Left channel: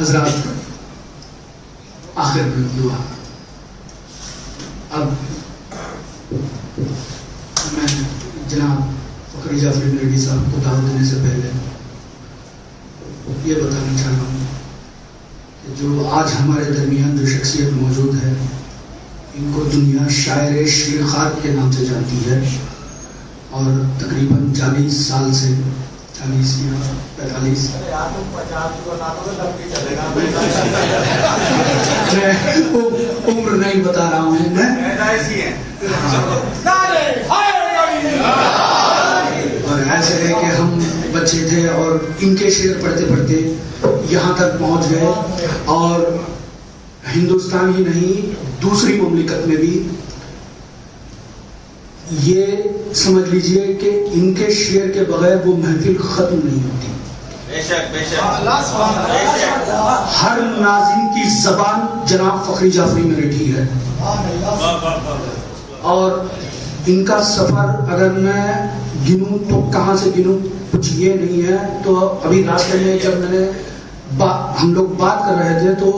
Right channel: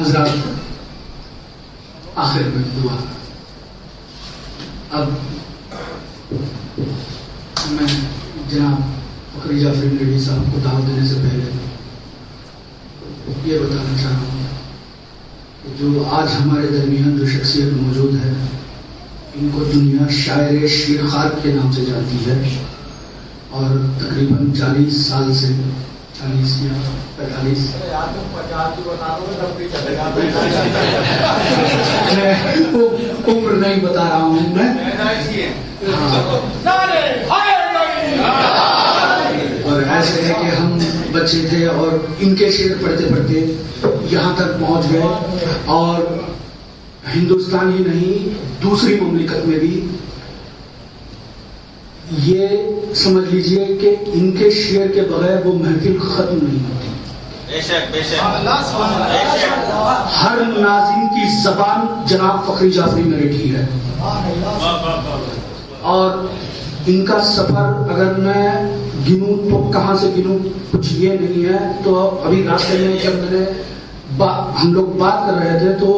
حضرات آخر میں دعا. اب میں جناب فخری جعفری میرڈی صاحب کو دعوت دینے سے پہلے یہ بتانا چاہ رہا ہوں کہ جو آج ہمارے درمیان جو شخصیت موجود ہے ان کو دنیا شاعر شیرخوار کے نام سے جانتی ہے اور تقریباً 40 سال سے 40 یا 45 عمر نہیں بتا رہا ہوں میں. اور ایسے ہے کہ ہم بچے تھے اور ان کے شعر پڑھتے پڑھتے یہاں تک پہنچ گئے اور ہندوستان ہی نہیں دوسری مملکت میں بھی یہ سمجھ لیجئے کہ ان کے شعر کے بغیر وہ محفل ختم نہیں ہوتی. ہر ناظرین کی زبان جناب فخری جعفری میرٹھی ہے اور ان کا سفر اگر میں گنوں تو کہاں سے گنوں کچھ یہ نہیں ہے. تو ابھی راستے میں جب میں نے ہم لوگ بات کر رہے تھے تو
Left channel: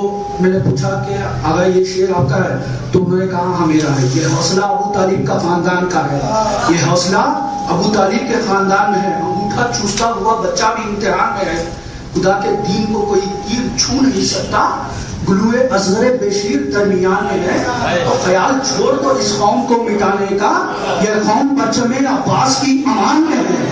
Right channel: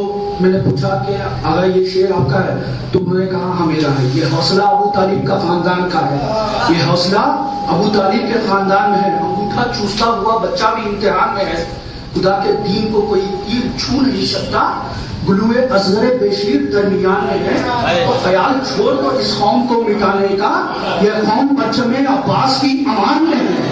میں نے پوچھا کہ آگا یہ شعر آپ کا ہے؟ تو میں نے کہا ہاں میرا ہے. یہ حوصلہ ابو طالب کا خاندان کا ہے. یہ حوصلہ ابو طالب کے خاندان میں ہے. انگوٹھا چوستا ہوا بچہ بھی امتحان میں ہے. خدا کے دین کو کوئی تیر چھو نہیں سکتا. گلوئے اصغر بشیر درمیان میں ہے. تو خیال چھوڑ دو اس قوم کو مٹانے کا. یہ قوم پرچم عباس کی امان میں ہے.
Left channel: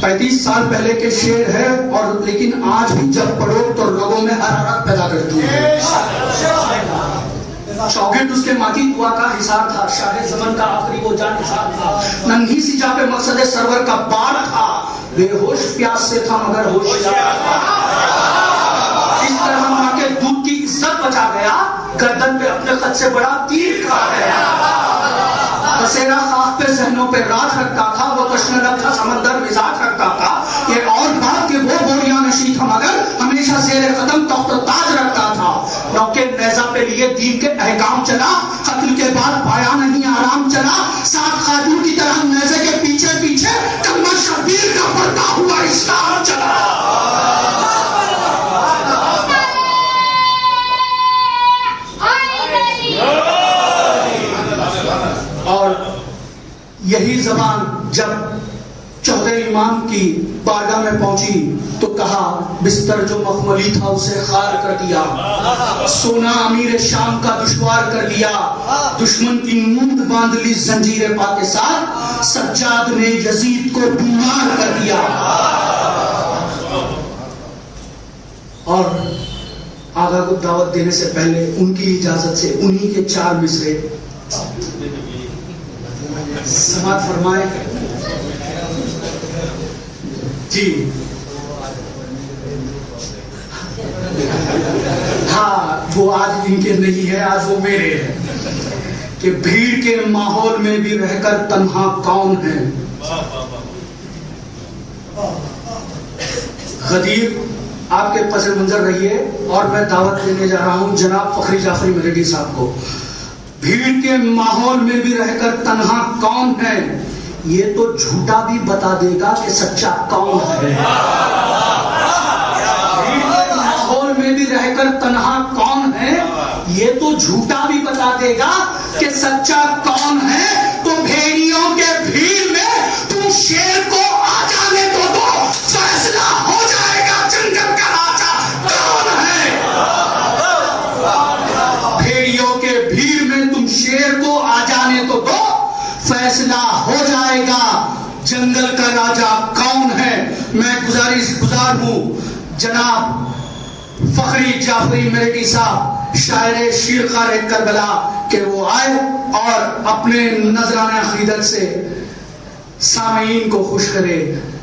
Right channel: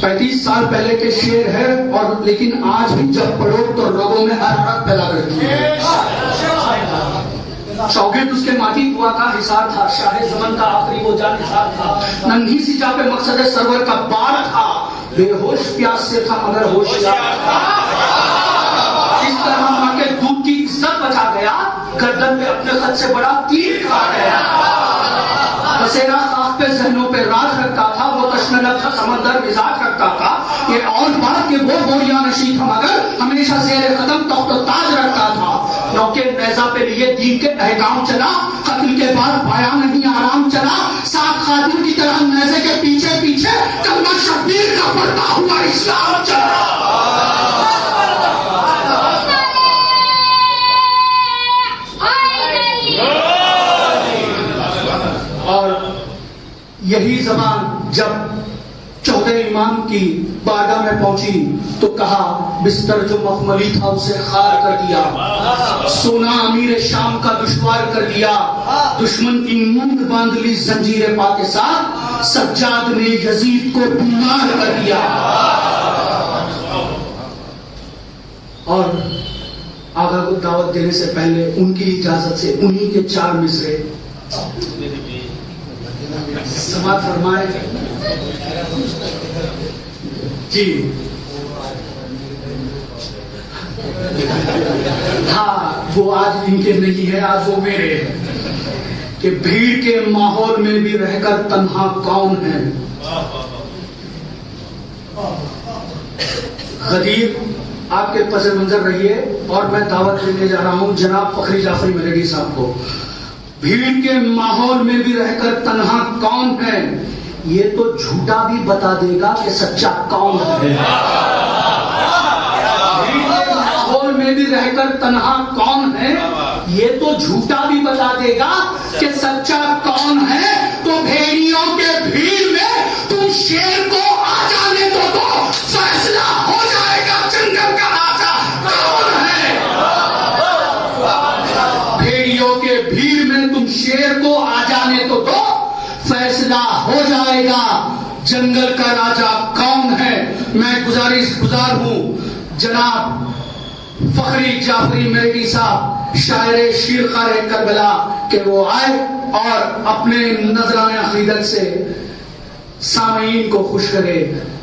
35 سال پہلے کے شعر ہے اور لیکن آج بھی جب پڑھو تو لوگوں میں حرارت پیدا کرتی ہے. چوکٹ اس کے ماتی ہوا کا حصار تھا. شاہ زمن کا آخری وہ جان حصار تھا. ننھی سی جا پہ مقصد سرور کا بار تھا. بے ہوش پیاس سے تھا مگر ہوشیار تھا. اس طرح ماں کے دودھ کی عزت بچا گیا. گردن پہ اپنے خط سے بڑا تیر کھا گیا. بسیرا خاک پہ ذہنوں پہ راج رکھتا تھا. وہ کشمیر کا سمندر مزاج رکھتا تھا. یہ اور بات کہ وہ گوریاں نشیں تھا مگر ہمیشہ زیر قدم تخت و تاج رکھتا تھا. نوکے نیزہ پہ لیے دین کے احکام چلا. قتل کے بعد پایا نہیں آرام چلا. سات خادم کی طرح نیزے کے پیچھے پیچھے کمبر شبیر کا بڑھتا ہوا اسلام چلا. اور یہی زبان جب 14 امام کی بارگاہ میں پہنچی تو کہا بستر جو مخملی تھا اسے خار کر دیا. سونا امیر شام کا دشوار کر دیا. دشمن کی نوند باندھ لی زنجیر پا کے ساتھ. سجاد نے یزید کو بیمار کر دیا. اور آقا کو دعوت دینے سے پہلے ان کی اجازت سے انہی کے 4 مصرے سماعت فرمائے. جی ہاں وہ آج ان کے نہیں ہے آج وہ میرے ہیں کہ بھیڑ کے ماحول میں بھی رہ کر تنہا کون ہے. غدیر آپ کے پس منظر رہیے اور میں دعوت دینے جا رہا ہوں جناب فخری جعفری میرٹھی صاحب کو. بھیڑ کے ماحول میں بھی رہ کر تنہا کون ہے. یہ تو جھوٹا بھی بتا دے گا کہ سچا کون ہے. بھیڑ کے ماحول میں بھی رہ کر تنہا کون ہے. یہ تو جھوٹا بھی بتا دے گا کہ سچا کون ہے. تو بھیڑیوں کے بھیڑ میں تم شیر کو آ جانے تو دو. فیصلہ ہو جائے گا جنگل کا راجا کون ہے. بھیڑیوں کے بھیڑ میں تم شیر کو آ جانے تو دو. فیصلہ ہو جائے گا جنگل کا راجا کون ہے. میں گزار ہوں جناب فخری جعفری میرٹھی صاحب شاعر شیرخوار کربلا کہ وہ آئے اور اپنے نذرانہ عقیدت سے سامعین کو خوش کرے.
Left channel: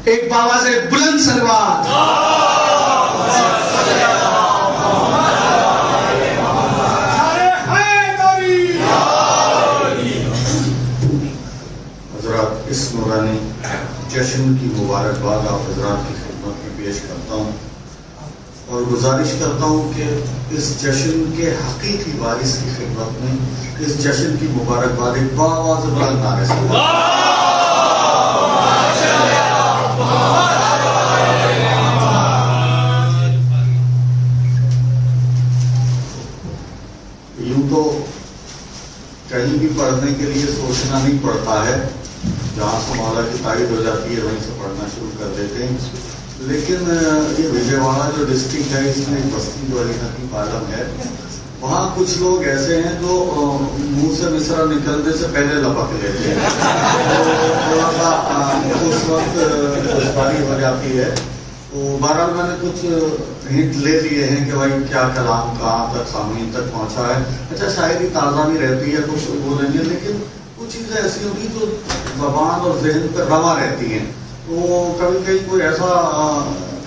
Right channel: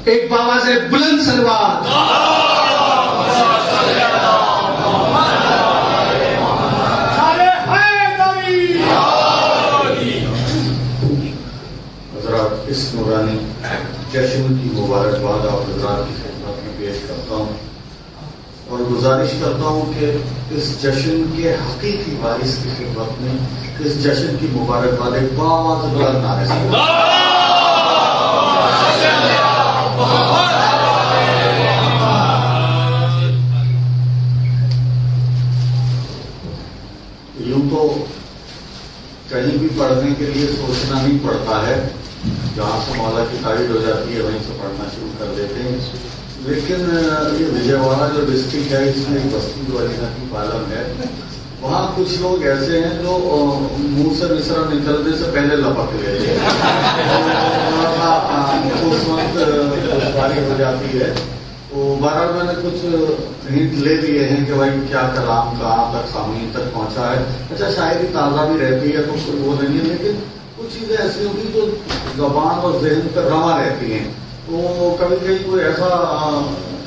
ایک باواز بلند صلوات. اس نورانی جشن کی مبارکباد آپ حضرات کی خدمت میں پیش کرتا ہوں اور گزارش کرتا ہوں کہ اس جشن کے حقیقی وارث کی خدمت میں اس جشن کی مبارکباد ایک باواز بلند نعرے سے کے لیے سوچنا نہیں پڑتا ہے، جہاں سے مولا کی تائید ہو جاتی ہے وہیں سے پڑھنا شروع کر دیتے ہیں. لیکن یہ وجے واڑہ جو ڈسٹرکٹ ہے، اس میں ایک بستی جو علی نقی پالم ہے، وہاں کچھ لوگ ایسے ہیں جو منہ سے مصرع نکلنے سے پہلے لپک لیتے ہیں. تھوڑا سا اس وقت دشواری ہو جاتی ہے. تو بہرحال میں نے کچھ ہنٹ لے لیے ہیں کہ بھائی کیا کلام کہاں تک سامعین تک پہنچا ہے. اچھا شاعری تازہ بھی رہتی ہے تو وہ نہیں ہے، لیکن کچھ چیزیں ایسی ہوتی جو زبان اور ذہن پر رواں رہتی ہیں. تو کبھی کبھی کوئی ایسا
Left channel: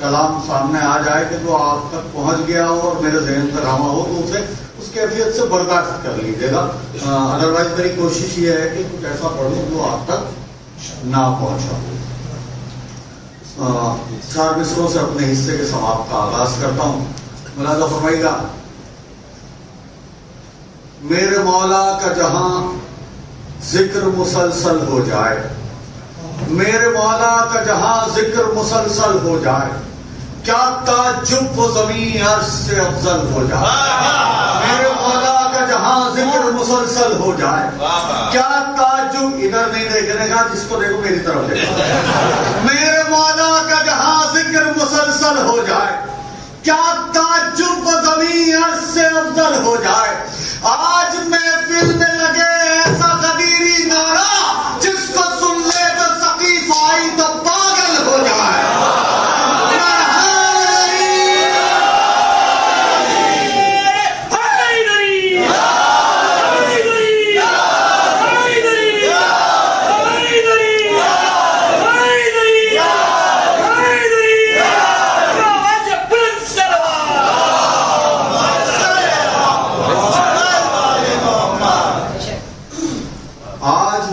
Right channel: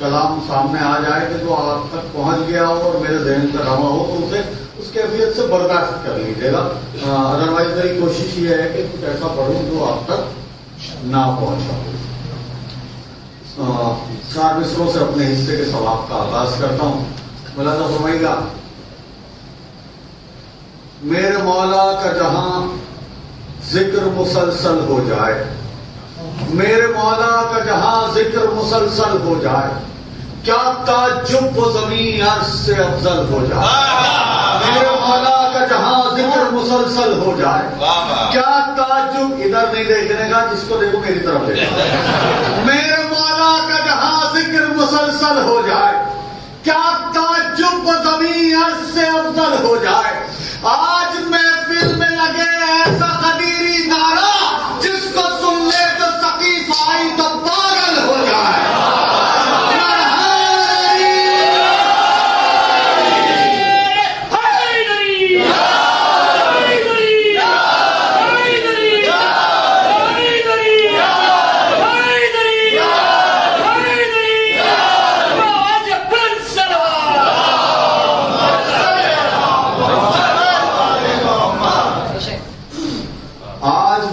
کلام سامنے آ جائے کہ جو آپ تک پہنچ گیا ہو اور میرے ذہن پر رواں ہو تو اسے اس کیفیت سے برداشت کر لیجیے گا. ادروائز میری کوشش یہ ہے کہ کچھ ایسا پڑھوں جو آپ تک نہ پہنچا ہو. 4 مصروں سے اپنے حصے کے ثواب کا آغاز کرتا ہوں. ملاحظہ فرمائیے گا. میرے مولا کا جہاں ذکر مسلسل ہو جائے، میرے مولا کا جہاں ذکر مسلسل ہو جائے، کیا تعجب وہ زمین عرض سے افضل ہو جائے. میرے مولا کا جہاں ذکر مسلسل ہو جائے، کیا تعجب، ادھر نہیں دیکھنے کا، جس کو دیکھو میری طرف دیکھو. میرے مولا کا جہاں ذکر مسلسل ہو جائے، کیا تعجب وہ زمین عرض سے افضل ہو جائے. آج محفل میں لگے ایسا قدیری نعرہ، جس کو سن لے تو ثقیف آئی تو پاگل ہو جائے.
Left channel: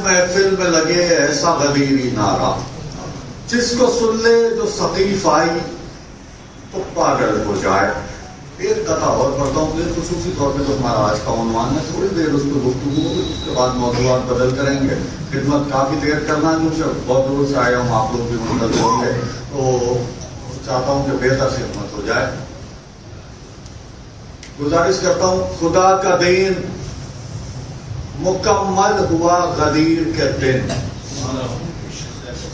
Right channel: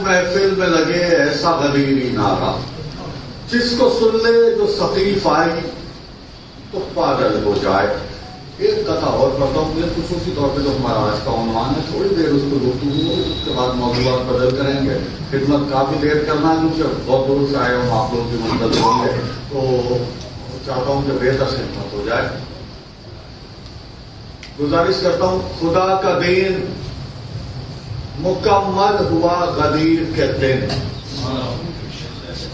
محفل میں لگے ایسا غدیری نعرہ، جس کو سن لے جو ثقیف آئی تو پاگل ہو جائے. ایک قطعہ اور پڑھتا ہوں. یہ خصوصی طور پہ جو ہمارا آج کا عنوان ہے، تھوڑی دیر اس پہ گفتگو، اس کے بعد موضوعات بدل کریں گے. خدمت کافی دیر کرنا کیونکہ بہت دور سے آئے ہوں، آپ لوگ بھی منتظر ہوں گے، تو چاہتا ہوں کہ بہتر خدمت ہو جائے. گزارش کرتا ہوں. خدا کا دین مکمل ہوا غدیر کے دن،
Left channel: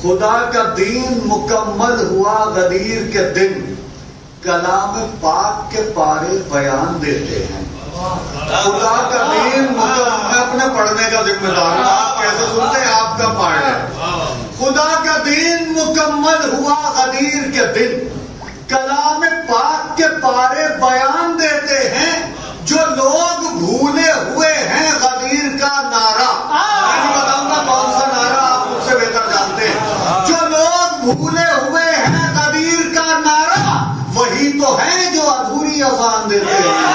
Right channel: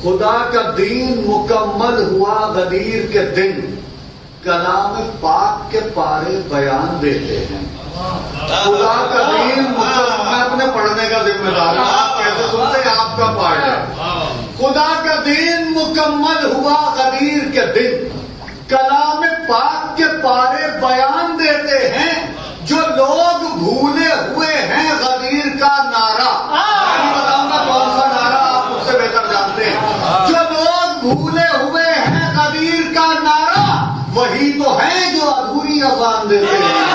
خدا کا دین مکمل ہوا غدیر کے دن، کلام پاک کے پارے بیان دیتے ہیں. خدا کا دین مکمل، میں اپنے پڑھنے کا ذمہ دار ہوں، آپ کیسے سنتے ہیں آپ کا پارٹ ہے. خدا کا دین مکمل ہوا غدیر کے دن، کلام پاک کے پارے بیان دیتے ہیں. جو لوگ بھولے ہوئے ہیں غدیر کا نعرہ، میں نہیں بتاؤں گا کون سا نعرہ، آپ مجھ سے بہتر جانتے ہیں. جو لوگ بھولے ہوئے ہیں غدیر کا نعرہ، وہی تو ہیں جو ادھوری اذان دیتے ہیں.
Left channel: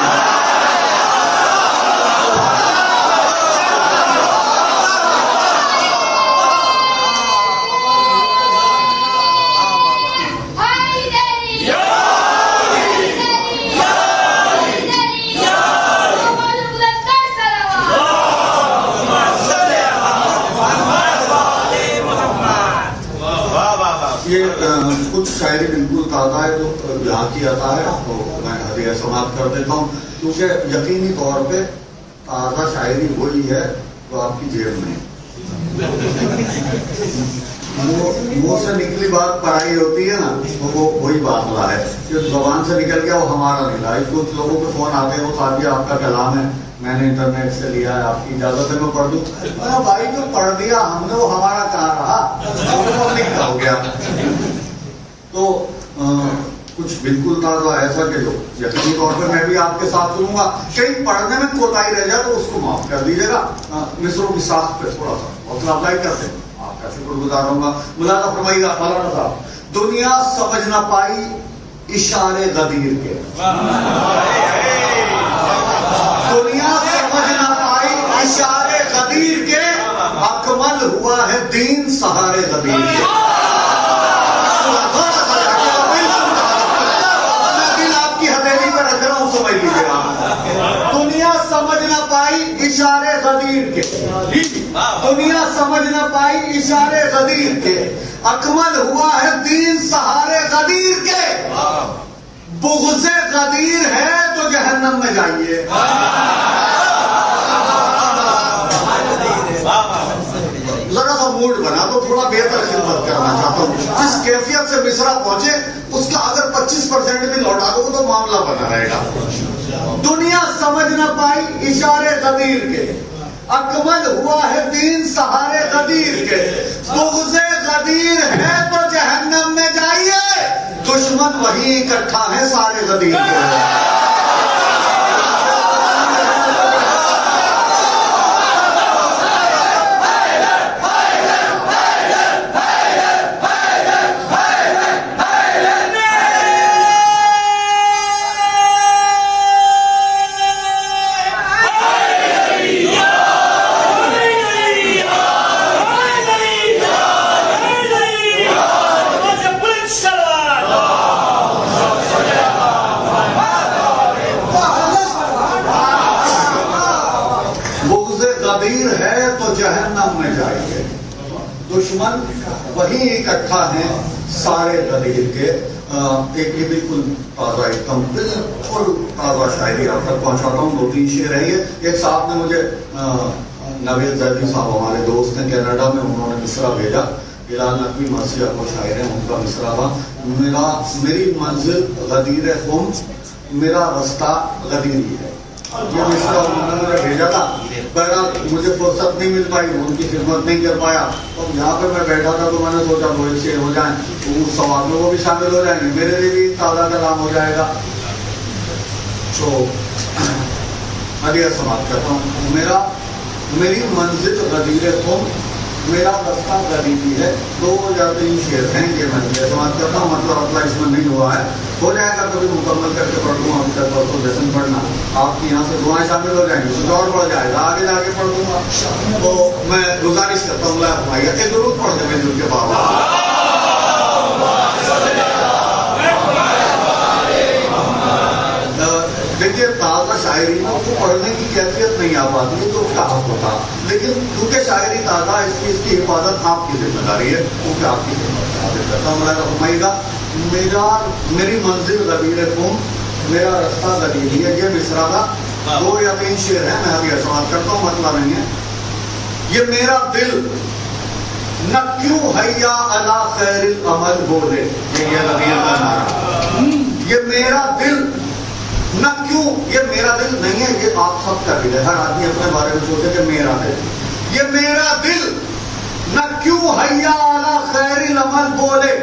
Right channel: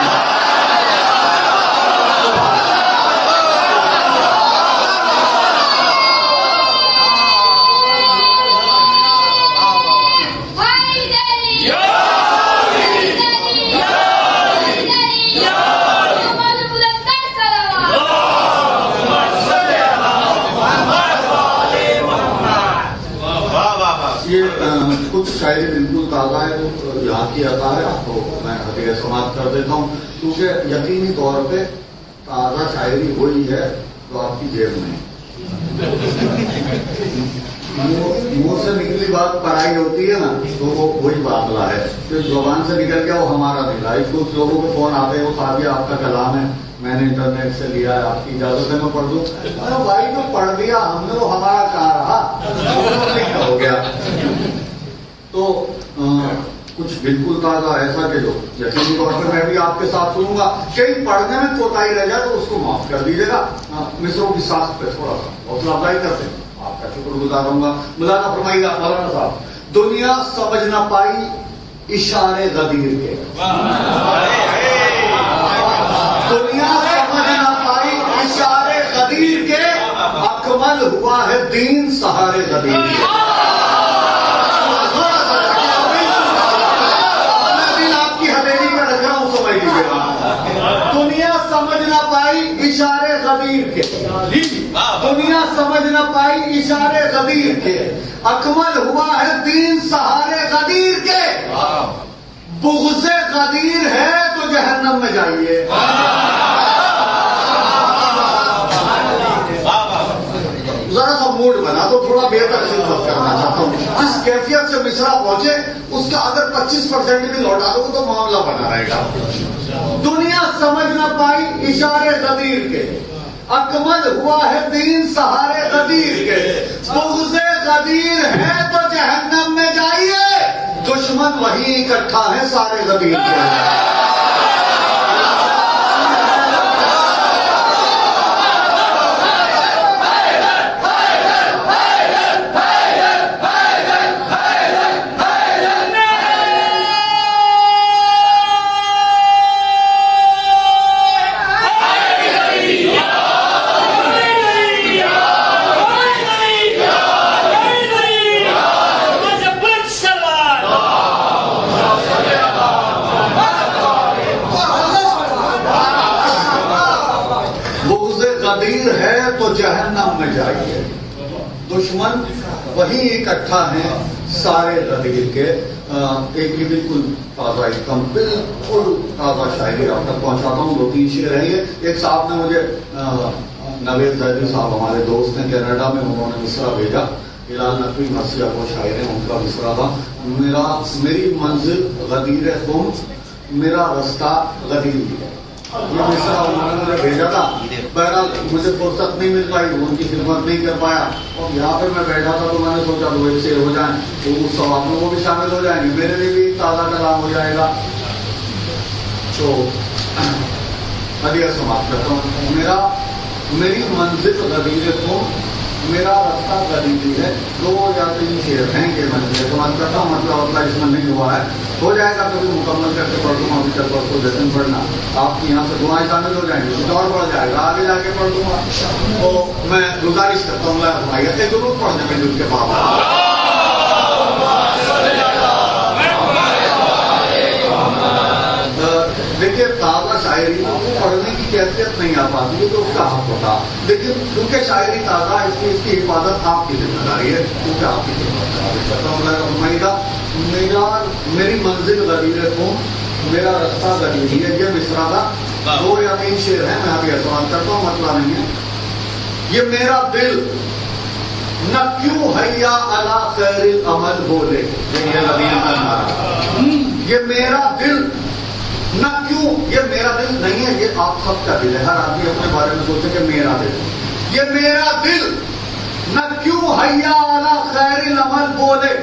یہ کچھ شاعری بالکل تازہ ہے جو یہاں کی عطا ہے، تو میں ہدیہ سماعت کر دیتا ہوں، کیونکہ یقینی طور پہ تازہ شاعری وہی ہے جو آپ کی جیب میں. منہ سے نکلی بات پڑھائی ہوتی ہے نا، تو وہ وہی باطلا ہے. جو زبان سے نکل گیا وہ ہمارا نہیں رہا. کچھ لوگوں کے فون آتے ہیں، وہ صاحب آپ کا کلام ہے، میں نے انٹرنیٹ سے لیا ہے، آپ کی اجازت ہے میں پڑھ دوں. بھائی جو پڑھ دیا ہم نے، وہ ہمارا کہاں رہا، لکھنا ہو گیا. تو کچھ بالکل تازہ ایسا کہ جو یقینی طور پہ میں بھی آپ کے ساتھ سنوں گا. کہیں پڑھنے میں کوتاہی رہ جائے تو اس کو معاف کر دیجیے گا. مصروں کی ساخت پہ تھوڑا سا حوصلہ افزائی کرتے ہیں، آپ کا شکر گزار ہوں گا. ملاحظہ فرمائیے گا. مولانا صاحب. دنیا سمجھ نہ پائی اشارے غدیر کے، دنیا سمجھ نہ پائی اشارے غدیر کے، اکمل ہوا ہے دین سہارے غدیر کے. دنیا سمجھ نہ پائی اشارے غدیر کے، دنیا سمجھ نہ پائی اشارے غدیر کے، اکمل ہوا ہے دین سہارے غدیر کے. بغض غدیر ہے تو جہنم میں جائیے. جس کیفیت سے مصرا پہنچے اس کا اگر 25% بھی لوٹا دو تو معاملہ بنا رہے گا. دنیا سمجھ نہ پائی اشارے غدیر کے، اکمل ہوا ہے دین سہارے غدیر کے. بغض غدیر ہے تو جہنم میں جائیے، دشمن وہی اکٹھا ہے سارے غدیر کے. جہنم میں جائیے، دشمن وہی اکٹھا ہیں سارے غدیر کے. ایک یہ بالکل تازہ ایک دم بالکل تازہ شاعری آپ تک پہنچاتا ہوں. 2-3 شعر ہیں یہ. ایک صاحب نے مجھے نوید زیدی صاحب ہمارے دوست ہیں کینیڈا میں، انہوں نے مصرع بھیجا. ہلال نقوی مرثیہ کو شاعر ہیں، ان کا مصرع تھا میری منزل غدیر خم، میرا رستہ غدیری ہے. یہ مصرع انہوں نے مجھے بھیجا تھا. بہرحال مجھے فرصت نہیں مل پائی، ان کی خدمت نہیں کر پایا. اور یہاں پہ میں بیٹھا تھا تو میں نے سوچا 2 شعر ہو جائیں تو اس سوال میں وہ بھی شامل ہو جائیں گے، میرے لیے بھی تازہ کلام ہو جائے گا. تو ابھی سماپت کرتا ہوں. میری منزل غدیر خم، میرا رستہ غدیری ہے. 2 یا 3 شعر ہیں کہ میں سماپت کرتا ہوں. مطلب اس میں نہیں ہوا ہے، ہو جائے گا کبھی مکمل کر کے پڑھ دوں گا. تو لیسن پڑھنا آپ کی یہاں سے دعائیں شامل ہو جائیں گی، کچھ اور بڑھ جائے گا، آگے جا کے پڑھ دوں گا. تو میں گزارش کرتا ہوں کہ ضرور پڑھ دیں دل کے بعد. دیکھیے تازہ شاعری کو پڑھنے کی کیفیت نہیں آ پاتی ہے تو اس کا حق ہوتا، لیکن کیونکہ شاعری تازہ ہے اس کی حفاظت آپ کی ذمہ داری ہے، کیونکہ آپ کی ذمہ کرتا ہوں. میں فرمائیے میری منزل غدیر خم، میرا رستہ غدیری ہے. یہ مصرع کا 2 یا 3 شعر ہیں، میں ابھی سوال کرتا ہوں، مسئلہ نہیں ہے. یہ میرا دل نہ کیوں حیا علی خیر العمل بولے، یہ غدیر کا نعرہ. یہ میرا دل نہ کیوں، یہ میرا دل نہیں ہے، یہ آپ سب کا دل ہے. ہر آدمی اپنے بارے میں سوچے کہ میرا دل. یہ میرا دل نہ کیوں حیا علی خیر العمل بولے،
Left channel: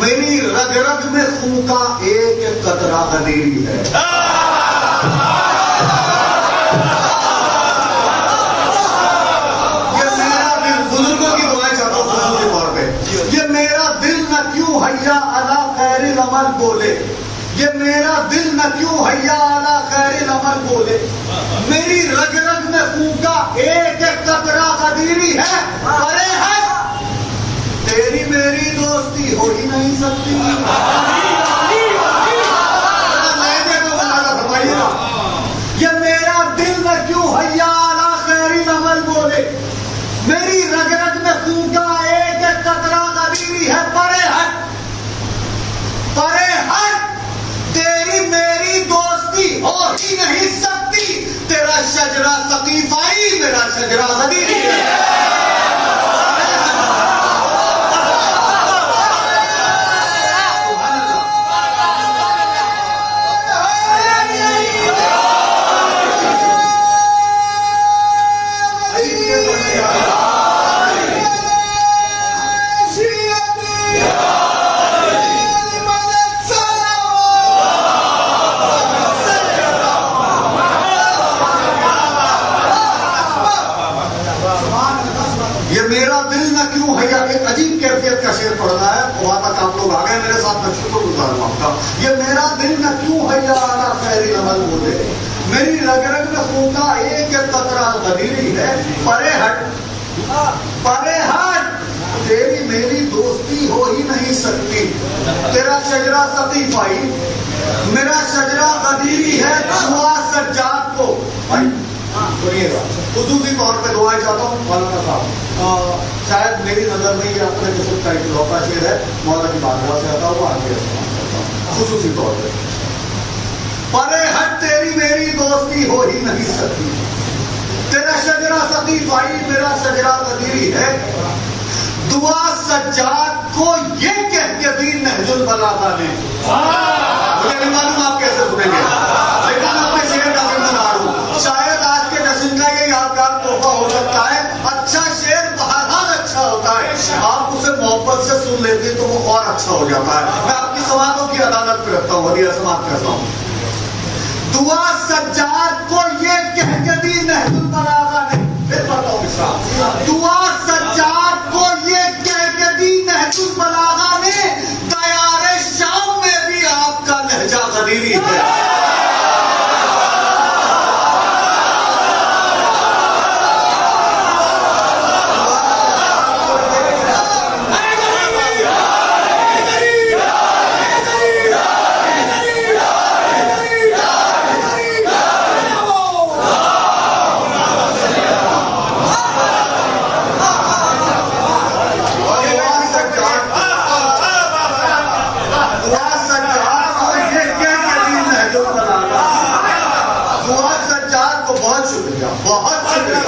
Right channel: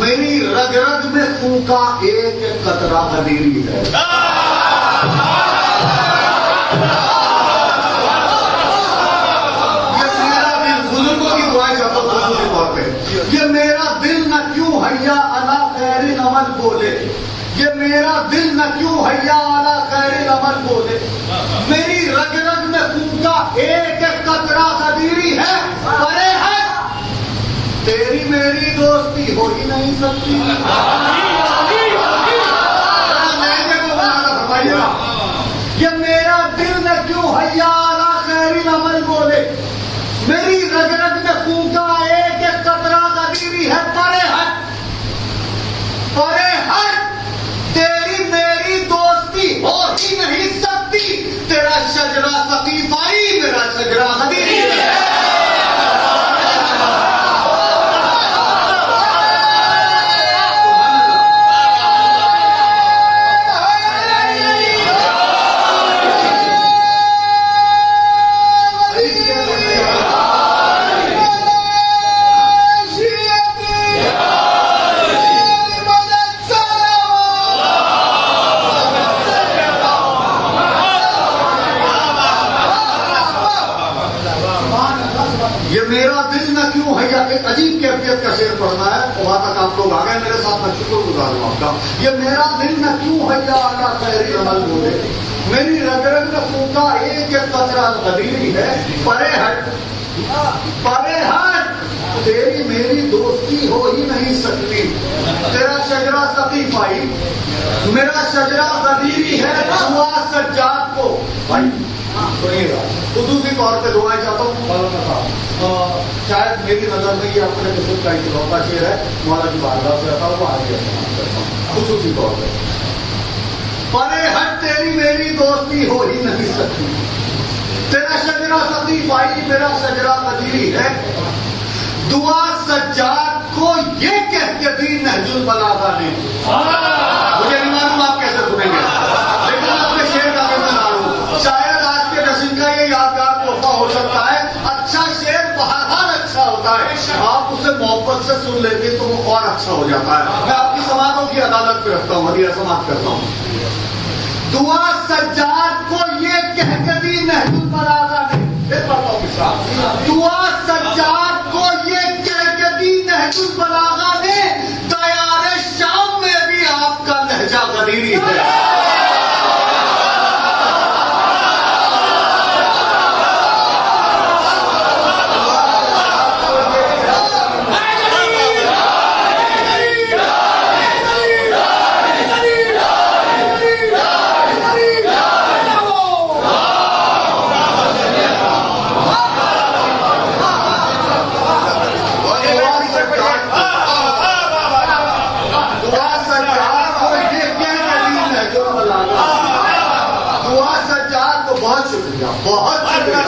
میری رگ رگ میں خون کا ایک قطرہ غدیری ہے. یہ میرا دل، بزرگوں کی دعائیں چاہتا ہوں خصوصی طور پہ. یہ میرا دل نہ کیوں حیا علی خیر العمل بولے، یہ میرا دل نہ کیوں حیا علی خیر العمل بولے، میری رگ رگ میں خون کا ایک قطرہ غدیری ہے. ارے ہے تیری میری دوستی ہو ہی نہیں سکتی. یہ میرا دل میں کیوں حیا علی خیر العمل بولے، میری رگ رگ میں خون کا ایک قطرہ غدیری ہے. پرے ہٹ، پرے ہٹ، تیری میری دوستی ہو ہی نہیں سکتی. تیرا شجرہ ثقیفائی، میرا شجرہ غدیری ہے. ایک عجیب کیفیت کا شعر پڑھنا ہے. وہاں تک آپ لوگ آ گئے میرے ساتھ، میں شکر گزار ہوں آپ کا. یہ میرا دل نہ کیوں حیا علی خیر العمل بولے، میری رگ رگ میں خون کا ایک قطرہ غدیری ہے. پرے ہٹ، پرے ہٹ، تیری میری دوستی ہو ہی نہیں سکتی. تیرا شجرہ ثقیفائی، میرا شجرہ غدیری ہے. دعا سجاد کو سنیے گا، خصوصی طور پہ دعائیں چاہتا ہوں. مولانا صاحب شاید میری نظر میں یہ اپنے قسم کا اکلوتا شعر ہے، مولانا کی بارگاہ سے آتا ہوں، آگے کرتا ہوں خصوصی طور پہ. پرے ہٹ، تیری میری دوستی ہو ہی نہیں سکتی. تیرا شجرہ ثقیفائی، میرا شجرہ غدیری ہے. دعا سجاد کو یہ البلاغہ نے، مجھے نہیں معلوم آپ کیسے سنیں گے، لیکن اپنے شعر کا ذمہ ہوں، شاید آج کے جشن کا یہ یادگار تحفہ ہو سکتا ہے۔ اچھا شعر بہرحال اچھا ہوتا ہے، آپ اسے محبت سے سن لیتے تو وہ اور اچھا ہو جاتا ہے۔ میں آپ کی سماعتوں کی عدالت پہ رکھتا ہوں اور یہ سماعت کرتا ہوں۔ دعا سجاد کو یہ کہہ کے دی نہج البلاغہ نے، دعا سجاد کو یہ کہہ کے دی نہج البلاغہ نے، دیار شام میں بھی آپ کا لہجہ غدیری ہے۔ دعا سجاد کو بہت شکریہ، بہت شکریہ۔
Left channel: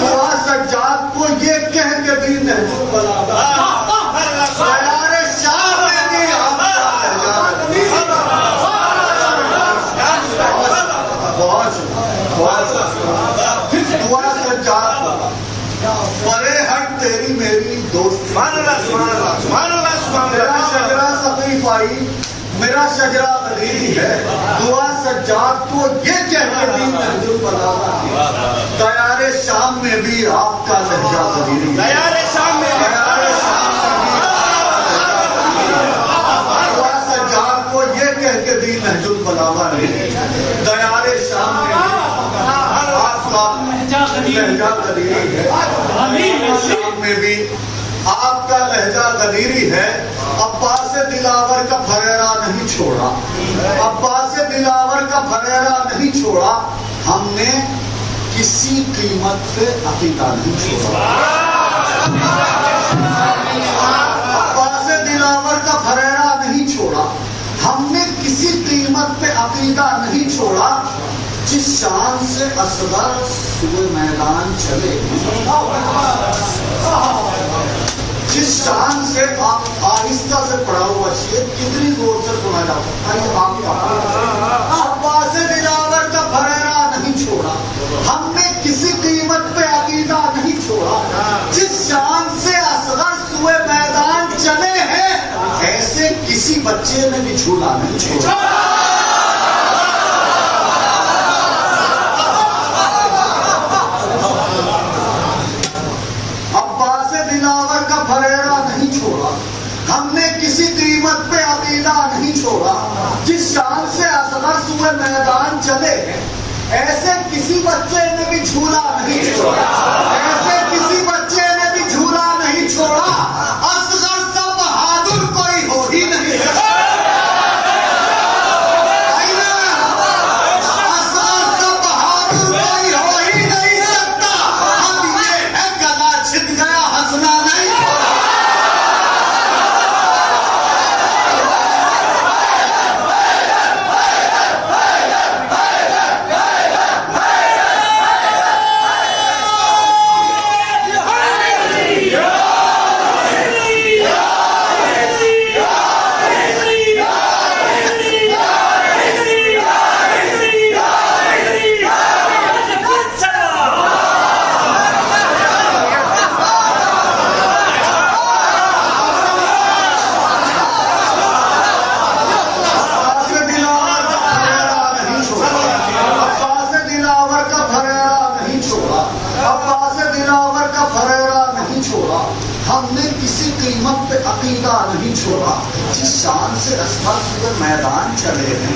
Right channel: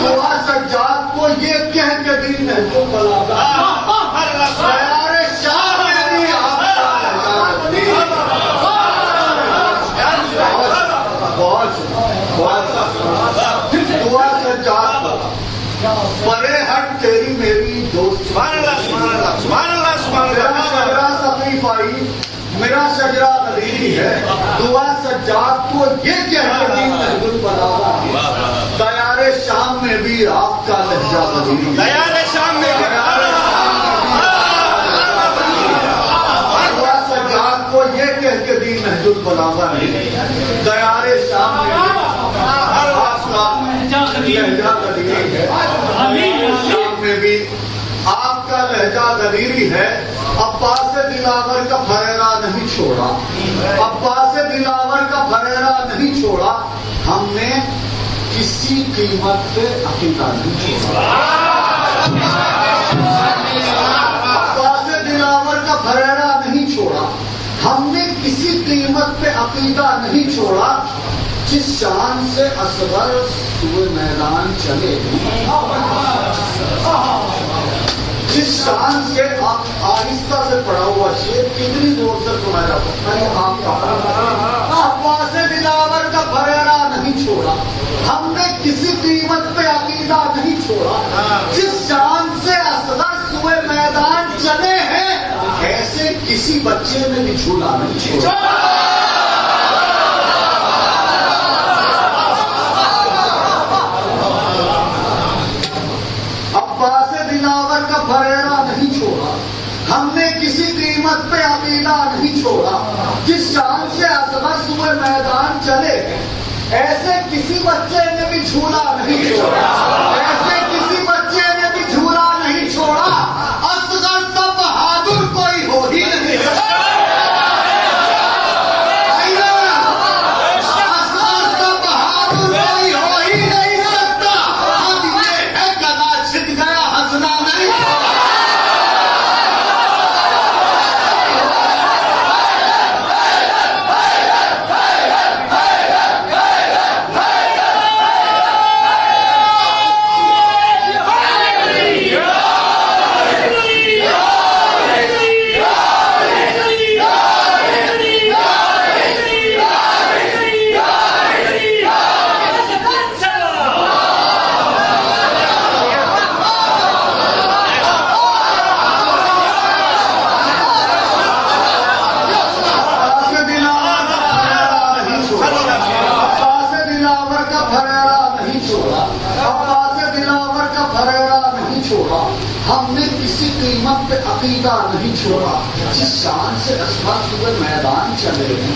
دعا سجاد کو یہ کہہ کے دی نہج البلاغہ، دیار شام میں بھی آپ کا لہجہ غدیری ہے۔ بہت شکریہ۔ دعا سجاد کو پرے ہٹ تیری میری دوست، میرا شجرہ سقیف آئی، میرا شجرہ غدیری ہے۔ دعا سجاد کو یہ کہہ کے دی نہج البلاغہ، دیار شام میں بھی آپ کا لہجہ غدیری ہے۔ دیار شام میں بھی دعا سجاد کو یہ کہہ کے دی نہج البلاغہ نے، دیار شام میں بھی آپ کا لہجہ غدیری ہے۔ شام میں بھی آپ کا لہجہ غدیری ہے۔ عباس دلاور کا پھریرا نہیں چھوڑا، عباس دلاور کا پھریرا نہیں چھوڑا، ہم نے کسی قیمت پہ عقیدہ نہیں چھوڑا۔ عباس دلاور کا پھریرا نہیں چھوڑا، ہم نے کسی قیمت پہ عقیدہ نہیں چھوڑا، جس شان سے اصغر سوئے میدان چلے، جس شان سے آہستہ سے پڑھا ہوا شعر کتنی زور سے سنا جاتا ہے۔ عباس دلاور کا پھریرا نہیں چھوڑا، ہم نے کسی قیمت پہ عقیدہ نہیں چھوڑا، جس شان سے اصغر سوئے میدان چلے ہیں، ایسے کسی بچے نے بھی جھولا نہیں چھوڑا۔ عباس دلاور کا پھریرا نہیں چھوڑا، ہم نے کسی قیمت پہ عقیدہ نہیں چھوڑا، جس شان سے اصغر سوئے میدان چلے، ایسے کسی بچے نے بھی جھولا نہیں چھوڑا، ایسے کسی بچے نے بھی جھولا نہیں چھوڑا، اصغر سا بہادر کوئی ہو ہی نہیں سکتا۔ ہم نے کسی قیمت پہ عقیدہ نہیں چھوڑا، جس شان سے اصغر سوئے میدان چلے ہیں،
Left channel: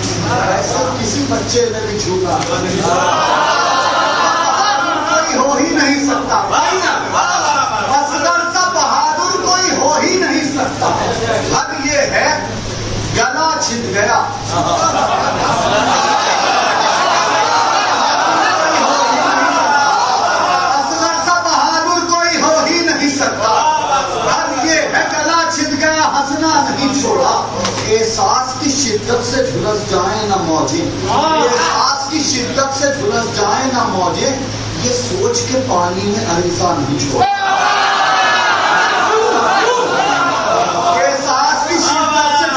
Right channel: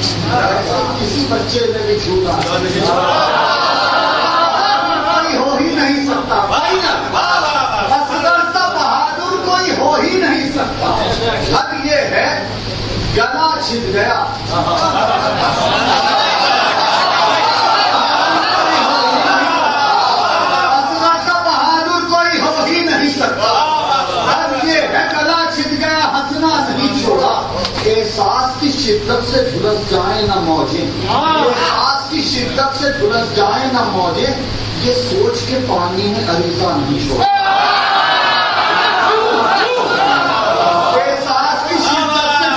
ایسا کسی بچے نے بھی جھولا نہیں چھوڑا۔ کوئی ہو ہی نہیں سکتا، اصغر سا بہادر کوئی ہو ہی نہیں سکتا۔ حد یہ ہے گلا چھٹ گیا، اصغر سا بہادر کوئی ہو ہی نہیں سکتا۔ گلا چھٹ گیا، ہنسنا نہیں چھوڑا، احساس کی شدت سے جھلس جائیں نہ موجیں، احساس کی شدت سے جھلس جائیں نہ موجیں، یہ سوچ کے پانی میں عریضہ نہیں چھوڑا۔ احساس کی شدت سے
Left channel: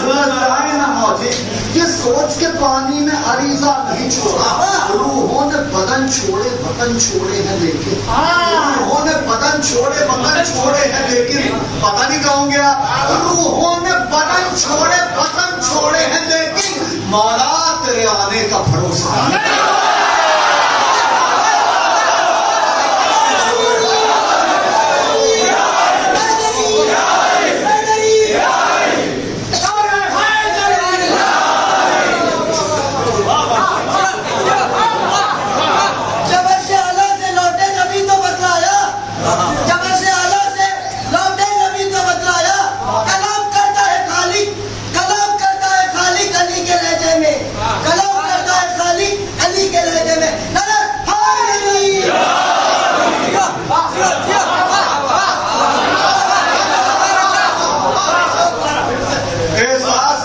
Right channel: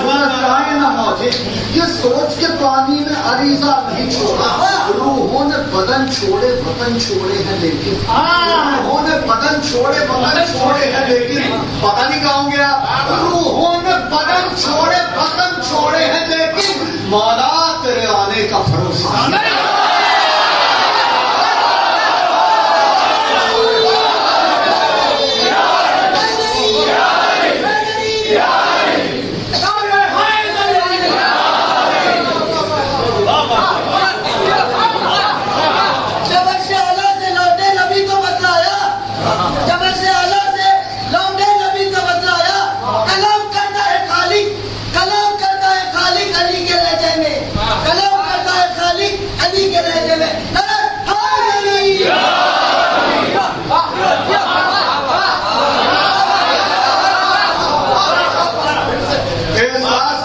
سوچ کے پانی میں عریضہ نہیں چھوڑا. روحوں نے بدن چھوڑے وطن چھوڑے ہیں لیکن روحوں نے بدن چھوڑے وطن چھوڑے ہیں لیکن پتہ نہیں کہوں گیا. روحوں نے بدن چھوڑے وطن چھوڑے ہیں لیکن مولا تیرے آنے کا بھروسہ نہیں. احساس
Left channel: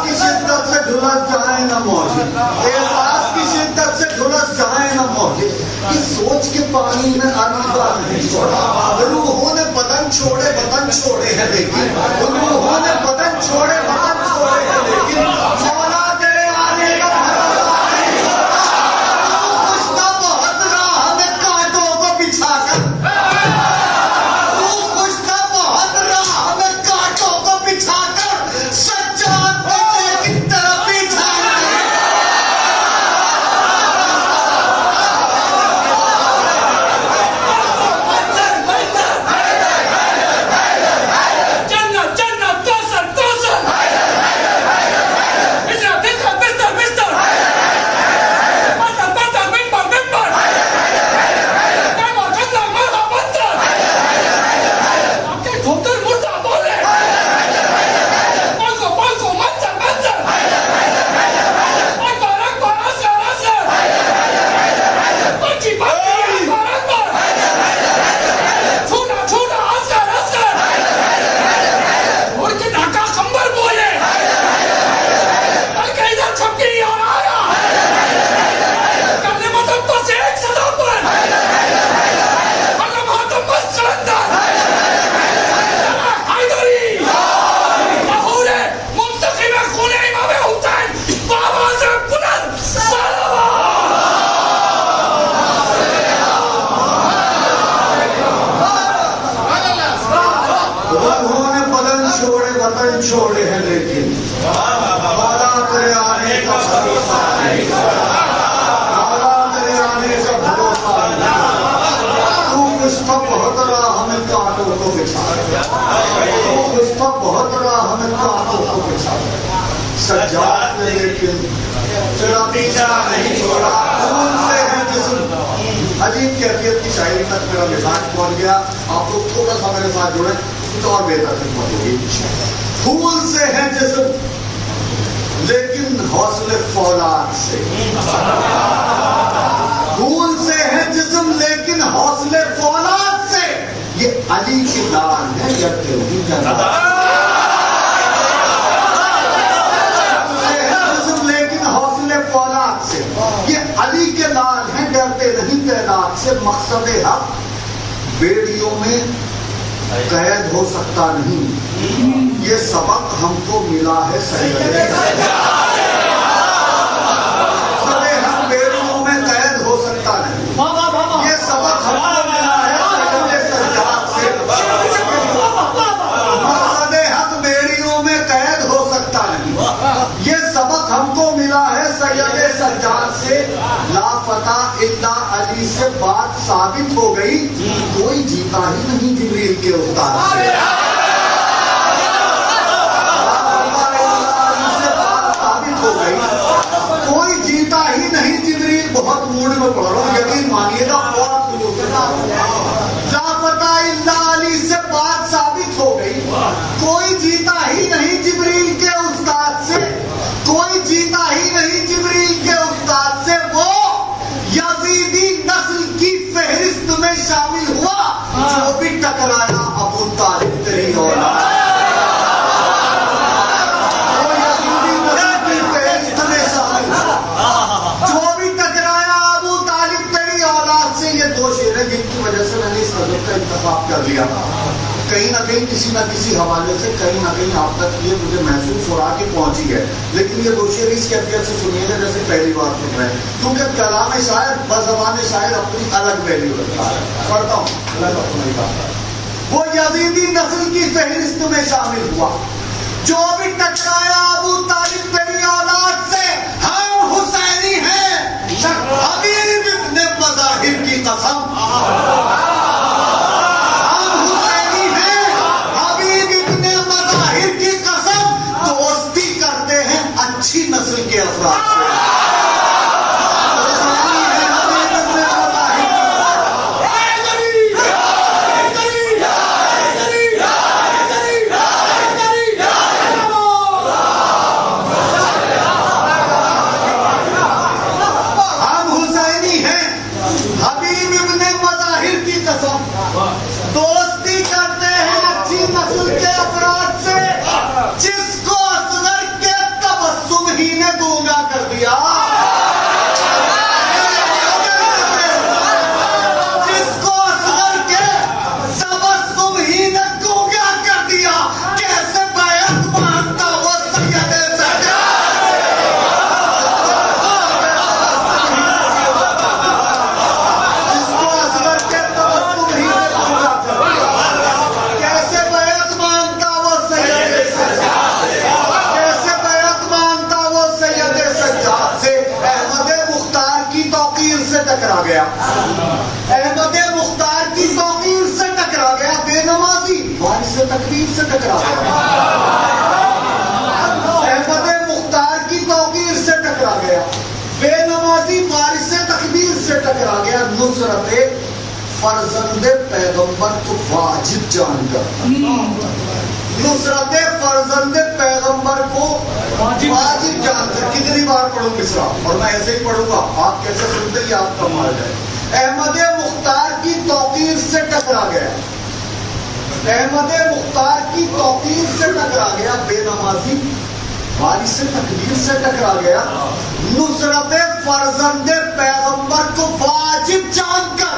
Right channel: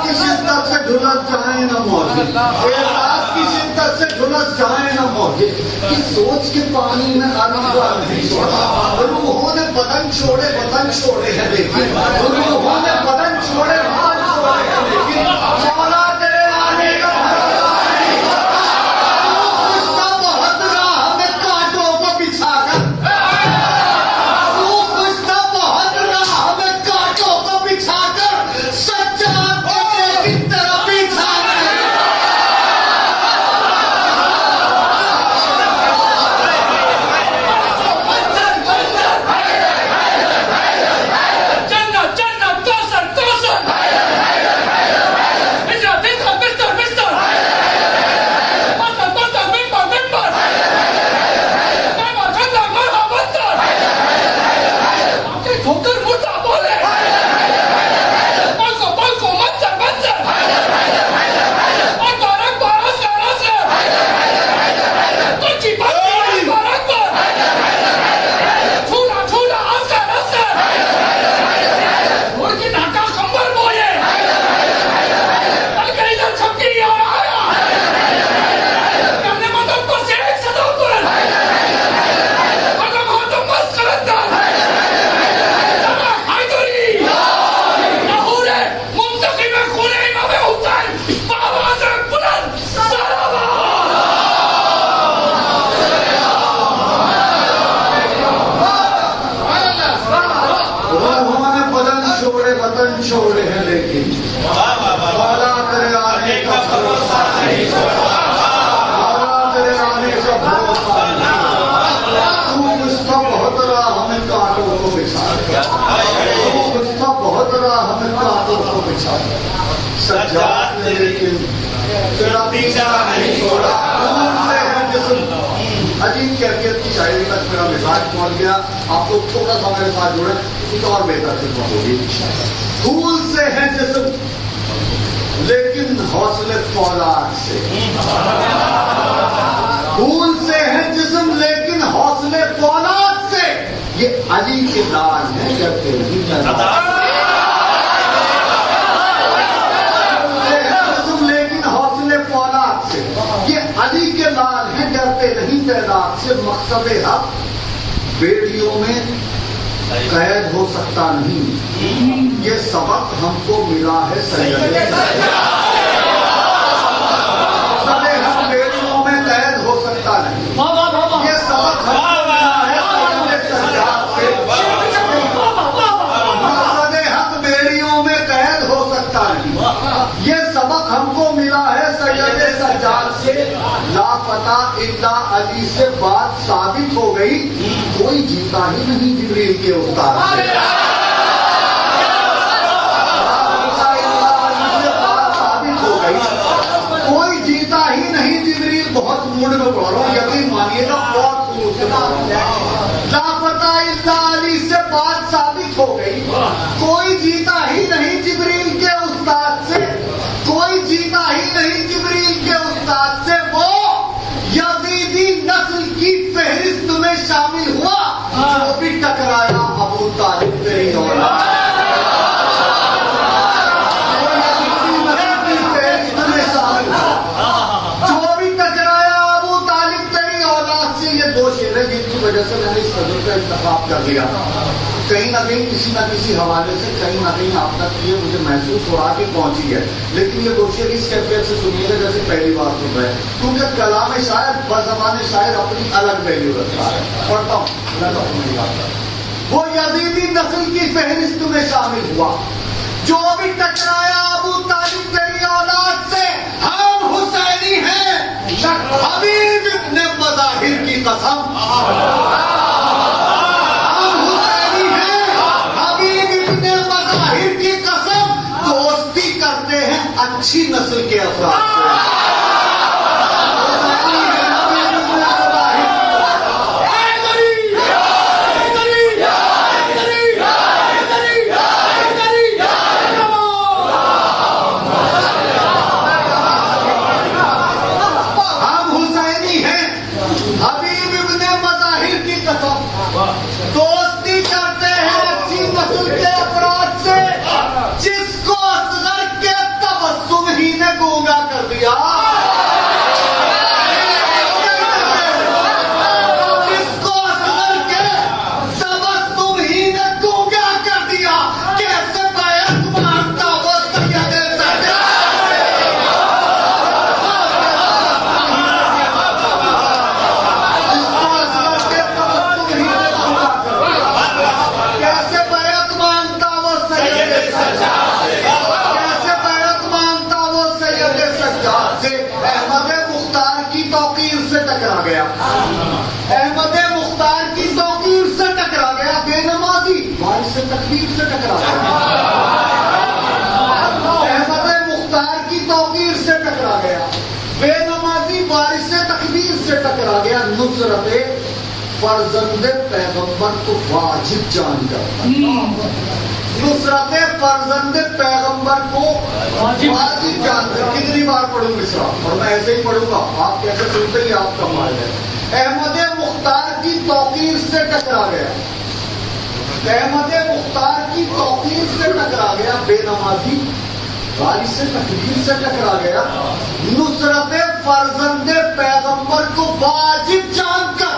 کی شدت سے جھلس جائیں نہ موجے کہ سوچ کے پانی میں عریضہ نہیں چھوڑا. روحوں نے بدن چھوڑے وطن چھوڑے ہیں لیکن روحوں نے بدن چھوڑے وطن چھوڑے ہیں لیکن مولا تیرے آنے کا بھروسہ نہیں. روح خوشتا بہت راہ میں کانٹوں کو بچھا کر. روح خوشتا بہت راہ میں کانٹوں کو بچھا کر سجاد کی طرف بچھا. چھوڑے ہیں لیکن مولا تیرے آنے کا بھروسہ نہیں. مولا تیرے آنے کا بھروسہ نہیں. تو گشتہ بہت راہ میں کانٹوں کو بچھا. تو گشتہ بہت راہ میں کانٹوں کو بچھا. سجاد نے لیکن تیرا پیچھا نہیں چھوڑا. خون سے ہے جسم. عجیب کیفیت کی شاعری تک میرا مزاج پہنچ گیا. آپ لوگ تھوڑا سا میرے ساتھ جڑے کچھ اور بہتر خدمت ہوگی. پھول سے ہے جسم لیکن حوصلے فولاد سے. پھول سے ہے جسم لیکن حوصلے فولاد سے. یہ علی کے لال ہے جب تیری جناب. جسم لیکن حوصلے فولاد سے. یہ علی کے لال ہیں ڈرتے نہیں تعداد سے. مقصد حق بیڑیوں میں قید ہو سکتا نہیں. یہ سبق ہم کو ملا ہے سید ہم بیڑیوں میں قید ہو سکتا نہیں. یہ سبق ہم کو ملا ہے سجاد سے. مقصد حق بیڑیوں میں قید ہو سکتا نہیں. یہ سبق ہم کو ملا ہے سید سجاد سے. لاپتہ الا علی سے بات ثابت ہو گئی. کوئی جیتا ہی نہیں جبریل کے استاد سے. کوئی جیتا ہی نہیں جبریل. بہت موڈ میں پڑھ رہا ہوں یقین مانیے گا. لاپتہ الا علی سے بات ثابت ہو گئی. کوئی جیتا ہی نہیں جبریل کے استاد سے. کوئی جیتا ہی نہیں جبریل کے استاد سے. وہ یزیدی نسل کی فہرست میں شامل ہوا جو بھی ٹکرایا ابو طالب تیری اولاد. جن کی وجہ سے میں نے اس قدر کا انتخاب کر لیا. کہیں نہ کہیں کسی نہ کسی حوالے سے کہیں نہ کہیں آپ تک یہ مجھے محسوس ہو رہا کہ پہنچی ہے، لیکن یہ روشنی اس کیفیت سے سنیے گا جیسے پہلی بار سن رہے ہیں، کیونکہ کلام شاعر بزبان شاعر اپنی الگ ویلیو رکھتا ہے. پڑھتا ہوں الگ اپنی بات. وہ یزیدی نسل کی فہرست میں شامل ہوا جو بھی ٹکرایا ابو طالب تیری اولاد سے، ہم حسینی ہیں حبیب ابن مظاہر کی قسم. اچھی نسل کے افراد سے ہم حسینی ہیں حبیب ابن مظاہر کی قسم، دوستی کرتے ہیں اچھی نسل کے افراد سے جس کو اصغر کے تبسم ہی نے گونگا کر دیا، جس کو اصغر کے تبسم ہی نے گونگا کر دیا. کیسے بیعت مانگتا وہ سید سجاد، جس کو اصغر کے تبسم ہی نے گونگا کر دیا. کیسے بیعت مانگتا وہ سید سجاد، کیسے بیعت مانگتا وہ سید سجاد سے. احمد مختار کی توقیر سے ٹکرا گیا، احمد مختار کی توقیر سے ٹکرا گیا، بے نمازی وارث تکبیر سے ٹکرا گیا، احمد مختار کی توقیر سے ٹکرا گیا، بے نمازی وارث تکبیر سے ٹکرا گیا. نصرت فرزند پیغمبر کو واجب جان کر، نصرت فرزند پیغمبر کو واجب جان کر. کتنی بار پڑھوں مصرع اور میں ایسے ہی پڑھوں گا، آپ کیسے سنتے ہی آپ کا مال ہے. احمد مختار کی توقیر سے ٹکرا گیا، احمد مختار کی توقیر سے ٹکرا گیا، بے نمازی وارث تکبیر سے ٹکرا گیا. نصرت فرزند پیغمبر کو واجب جان کر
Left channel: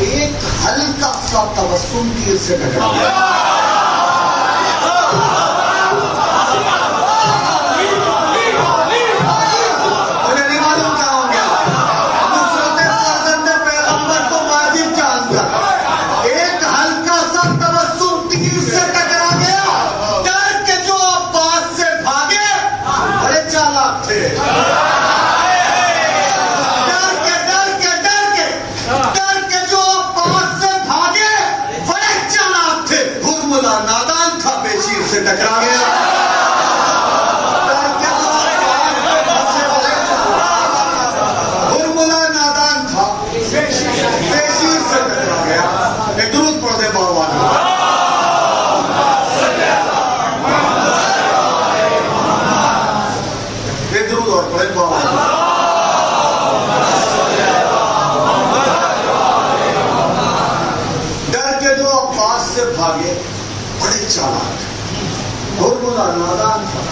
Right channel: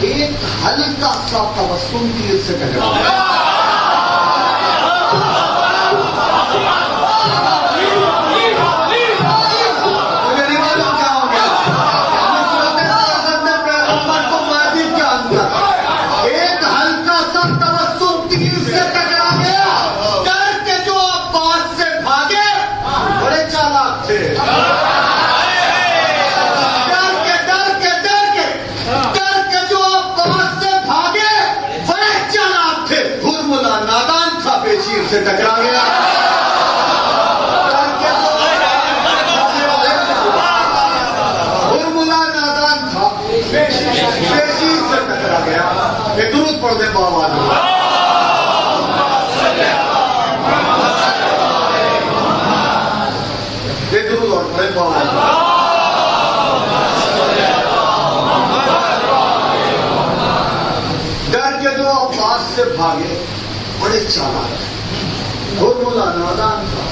ایک ہلکا سا تبسم تیر سے ٹکرا گیا. ٹکرا گیا برملا نادان تھا، پیشیر سے ٹکرا گیا. ایک درود پڑھ دے بابا نے. ایک درود اور پڑھے بابا نے. ڈر کے جو عباس سے بھاگے بڑے چالاک، برملا نادان تھا،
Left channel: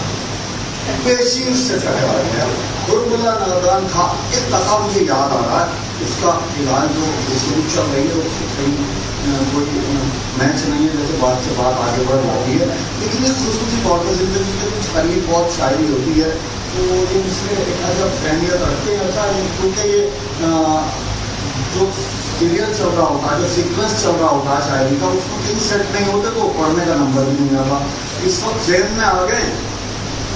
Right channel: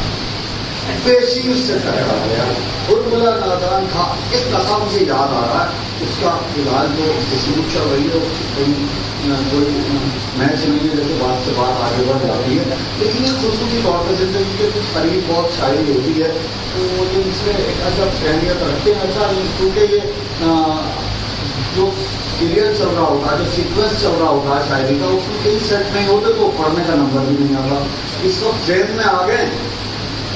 پیشیر سے ٹکرا گیا. برملا نادان تھا. ایک دفعہ مجھے یاد آ رہا ہے، اس کا فلحال جو خصوص چل رہی تو کوئی میچ نہیں ہے جیسے بات سے بات آگے بڑھ جاتی ہے، لیکن یہ خصوصی طور پر زندگی کے کچھ قریب بہت شاعری ہوتی ہے تو جن سے ایک عجب اہمیت رکھتے ہیں. اچھا کیونکہ یہ جو سیریل چل رہا ہوتا ہے، جو سیکوینس چل رہا ہوتا ہے شاعری کا، اس میں کئی سیٹ نہیں ہوتے تو پڑھنے کا نمبر بھی نہیں آتا. اس وقت ذہن میں آ گئے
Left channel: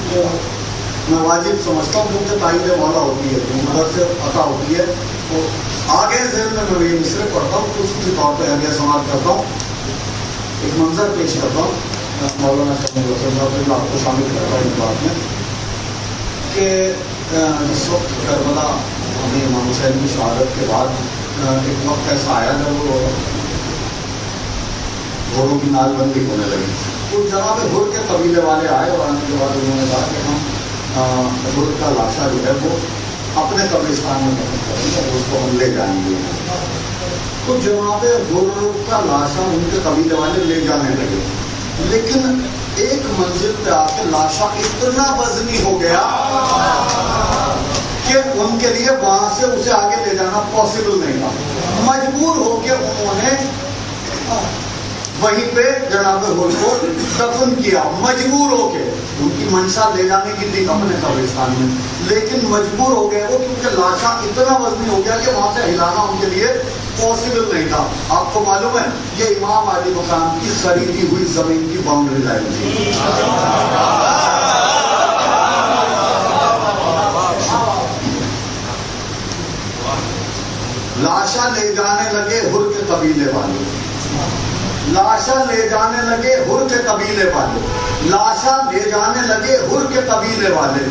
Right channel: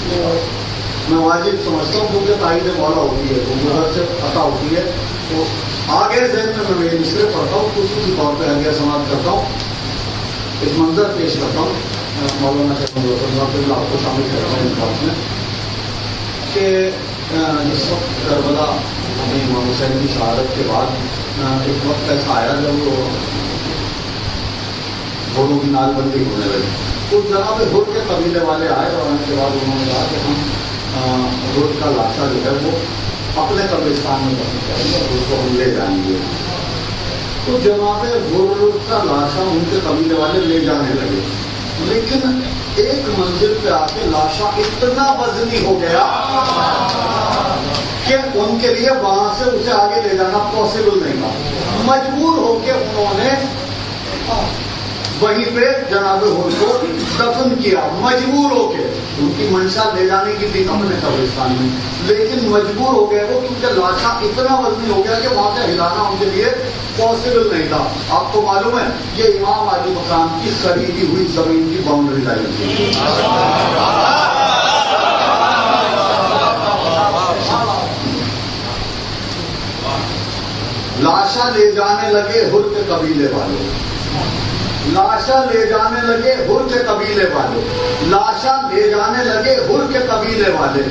تو میں واجب سمجھتا ہوں کیونکہ تائید مولا ہوتی ہے تو مدد سے عطا ہوتی ہے، تو آگے ذہن میں یہ مصرے پڑھتا ہوں تو اسی طور پہ آگے سماعت کرتا ہوں. ایک منظر پیش کرتا ہوں، مولانا صاحب آپ کو شامل کرتا ہوں اس بات میں کہ اس وقت کربلا اپنے امام حسین کی شہادت کے بعد ایک وقت ایسا آیا جب وہ گھوڑوں کی نال بندی ہونے لگی. تو جناب ہر کے قبیلے والے آئے اور آنے کے بعد انہوں نے کہا کہ ہم ہر کا لاشا جو ہے وہ اپنے قبرستان میں دفن کریں گے اور اس کو ہم لے جائیں گے. تو جناب ہر کا لاشا ان کے قبیلے والے لے جانے لگے، لیکن ایک منزل پہ آ کے لاشا اتنا وزنی ہو گیا کہ ان کے لیے وہاں سے اسے آگے لے جانا پاسبل نہیں تھا. مجبور ہو کے انہوں نے وہیں پہ جناب ہور کو دفن کیا مجبور ہو کے. ان کی منشا لے جانے کی تھی اپنے قبرستان میں, لیکن مجبور ہو گئے وہ کیونکہ لاشا اتنا وزنی ہو گیا کہ وہاں سے ہلانا ان کے لیے پاسبل نہیں تھا. آپ کو معلوم ہے یہ امام علی مقام کی خریدی ہوئی زمین کی باؤنڈری لائن تھی. لاشا لے جانے لگے ہر کے قبیلے والے, لاشا لے جانے لگے ہر کے قبیلے والے, لاشا لے جانے لگے ہر کے قبیلے والے,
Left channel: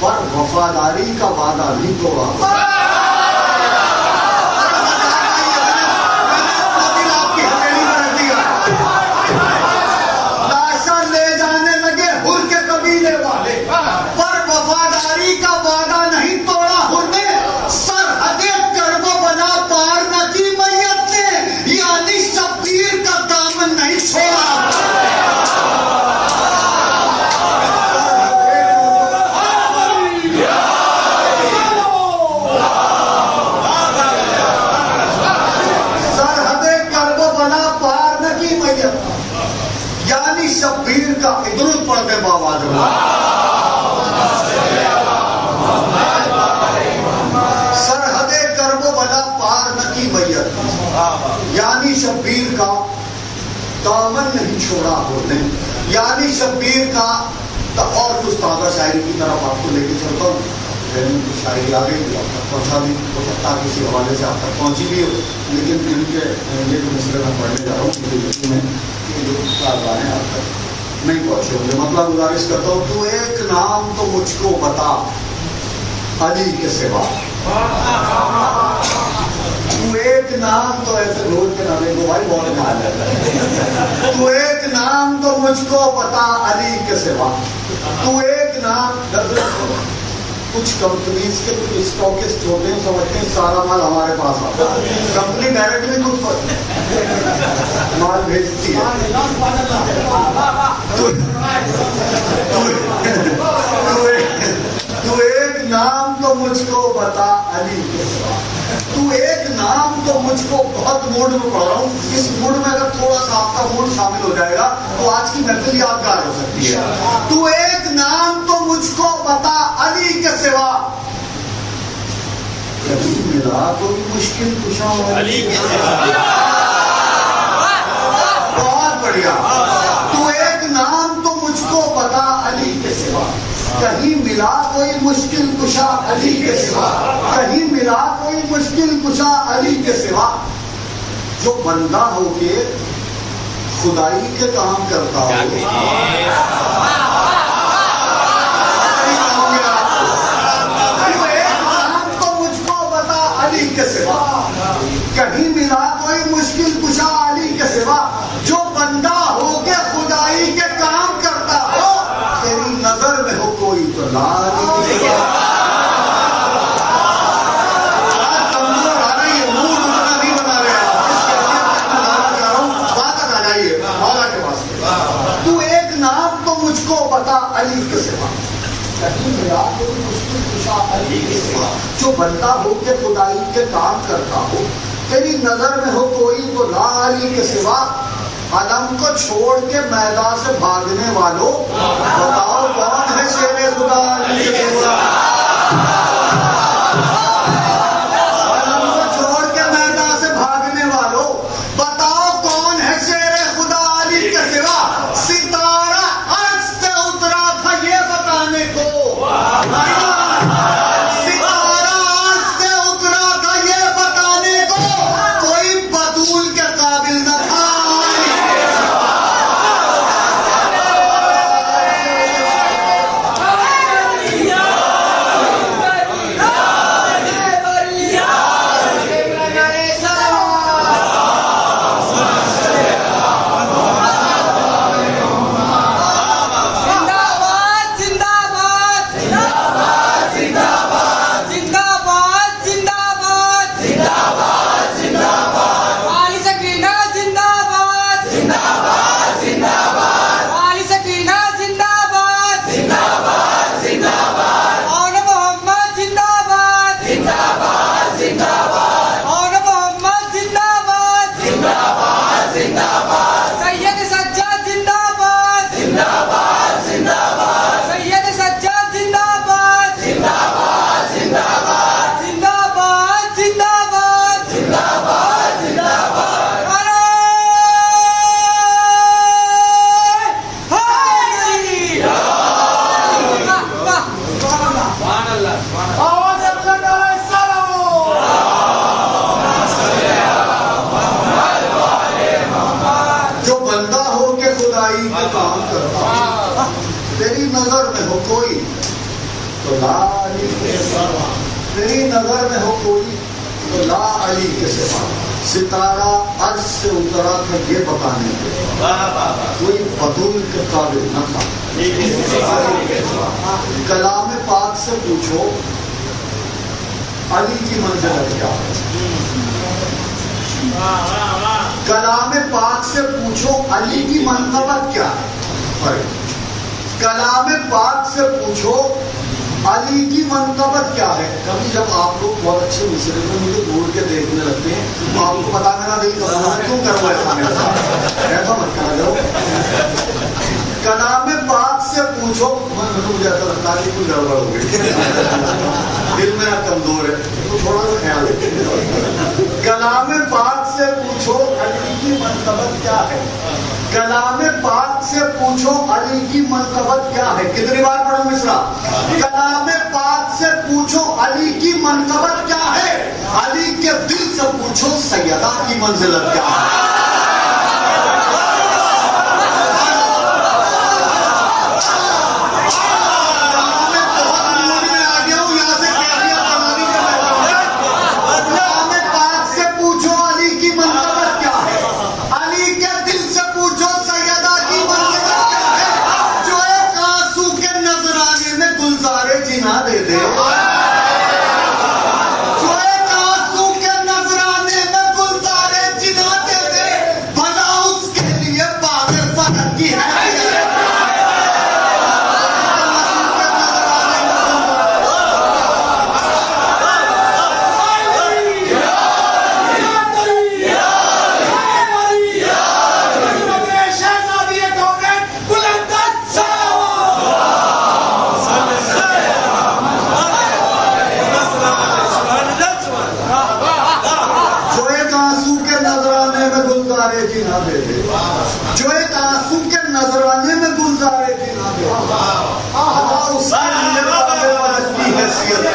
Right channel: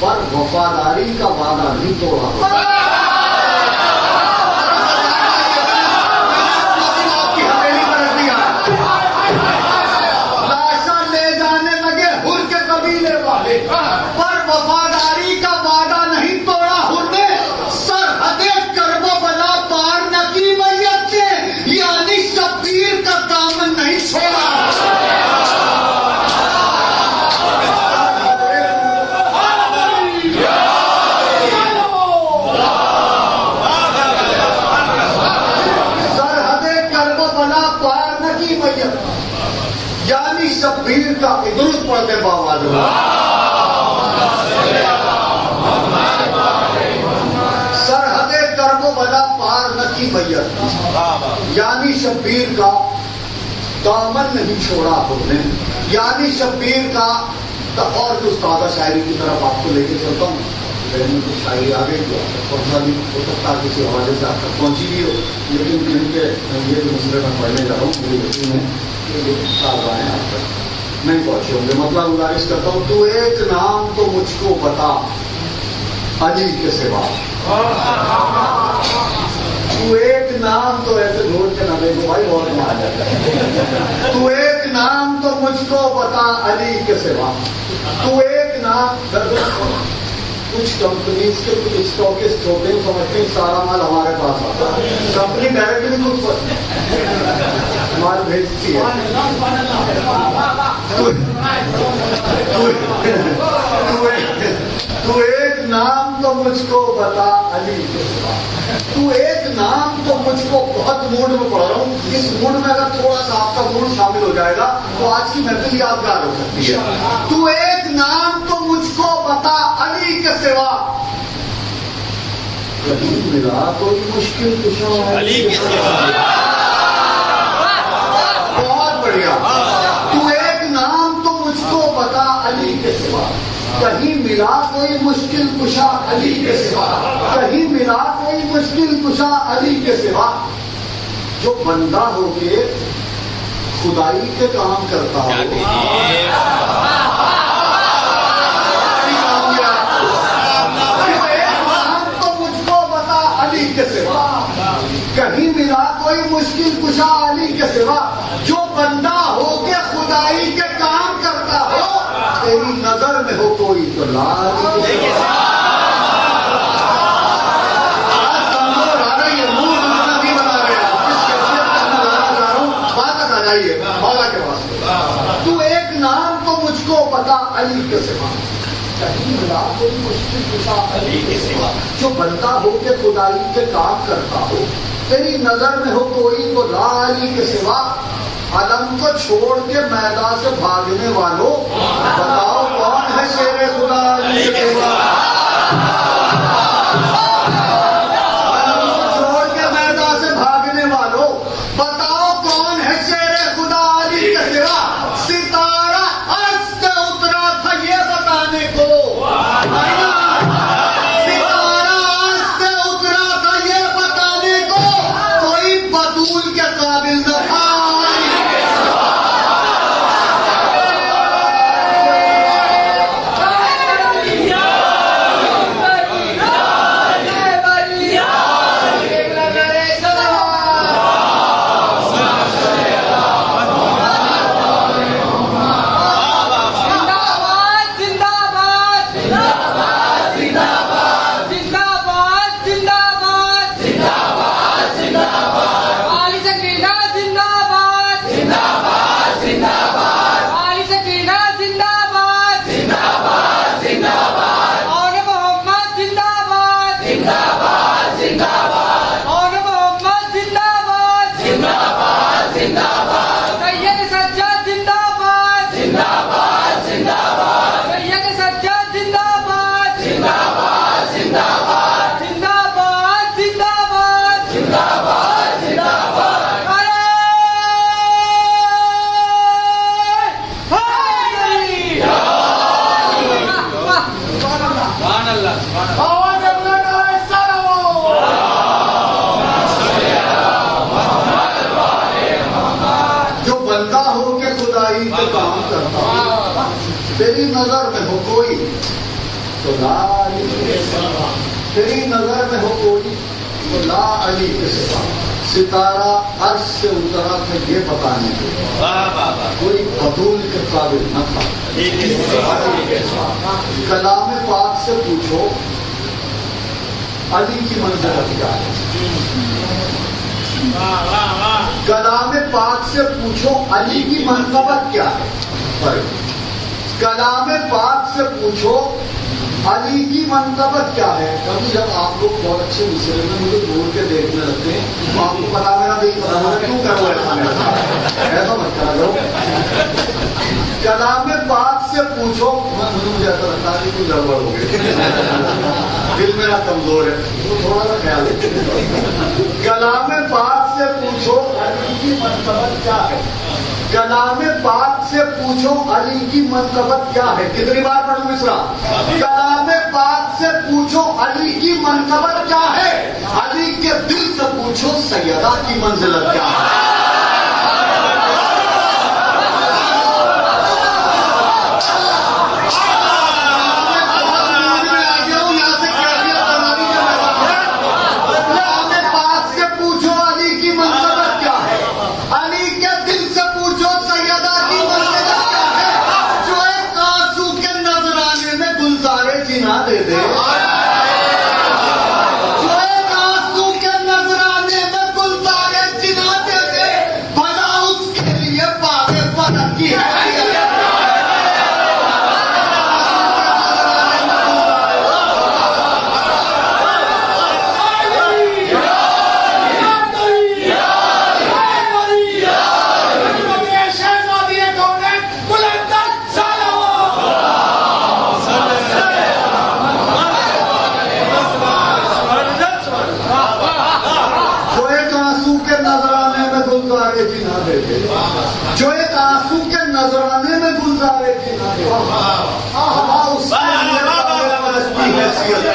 پر وفاداری کا وعدہ نہیں توڑا. لاشا لے جانے لگے ہر کے قبیلے والے, پر وفاداری کا وعدہ نہیں توڑا ہر نے. سرحدیں کرب و بلا پار نہ کی میت نے, یعنی شبیر کا دامن نہیں چھوڑا. سرحدیں کرب و بلا پار نہ کی میت, یعنی شبیر کا درود پڑھتے بابا جو سرحدیں کرب و بلا پار نہ کی میت, یعنی شبیر کا دامن نہیں چھوڑا ہم نے, یعنی شبیر کا. اور کچھ تازہ شاعری کی طرف آپ کو لے کے چلتا ہوں. کچھ شاعری آ گئی آپ تک پہنچا بھی ہو سکتا ہے کسی حوالے سے آپ تک پہنچی بھی ہو, لیکن ان کے یہ جو مسئلے میں پڑھنے جا رہا ہوں مجھے یقین ہے کہ یہ آپ تک نہیں پہنچے ہوں گے. مطلب گزارش کرتا ہوں, تو ایک نام تو مجھ کو بتا علی کے سوا. تو ایک نام تو ایسے روز کے نام کو بھائی بہت میں آ جاتا ہے. تو ایک نام تو مجھ کو بتا علی کے سوا. تو ایک نام, کچھ کمپنیز کے کچھ اسٹاکسٹ ہوتے ہیں سمجھتے ہیں سارا مال ہمارے پاس آتا ہے, کمپنی ڈائریکٹلی کچھ مال بھیجتی ہے. تو ایک نام تو مجھ کو بتا علی کے سوا. تو ایک نام تو مجھ کو, بہت موڈ میں پڑھ رہا ہوں, اس موڈ میں اگر تھوڑا سا آپ کا موڈ شامل ہو جائے گا تو آج کی محفل یادگار ہو سکتی ہے. تو ایک نام تو مجھ کو بتا علی کے سوا, کہیں ملا کوئی مشکل کشا علی کے سوا. بہت بڑھیا. تو ایک نام تو مجھ کو بتا علی کے سوا, کہیں ملا کوئی مشکل کشا علی کے سوا, کہیں ملا کوئی مشکل کشا علی کے سوا. جو بندہ ہو کے خدائی کے کام کرتا ہو, تو مجھ کو بتا علی کے سوا, کہیں ملا کوئی مشکل کشا علی کے سوا. جو بندہ ہو کے خدائی کے کام کرتا ہو, تیری نظر میں ہو کوئی تو لال. تو ایک نام تو مجھ کو بتا علی کے سوا, کہیں ملا کوئی مشکل کشا علی کے سوا. جو بندہ ہو کے خدائی کے کام کرتا ہو, تیری نظر میں ہو کوئی تو لا علی کے سوا. علم کو چھوڑ کے میدان سے بھاگنے والوں, بتاؤ کون ہے شیر خدا علی کے سوا. علم کو چھوڑ کے میدان سے بھاگنے والوں, بتاؤ کون ہے شیر خدا علی کے سوا. ستارہ عرش سے اترا تھا یہ بتانے کو, ستارہ عرش سے اترا تھا یہ بتانے کو, کوئی بطول کے قابل نہ تھا. زندہ باد نظر میں ہو کوئی تو لا علی کے سوا، تیری نظر میں ہو کوئی تو لا علی کے سوا، ستارہ عرش سے اترا تھا یہ بتانے کے کوئی بدول کے قابل نہ تھا۔ کلام پاک سے پوچھو علی کی منزلت کیا ہے، کلام پاک سے پوچھو علی کی منقبت کیا ہے، کلام پاک سے پوچھو علی کی منقبت کیا ہے۔ کبھی جب آپ لوگ بہت اچھے مسئلے میں مجھے دور کے دیکھنے لگتے ہیں تو آپ کو پتا میرا دل کر رہا ہے کیوں کرو ایسا میرے ساتھ، ایسا مت کرو۔ کلام پاک سے پوچھو، مجھے ایسا لگتا ہے کہ گڑبڑ ہو گئی، دل میرا کمزور ہے تو تھوڑا سا خیال ہے۔ کلام پاک سے پوچھو علی کی منقبت کیا ہے، کلام پاک سے پوچھو علی کی منقبت کیا ہے۔ کتنی بار پڑھوں مصرع؟ کلام پاک سے پوچھو علی کی منقبت کیا ہے، علی کے دل سے پوچھو سیدہ کی منزلت کیا ہے۔ جو ایک آنسو کے نذرانے میں گلزارے جنا دے، اس کے لیے حیثیت ہے۔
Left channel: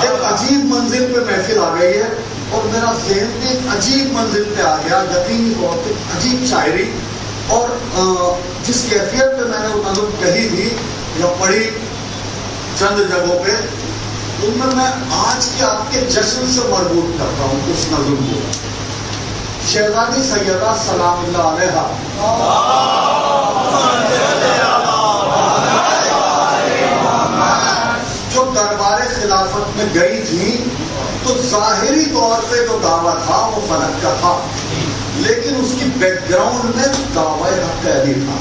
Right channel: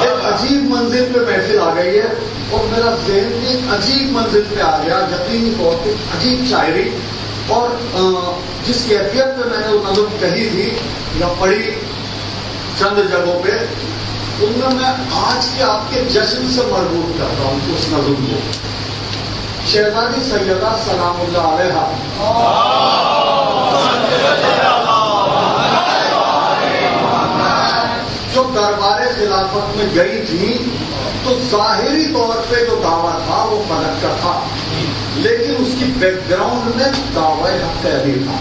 ایک عجیب منزل پہ محفل آ گئی ہے اور میرا ذہن بھی ایک عجیب منزل پہ آ گیا، یقینی طور پہ عجیب شاعری، اور جس کیفیت پہ میں نے وہ نظم کہی تھی یا پڑھی چند جگہوں پہ، ان میں آج کے آپ کے جشن سے مربوط کرتا ہوں اس نظم کو۔ شہزادی سیدہ سلام اللہ علیہا جو دربار خلافت میں گئی تھی تو ظاہری طور پہ جو دعویٰ تھا وہ فلک کا تھا، لیکن اس کی بیک گراؤنڈ میں دعویٰ حق علی تھا۔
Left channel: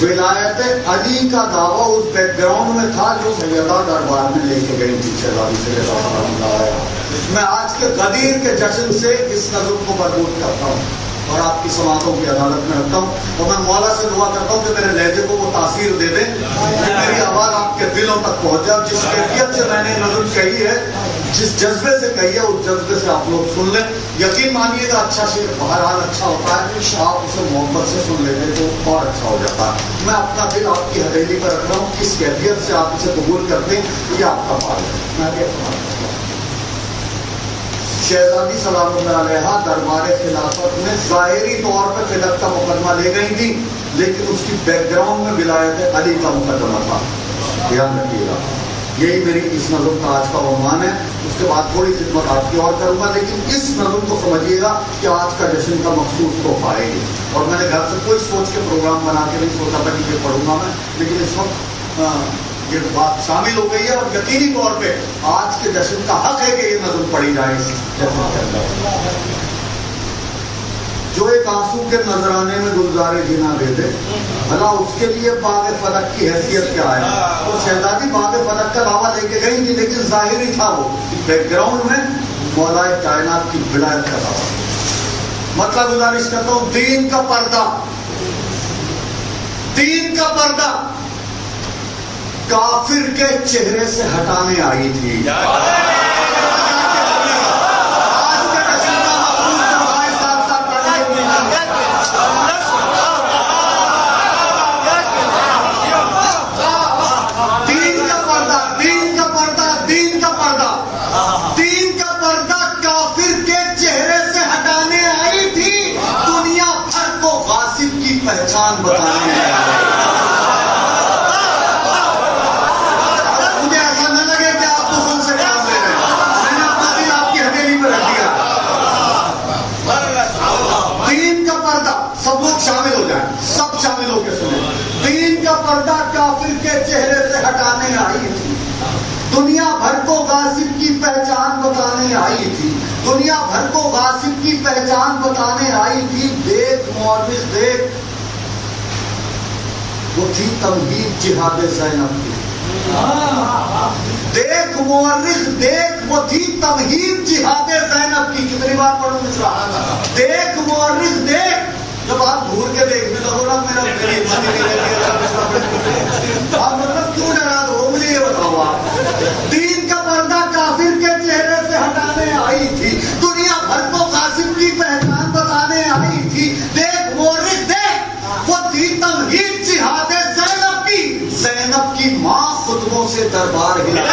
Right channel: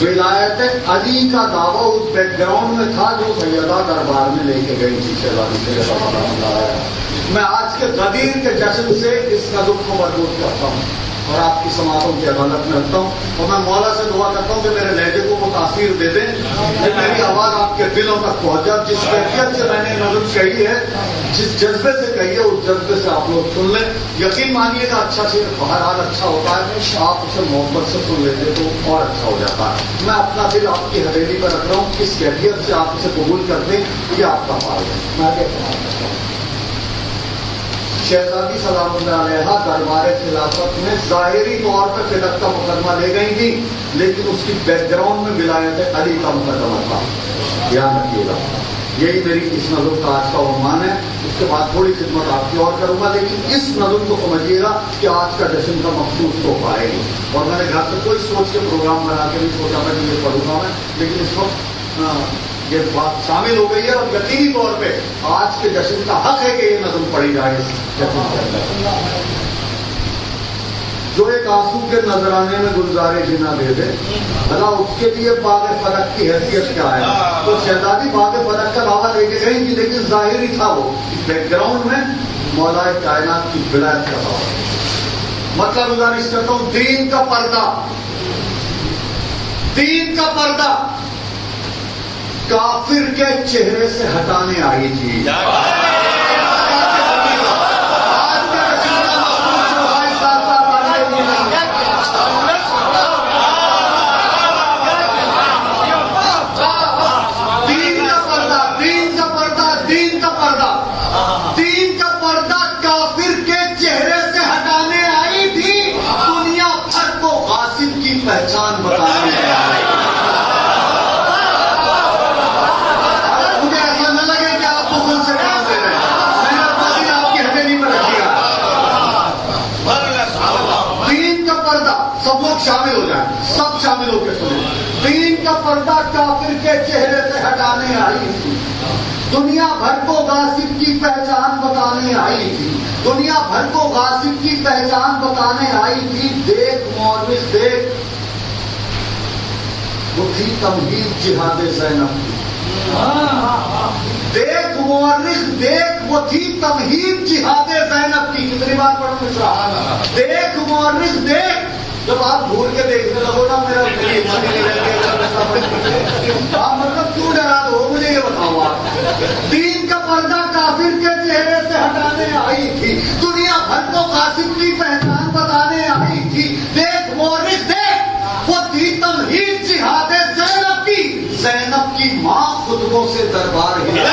ولایت علی کا دعویٰ اس بیک گراؤنڈ میں تھا جو سیدہ دربار میں لے کے گئی تھی شہزادی سیدہ سلام اللہ علیہا۔ میں آج کے غدیر کے جشن سے اس نظم کو مربوط کرتا ہوں اور آپ کی سماعتوں کی عدالت میں رکھتا ہوں، اور میں مولا سے دعا کرتا ہوں کہ میرے لہجے کو وہ تاثیر دے دیں کہ میری آواز آپ کے دلوں تک پہنچا۔ جس کیفیت سے میں نے نظم کہی ہے، جس جذبے سے کہی ہے، اس جذبے سے آپ لوگ سن لیں۔ یقین مانیے گا اچھا سے بہرحال اچھا ہوتا ہے، آپ اسے محبت سے سن لیتے تو اور اچھا ہو جاتا ہے۔ میں اپنا دل آپ کی حویلی پر رکھ رہا ہوں، کس کیفیت سے آپ اسے قبول کرتے ہیں یہ آپ کا پال ہے، میں آگے استعمال کرتا ہوں۔ شہزادی سلام اللہ علیہا دربار خلافت میں ظاہری طور پر فلک کا مقدمہ لے گئی تھی، لیکن اس کی بیک گراؤنڈ میں ولایت علی کا مقدمہ تھا۔ دھیان رکھیے گا، یہی میری اس نظم کا آج کا عنوان ہے۔ اس کے بعد تھوڑی خدمت آپ کی اور کروں گا، لیکن اس نظم کو سمجھیے گا کہ آج کا جشن کا مخصوص تو پائے گی۔ اور میں نے گھر سے کوئی سوچ کے پروگرام بنا کے نہیں سوچا تھا کہ یہ پڑھوں گا میں، لیکن اس وقت یہ بات شامل ہو گئی ہے، اور یقینی طور پہ آج کے جشن کا حق ہے کہ یہ نظم پڑھی جائے اس جشن کے اندر۔ جو ایک آنسو کے نذرانے میں گلزارے جنا دے دے، بھلا اس کے لیے باغ فلک کی حیثیت کیا ہے۔ تو شہزادی باغ فلک کا دعویٰ لے کے گئی تھی، لیکن ظاہری تھا وہ بیک گراؤنڈ میں مولا کائنات کی ولایت کا دعویٰ۔ مطلب گزارش کرتا ہوں، دین کا پردہ، دین کا پردہ کافر کے چہرے سے ہٹانے آئی تھی۔ پہچان بتانے پردہ کافر کے چہرے سے ہٹانے آئی تھی، دنیا بھر کو غاصب کی پہچان بتانے آئی تھی، دنیا بھر کو غاصب کی پہچان بتانے آئی تھی۔ دیکھ مورخ دیکھ، وہ تھی تمہید جہاد زینب کی۔ دیکھ مورخ دیکھ، وہ تھی تمہید جہاد زینب کی۔ کتنی بار پڑھوں گا؟ دیکھ مورخ دیکھ، جب آپ گھور کے دیکھنے لگو نا میرا آپ مطلب کیوں ڈرا دو، مجھے یہ بتاؤ آپ۔ دین کا پردہ کافر کے چہرے سے ہٹانے آئی تھی، دنیا بھر کو قاسم کی پہچان بتانے آئی تھی۔ دیکھ مورخ دیکھ، وہ تھی تمہید جہاد زینب کی۔ زینب کی ماں خطبوں سے دربار ہلا۔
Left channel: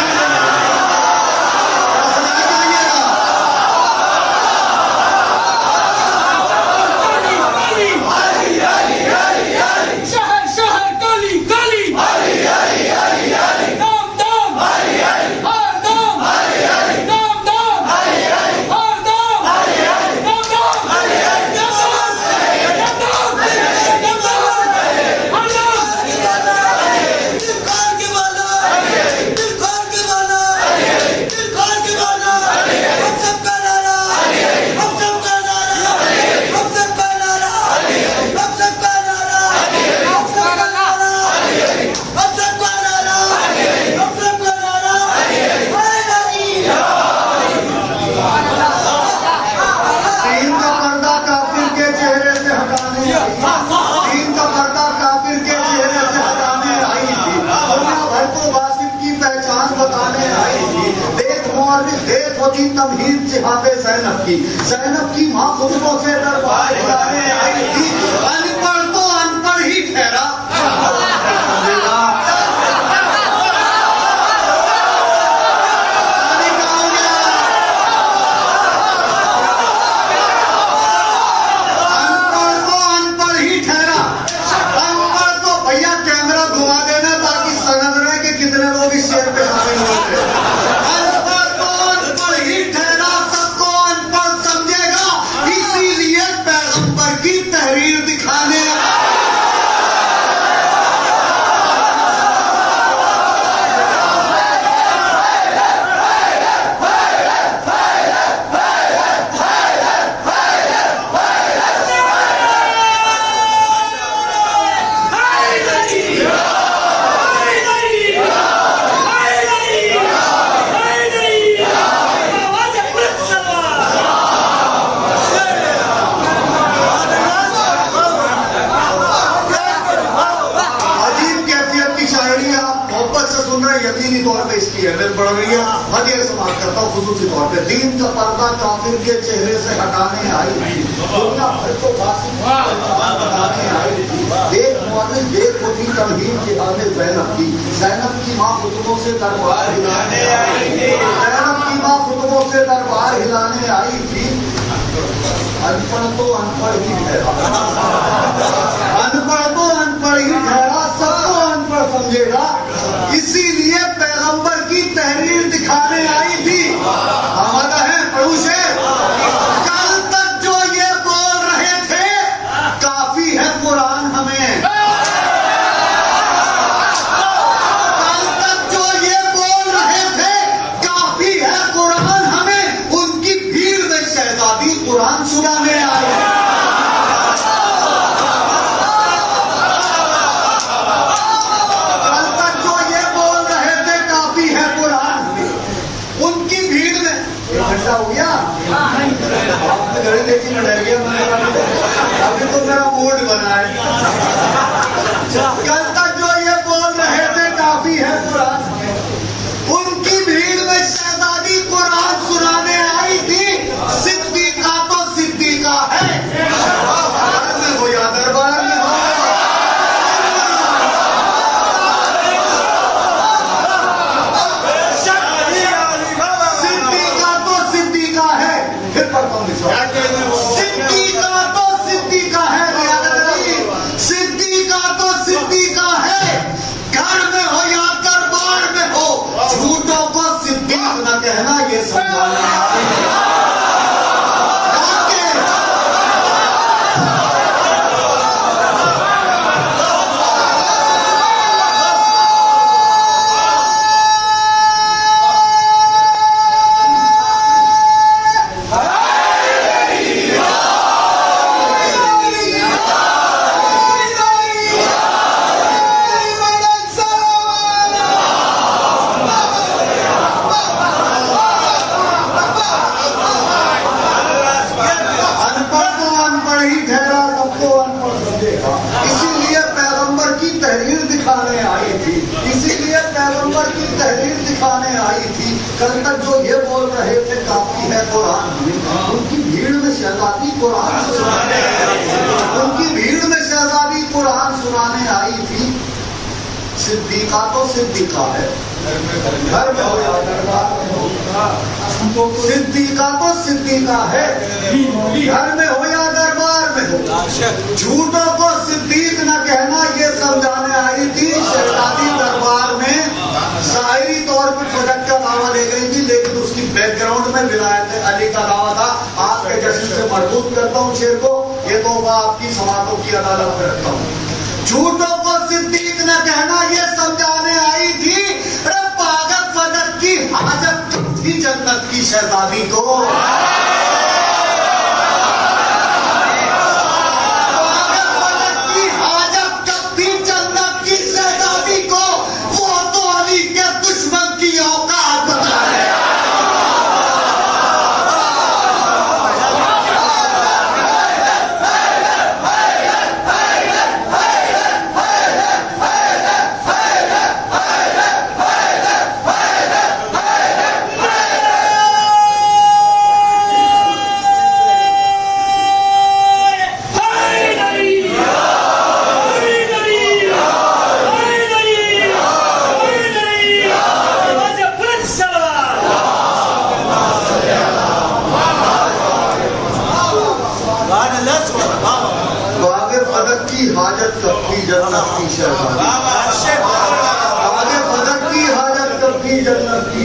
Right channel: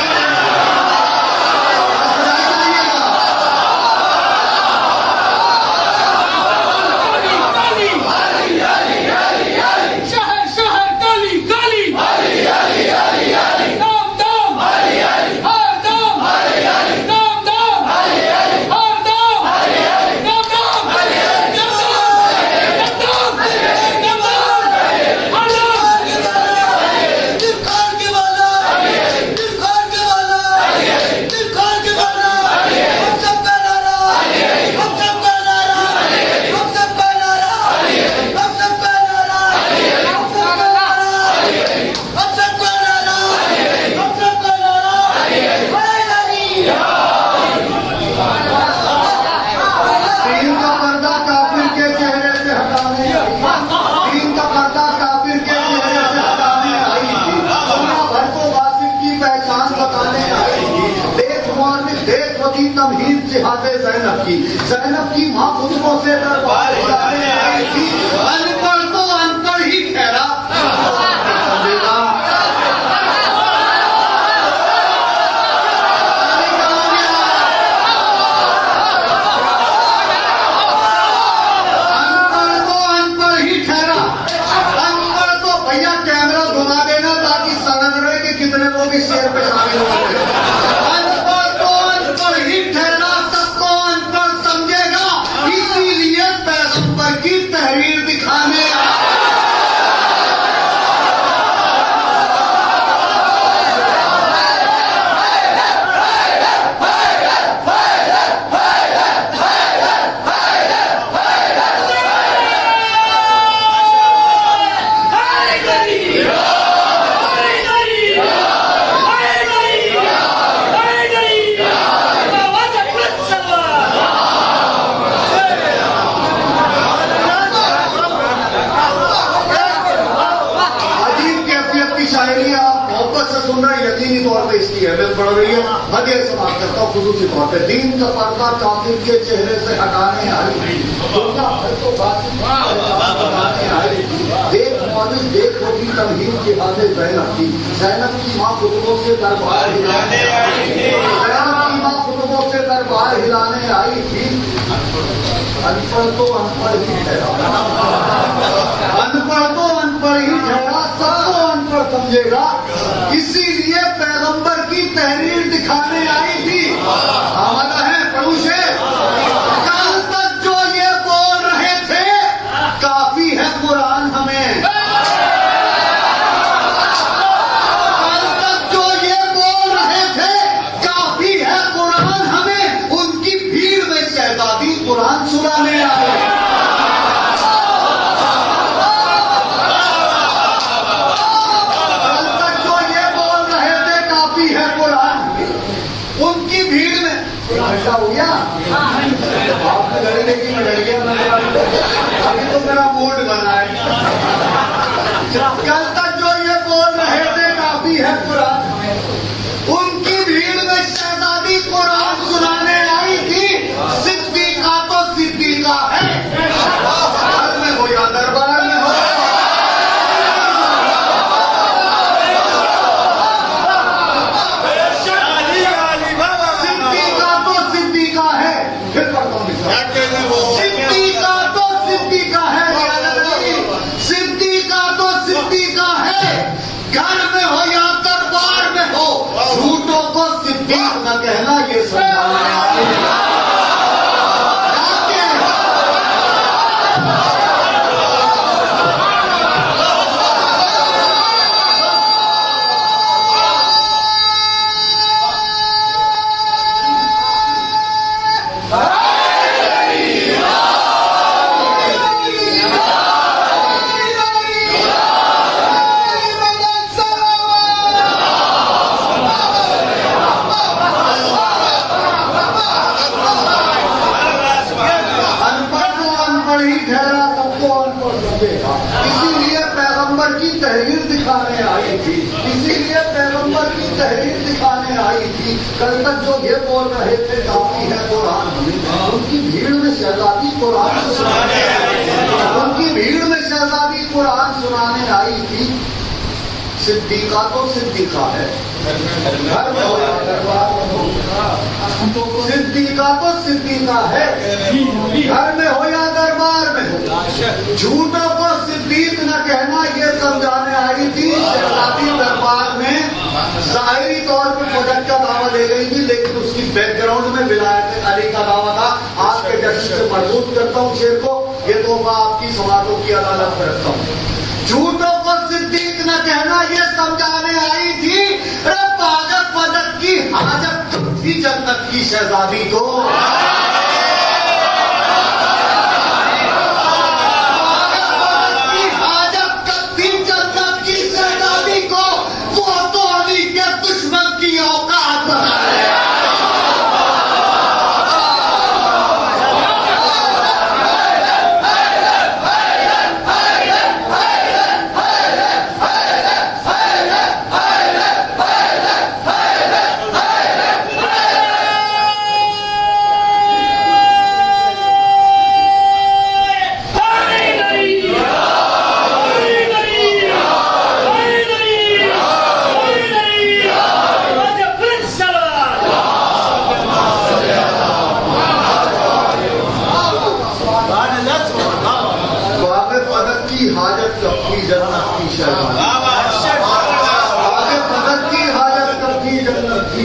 تمہید جہاد زینب کی۔ زینب کی ماں خطبوں سے دربار ہلانے آئی تھی۔ ان پڑھ تو ان پڑھ ہی ٹھہرا، بڑھ رہی ہے۔ ہدیہ سماعت کرتا ہوں خصوصی طور پہ۔ دین کا پردہ کافر کے چہرے سے ہٹانے آئی تھی، دنیا بھر کو قاسم کی پہچان بتانے آئی تھی۔ دیکھ مورخ دیکھ، وہ تھی تمہید جہاد زینب کی۔ زینب کی ماں خطبوں سے دربار ہلانے آئی تھی، زینب کی ماں خطبوں سے دربار ہلانے آئی تھی۔ ان پڑھ تو ان پڑھ ہی ٹھہرا، ان پڑھ تو ان پڑھ ہی ٹھہرا، سب کو ان پڑھ سمجھے گا۔ اسی لیے پیغمبر کی تحریر دکھانے آئی تھی۔ آمادہ ہے پڑھو شعر۔ کل تک جو یہ بول رہے تھے کافی ہے قرآن ہمیں، کل تک جو یہ بول رہے تھے کافی ہے قرآن ہمیں، ان کی بھیڑ میں شہزادی قرآن سنانے آئے۔ ہو گیا آپ نے گھڑی دیکھی، میں ڈر گیا، ابھی تو میرا موڈ بنا ہے۔ کل تک جو یہ بول رہے تھے کافی ہے قرآن ہمیں، ان کی بھیڑ میں شہزادی قرآن سنانے آئی تھی۔ صدیقہ تو صدیقہ ہے، دربار میں ہو یا دربار میں ہو، صدیقہ تو صدیقہ ہے، گھر میں ہو یا دربار دکھانے آئی تھی، اسی لیے پیغمبر کی تحریر دکھانے آئی تھی۔ کل تک جو یہ بول رہے تھے کافی ہے قرآن ہمیں، ان کی بھیڑ میں شہزادی قرآن سنانے آئی تھی، ان کی بھیڑ میں شہزادی قرآن سنانے آئی تھی۔ صدیقہ تو صدیقہ ہے، گھر میں ہو یا دربار میں ہو، صدیقہ تو صدیقہ ہے، گھر میں ہو یا دربار میں ہو۔ جھوٹوں کو صدیق نہ کہنا یہ سمجھانے آئی تھی۔ شہزادی دربار میں ظاہری طور پہ فجر کا دعویٰ لے گئی تھی، لیکن اس کی بیک گراؤنڈ میں ولایت علی کا دعویٰ تھا۔ آج کے جشن سے مربوط کرتا ہوں شیر کو، یہ تحفہ آپ کی سماعتوں کی عدالت میں رکھتا ہوں۔ جھوٹوں کو صدیق نہ کہنا یہ سمجھانے آئی تھی، پاگل فجر کی حاجت تھی جنت کی شہزادی کو۔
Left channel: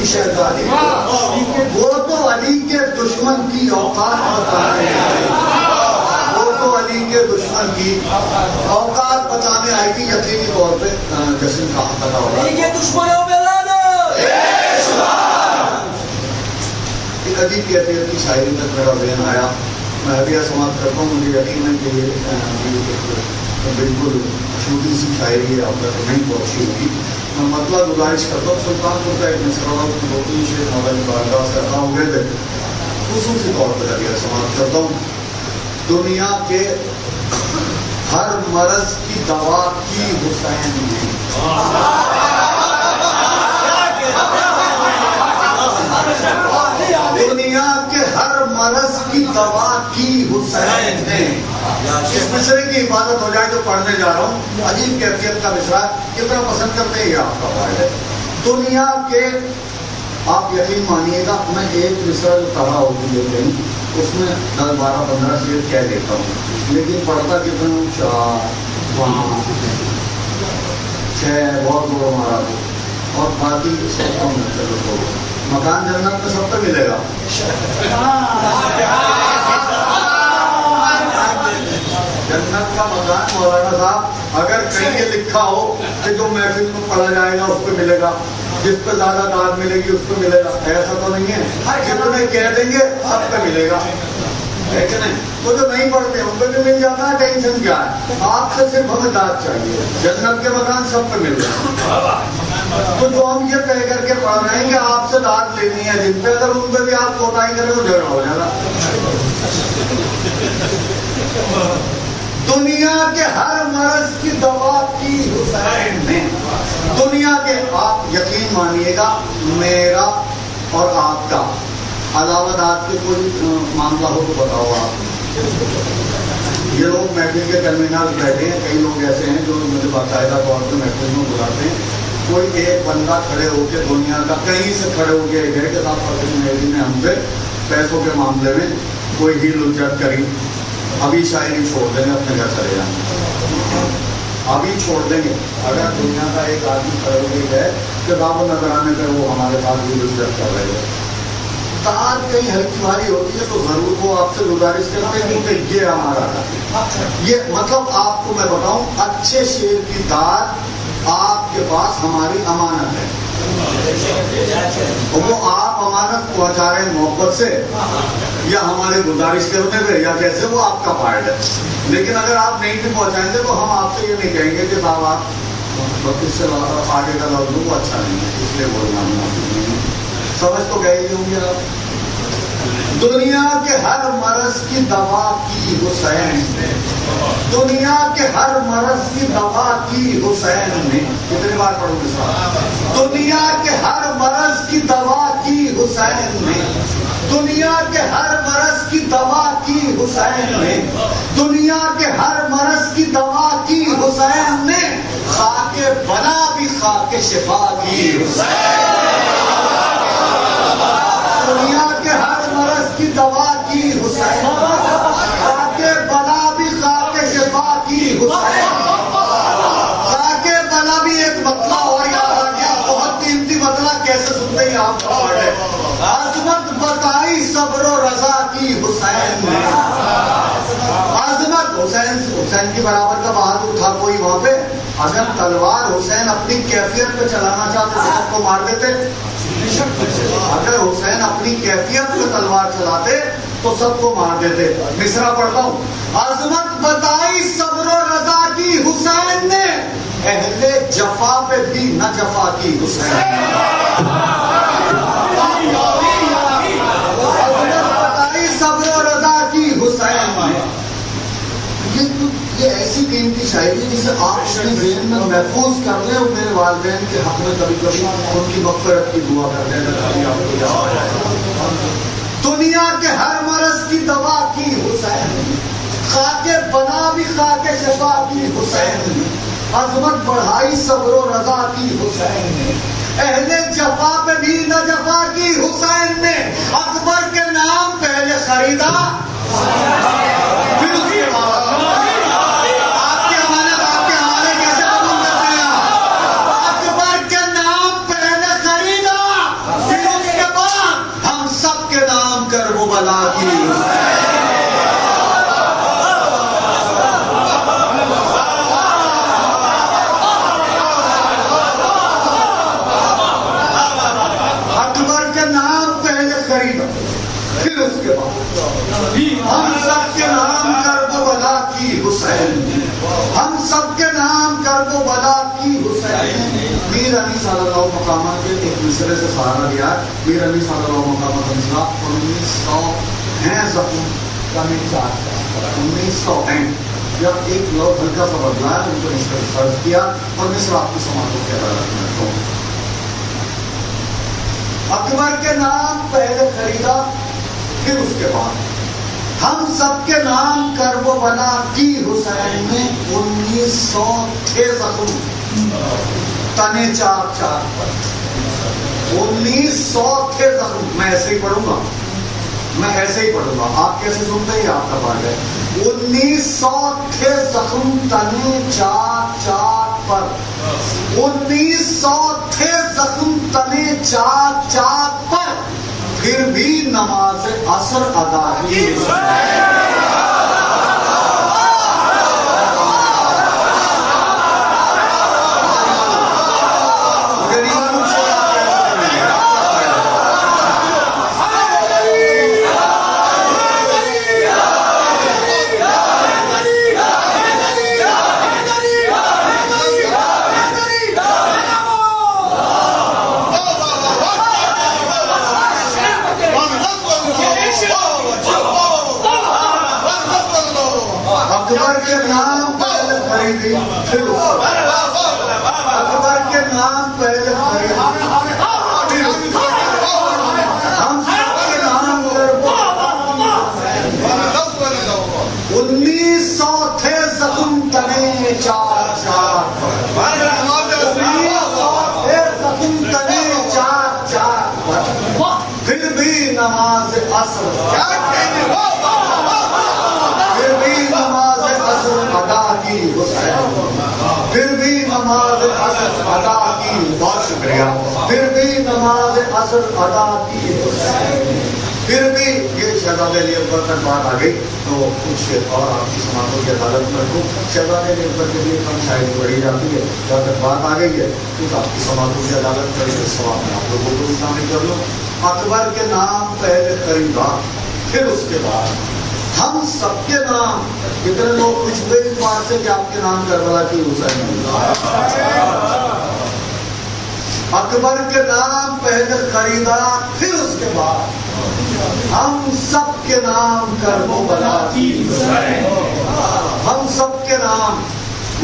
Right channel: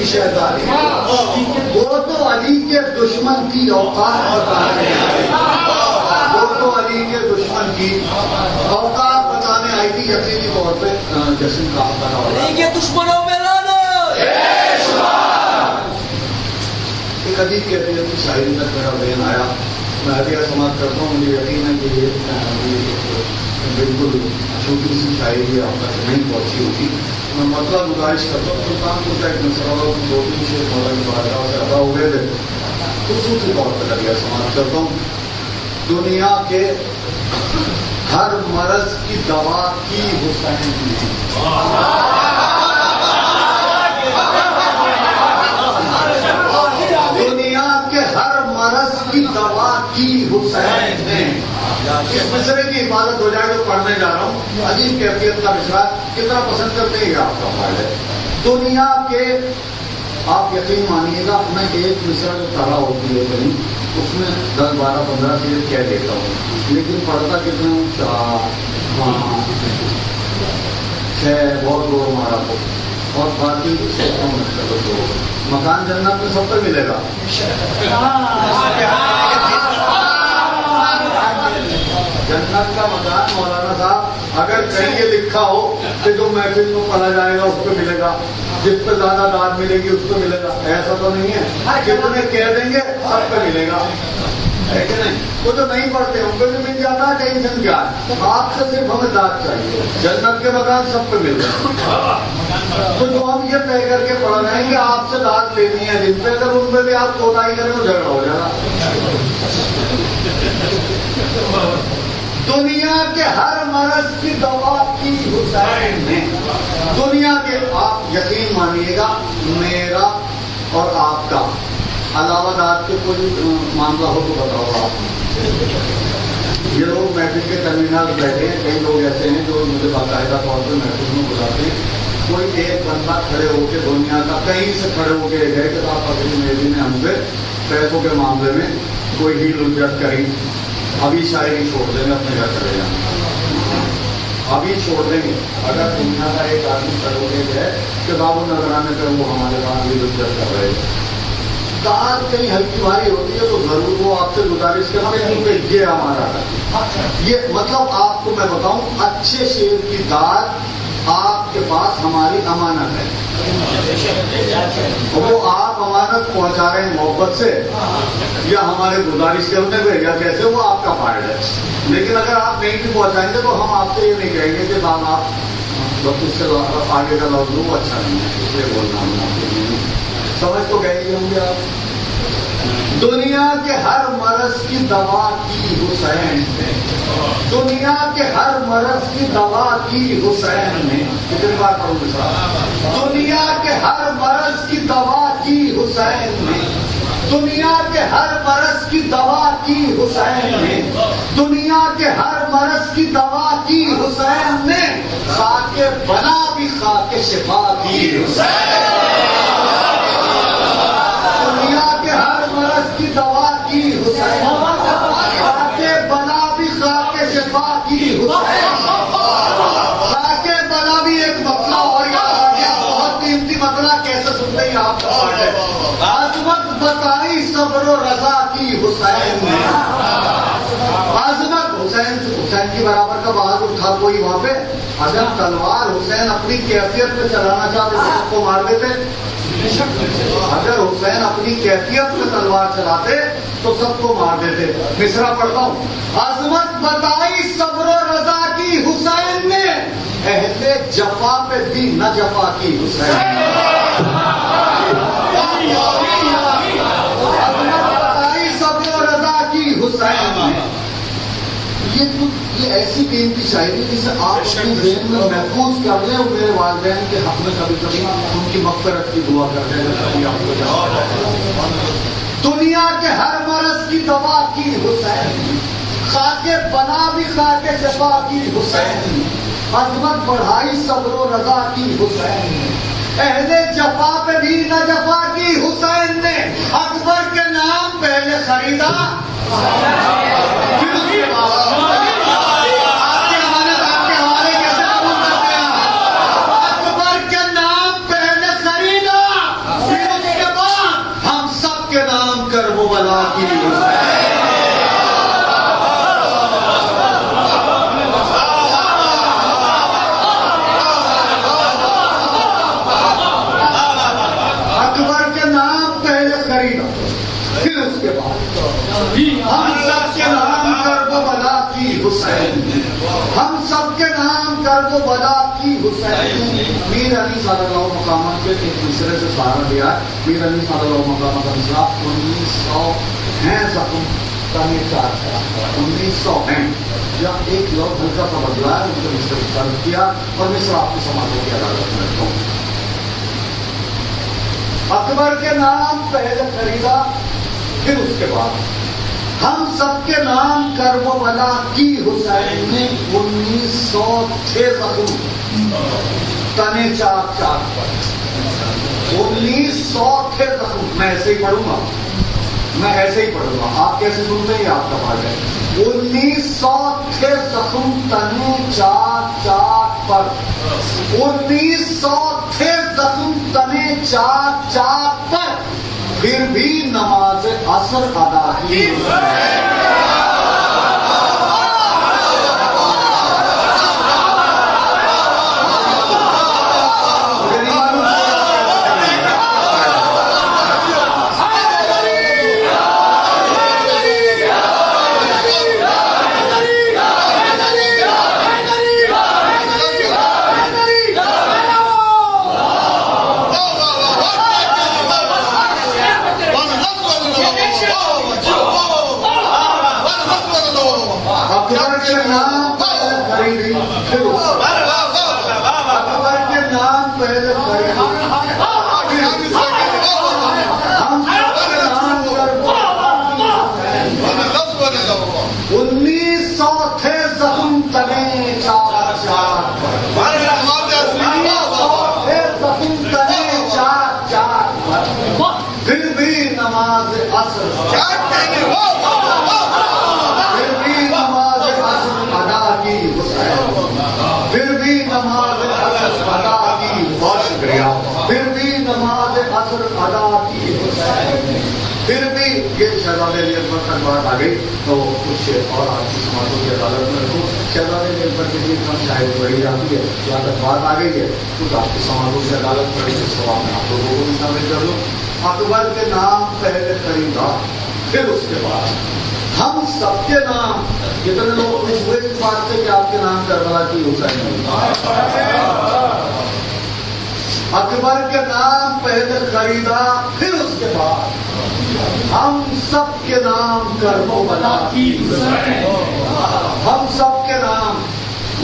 شہزادی وہ تو علی کے دشمن کی اوقات بتانے آئی، وہ تو علی کے دشمن کی اوقات بتانے آئی تھی۔ یقینی طور پہ جشن کا پتا ہوگا ایک عجیب کیفیت کی شاعری تک میرا ذہن آیا، میں ابھی سماعت کرتا ہوں۔ مجھے یقین ہے کہ یہ بالکل چھوٹی سی شاعری ہے، اب تک نہیں پہنچی ہوگی۔ میں مطلب گزارش کرتا ہوں، سلطان کو کیا دو تین سے ماڈل باہر سے ادا ہوئے تھے، خصوصی طور پہ ذریعہ سماعت کرتا ہوں۔ دنیا کے ہر مرض کی دوا کی حسین نے، دنیا کے ہر مرض کی دوا کی حسین نے۔ اس مصرے کی حفاظت ہو جائے جو پڑھنے جا رہا ہوں، عجیب کیفیت کا مصرع، کتنا پسند کرتے ہیں یہ آپ کا فائدہ ہے۔ دنیا کے، آپ یقین مانیے گا، میں ایک مصرع کھڑا ہوتی ہے کہیں، اس میں 10 12 15 چیزیں کہہ دیتا ہوں، لیکن پڑھتا کتنا ہوں 4 5 6 بہت دو ہمارا کو، اور باقی تو مکان جنت میں سب کو ملے گا۔ جنت کا مکان مولانا صاحب اگر کہیں یہ لکھا ہو کہ جو محفل میں پڑھا جائے گا اس کو ملے گا، جس پہ زیادہ داد ملے گی اس کو ملے گا، ایسا تو نہیں ہے۔ جتنے کہہ دیں گے سب کو ملے گا، ہے کہ نہیں؟ وہ جو نہیں پڑھتے ان کو جو مل جاتا ہے، ٹینشن کیا ہے؟ آپ سے صرف ہمیں داد چاہیے، جنت کے مکان سب کو مل جائے۔ تو جو ہم یہ طے کر کے پڑھ رہے ہیں کہ آپ سے داد لینی ہے جن پہ، اگر ان پہ بھی آپ کوتاہی کریں وہ جھگڑا ہو جائے گا۔ دنیا کے ہر مرض کی دوا کی حسین نے، دنیا کے، آپ یقین مانیے گا میرا اور آپ کا علاوہ داد کے کوئی معاملہ ہو تو بتاؤ آپ۔ یہ لوگ محفل کے ٹرمینل بیٹھے ہیں، کئی لوگ ایسے ہیں جو مجھے باقاعدہ طور پر محفل میں بلاتے ہیں، کوئی ایک بندہ کھڑے ہو کے دنیا کا کہیں سے کھڑے ہو کے گئے کہ صاحب فضل مہدی نے ہم سے پیسوں کے معاملے میں کوئی ہیل اجت کری، ابھی شاعری چھوڑ دیں گے، اپنے گھر چلے جائیں، ابھی چھوڑ دیں گے۔ اگر دنیا کا ایک آدمی کھڑے ہو کے گئے کہ راب و نظرانے پہ وہ ہمارے ساتھ ہیل اجت کر رہے ہیں، داد کہیں ہلکی بھاری ہوتی ہے تو ضرور وہ آپ سے گزارش کرتے ہیں کہ یہ ہمارا، یہ مطلب آپ کو میں بتاؤں، اچھے شعر کی داد آپ کے پاس ہماری امانت ہے، وہ آپ امانت پہنچا رہے ہیں محبت سے یا ہمارے گزارش کرنے پہ یا کیسے، وہ آپ کا فائدہ ہے۔ لیکن اگر آپ نہیں بھی پہنچائیں گے تو ہم آپ سے یہ نہیں کہیں گے کہ صاحب آپ اس سے آگے کا لفظ وہ اچھا نہیں ہے، اس لیے بولنا نہیں، سمجھ تو گئے ہی ہوں گے آپ۔ دنیا کے ہر مرض کی دوا کی حسین نے، دنیا کے ہر مرض کی دوا کی حسین نے. کتنی بار پڑھوں گے صاحب؟ دنیا کے ہر مرض کی دوا کی حسین نے. دنیا کے ہر مرض کی دوا کی حسین نے. دنیا کے ہر مرض کی دوا کی حسین نے. خاک بلا بھی خاک شفا کی حسین. دنیا کے ہر مرض کی دوا کی حسین. خاک بلا بھی خاک شفا کی حسین. خاک بلا بھی ایک مطلع اور یاد آ گیا. بہت قیمتی مطلع کیسے سنتے ہی آپ کو پڑھے. عظمت بتائی صبر و رضا کی حسین نے. عظمت حسین کی برابر کا بہادر تھا کوئی وہاں پہ؟ اگر تلوار حسین اپنی کیفیت پہ چلانا چاہتے تو سب کو مار دیتے. اگر حسین اپنی کیفیت پہ تلوار چلاتے تو سب کو مار دیتے. مصرع پڑھتا ہوں. عظمت بتائی صبر و رضا کی حسین نے. اہل جفا پہ بھی نہ جفا کی حسین نے. عظمت بتائی صبر و رضا کی حسین نے. یہ ایسی قیمتی شاعری جسے آپ اپنے ذہن میں محفوظ کر لیں اور میرے والدین کے حق میں کبھی کبھی ان کی مغفرت کی دعا کر لیں. آپ کو یاد ہے دنیا کے ہر مرض کی دوا کی حسین. خاک بنا بھی خاک شفا کی حسین. عظمت بڑھائی صبر و رضا کی حسین نے. اہل جفا پہ بھی نہ جفا کی حسین نے. اکبر کے نام پہلے خریدا پھر اس کے بعد آپ کے حوالے کیسے قبول کرتے ہیں؟ اکبر کے نام پہلے خریدا پھر اس کے بعد ہم سب کے نام کربلا کی حسین. پھر اس کے بعد ہم سب کے نام کربلا کی حسین. ہم سب کے نام کربلا کی حسین. میر علی صلی اللہ مقامہ کے ایک دوسرے سے سہارا لیا. میر علی صلی اللہ مقامہ کا 1900 ہیں زخم تنے 1900 ہیں. جب ایک لوگ ہلکا سا بدلا ہے ان کو اس کا فرض کیا اور مصر آپ کی سماجوں کی عدالت میں رکھوں. اکبر کے نام پہلے خریدا پھر اس کے بعد ہم سب کے نام کربلا کی حسین نے. 1900 تھے زخم تنے 4 پر. 1900 تھے زخم. میں ایسے ہی پڑھوں گا. آپ کیسے سنتے ہیں آپ کا بات ہے. 1900 تھے زخم تنے 4 پر. 1900 تھے زخم تنے 4 پر. پھر بھی نماز عصر ادا کی. اکبر کے نام پہلے خریدی پھر اس کے بعد. اکبر کے نام پہلے خریدی پھر اس کے بعد ہم سب کے نام کربلا. 1900 تھے زخم تنے 4 پر. 1900 تھے زخم تنے 4 پر. پھر بھی نماز عصر ادا کی حسین. پھر بھی نماز عصر ادا کی. بہت شکریہ. پھر بھی نماز عصر ادا کی حسین. پھر بھی یہ شہزادے علی اکبر تک بات آ گئی تو کچھ اور آپ کی سماجوں کی عدالت میں تو شہزادے علی اکبر کے لیے کم شاعری پڑھی جاتی ہے. جہاں تک بات آ گئی ہے تو آپ کی سماجوں کی عدالت پڑھی اس سوال میں آپ لوگوں کو شامل کر لوں. اکبر کے نام پہلے خریدا پھر اس کے بعد ہم سب کے نام. کتنے لوگ خوش ہوئے اس بات سے کہ آپ کے نام کربلا کی حسین. اکبر کے نام پہلے خریدا پھر اس کے بعد ہم سب کے نام کربلا کی ہم سب کے نام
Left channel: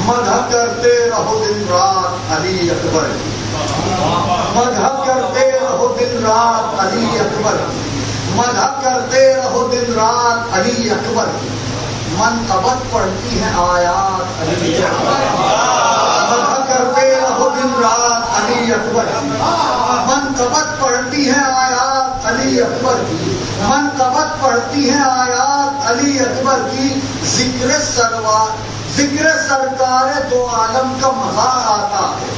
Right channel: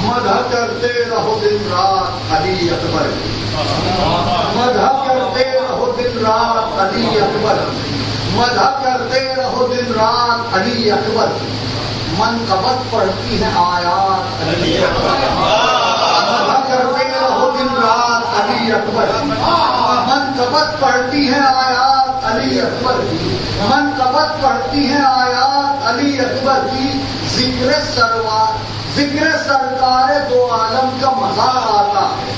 مدح کرتے رہو دن رات علی اکبر مدح کرتے رہو دن رات علی اکبر مدح کرتے رہو دن رات علی اکبر منقبت پڑھتی ہیں آیات علی اکبر مدح کرتے رہو دن رات علی اکبر منقبت پڑھتی ہیں آیات علی اکبر کی منقبت پڑھتی ہیں آیات علی اکبر کی ذکر سرکار دو عالم کا مزہ آتا ہے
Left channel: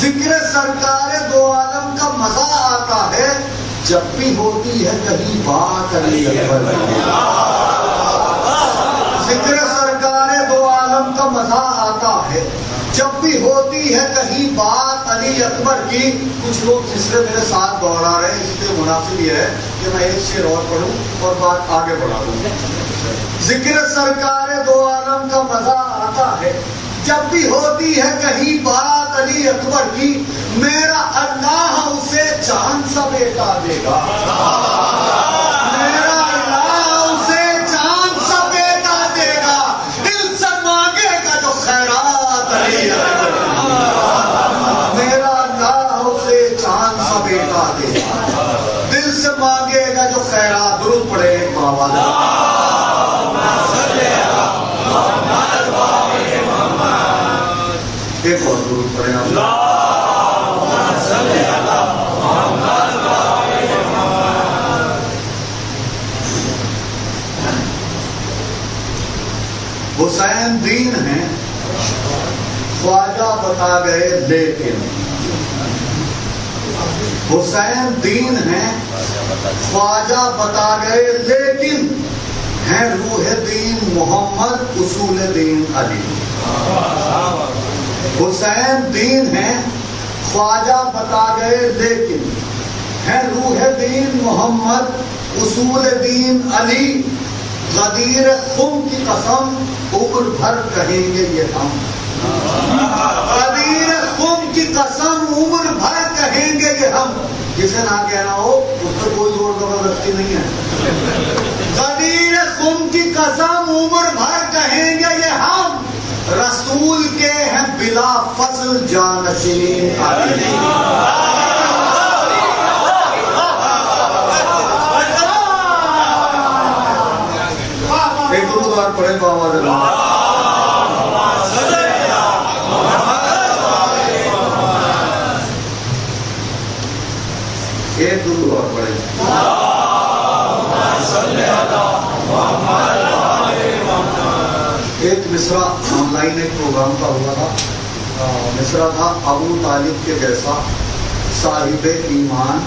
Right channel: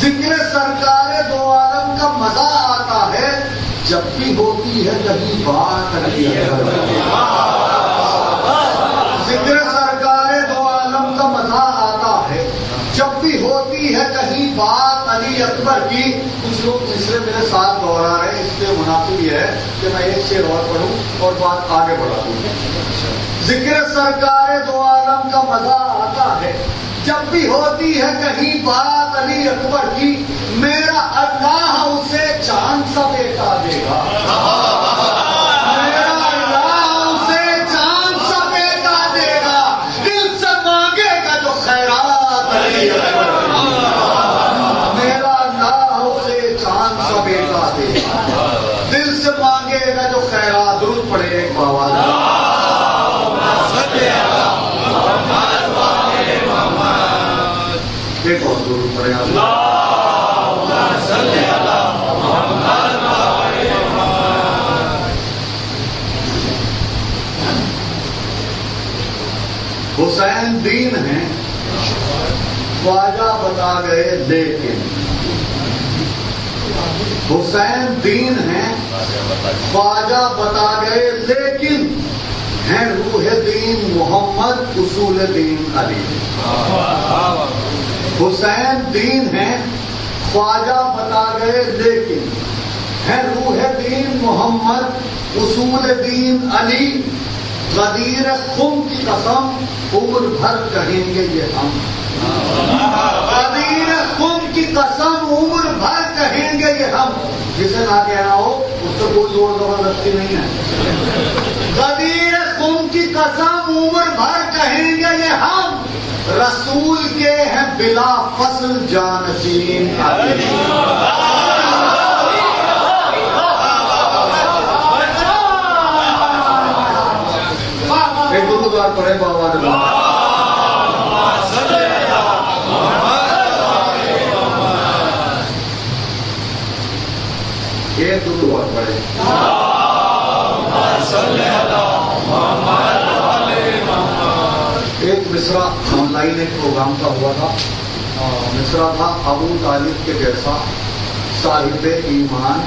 ذکر سرکار دو عالم کا مزہ آتا ہے جب بھی ہوتی ہے کہیں بات علی اکبر کی ذکر سرکار دو عالم کا مزہ آتا ہے جب بھی ہوتی ہے کہیں بات علی اکبر کی. کچھ لوگ تیسرے میرے ساتھ دوڑا رہے ہیں, اس لیے مناسب یہ ہے کہ میں ایک شعر اور پڑھوں اور بات آگے بڑھا دوں. ذکر سرکار دو عالم کا مزہ آتا ہے جب بھی ہوتی ہے کہیں بات علی اکبر کی, میرا اللہ اسے چاند سا بیٹا دے گا. میرا اللہ اسے چاند سا بیٹا دے گا, دل سے مانگے گا جو خیرات علی اکبر کی. میرا اللہ اسے چاند سا بیٹا دے گا, دل سے مانگے گا جو خیرات. درود پڑھے ایک بابا ایک اور درود پڑھیں حسین دین ہیں خواجہ بتا گئے لیکن, حسین دین ہیں خواجہ بتا گئے لیکن, ہیں روح دین محمد اصول دین علی. حسین دین ہیں خواجہ بتا گئے لیکن, ہیں روح دین محمد اصول دین علی. غدیر خم کی قسم عمر بھر کہیں گے یہ ہم, غدیر خم کی قسم عمر بھر کہیں گے یہ ہم. جسے نہ کہنا ہو اس پر کوئی زور زبردستی نہیں ہے. غدیر خم کی قسم عمر بھر کہیں گے یہ ہم, رسول کے ہیں بلا فصل جانشین علی. ایک درود اور پڑھیں تو آواز ایک درود اور پڑھیں. ایک مصرع آن لائن ایک پروگرام کا ہوا تھا, مصرع تھا ابو طالب کے جیسا صاحب ایمان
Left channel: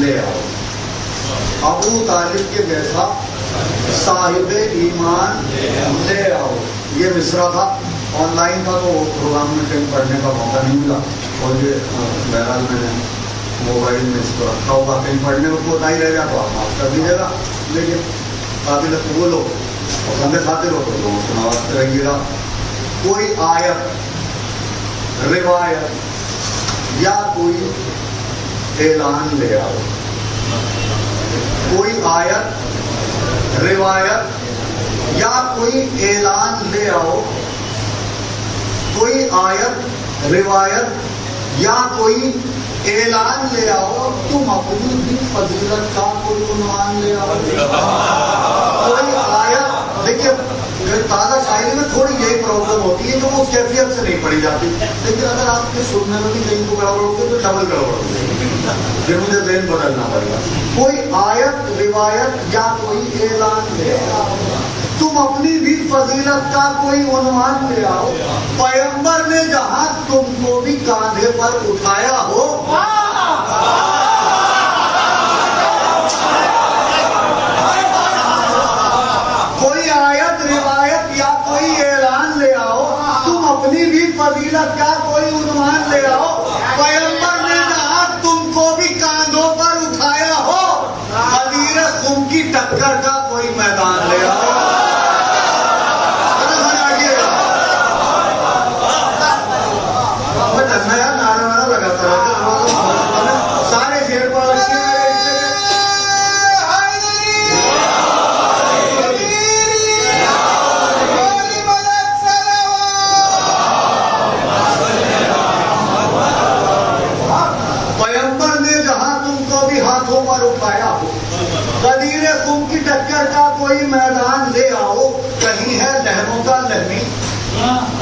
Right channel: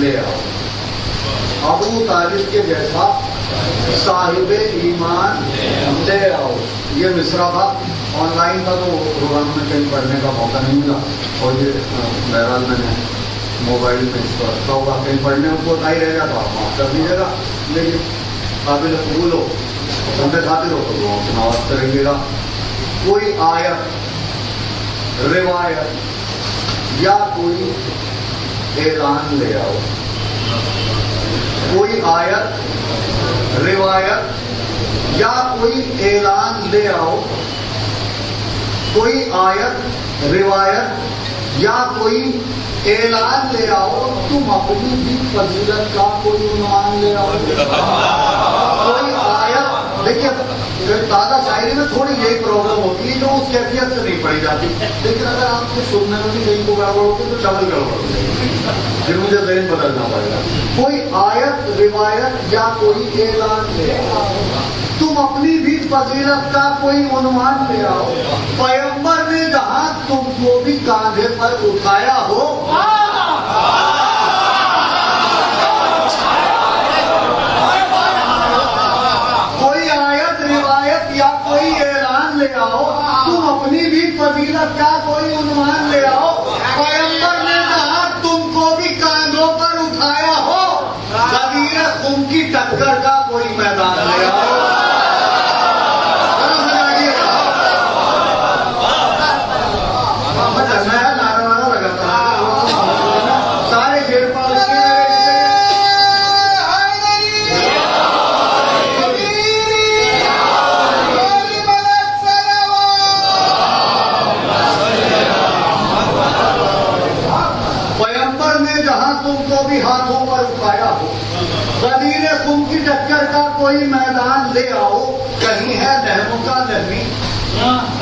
لے آؤ. ابو طالب کے جیسا صاحب ایمان لے آؤ, یہ مصرع تھا. آن لائن تھا تو پروگرام میں کہیں پڑھنے کا موقع نہیں ملا, اور یہ بہرحال میں نے موبائل میں اس کو رکھا ہوگا, کہیں پڑھنے میں کو نہیں رہ جاتا آپ معاف کر دیجیے گا, لیکن قابل قبول ہو بندے خاطر ہو تو لوگوں سماوت کریں گا. کوئی آیت, روایت یا کوئی اعلان لے آؤ. کوئی آیت, روایت یا کوئی اعلان لے آؤ. کوئی آیت, روایت یا کوئی اعلان لے آؤ. تم اپنی بھی فضیلت کا کوئی عنوان لے آؤ. کوئی آیت, دیکھیے تازہ شاعری میں تھوڑی یہی پرابلم ہوتی ہے کہ وہ اس کیفیت سے نہیں پڑھی جاتی, لیکن اگر آپ کو سننے میں بھی کہیں تو گڑبڑ ہوتی تو ڈبل گڑبڑ ہوتی, پھر مجھے ذہن بدلنا پڑے گا. کوئی آیت, روایت یا کوئی اعلان لے آؤ. تم اپنی بھی فضیلت کا کوئی عنوان لے آؤ. پیغمبر نے جہاں تم کو بھی کاندھے پر اٹھایا ہو, کوئی آیت, روایت یا کوئی اعلان لے آؤ. تم اپنی بھی فضیلت کا کوئی عنوان لے آؤ. پیغمبر نے جہاں تم کو بھی کاندھوں پر اٹھایا ہو, غدیر خم کی ٹکر کا کوئی میدان لے آؤ.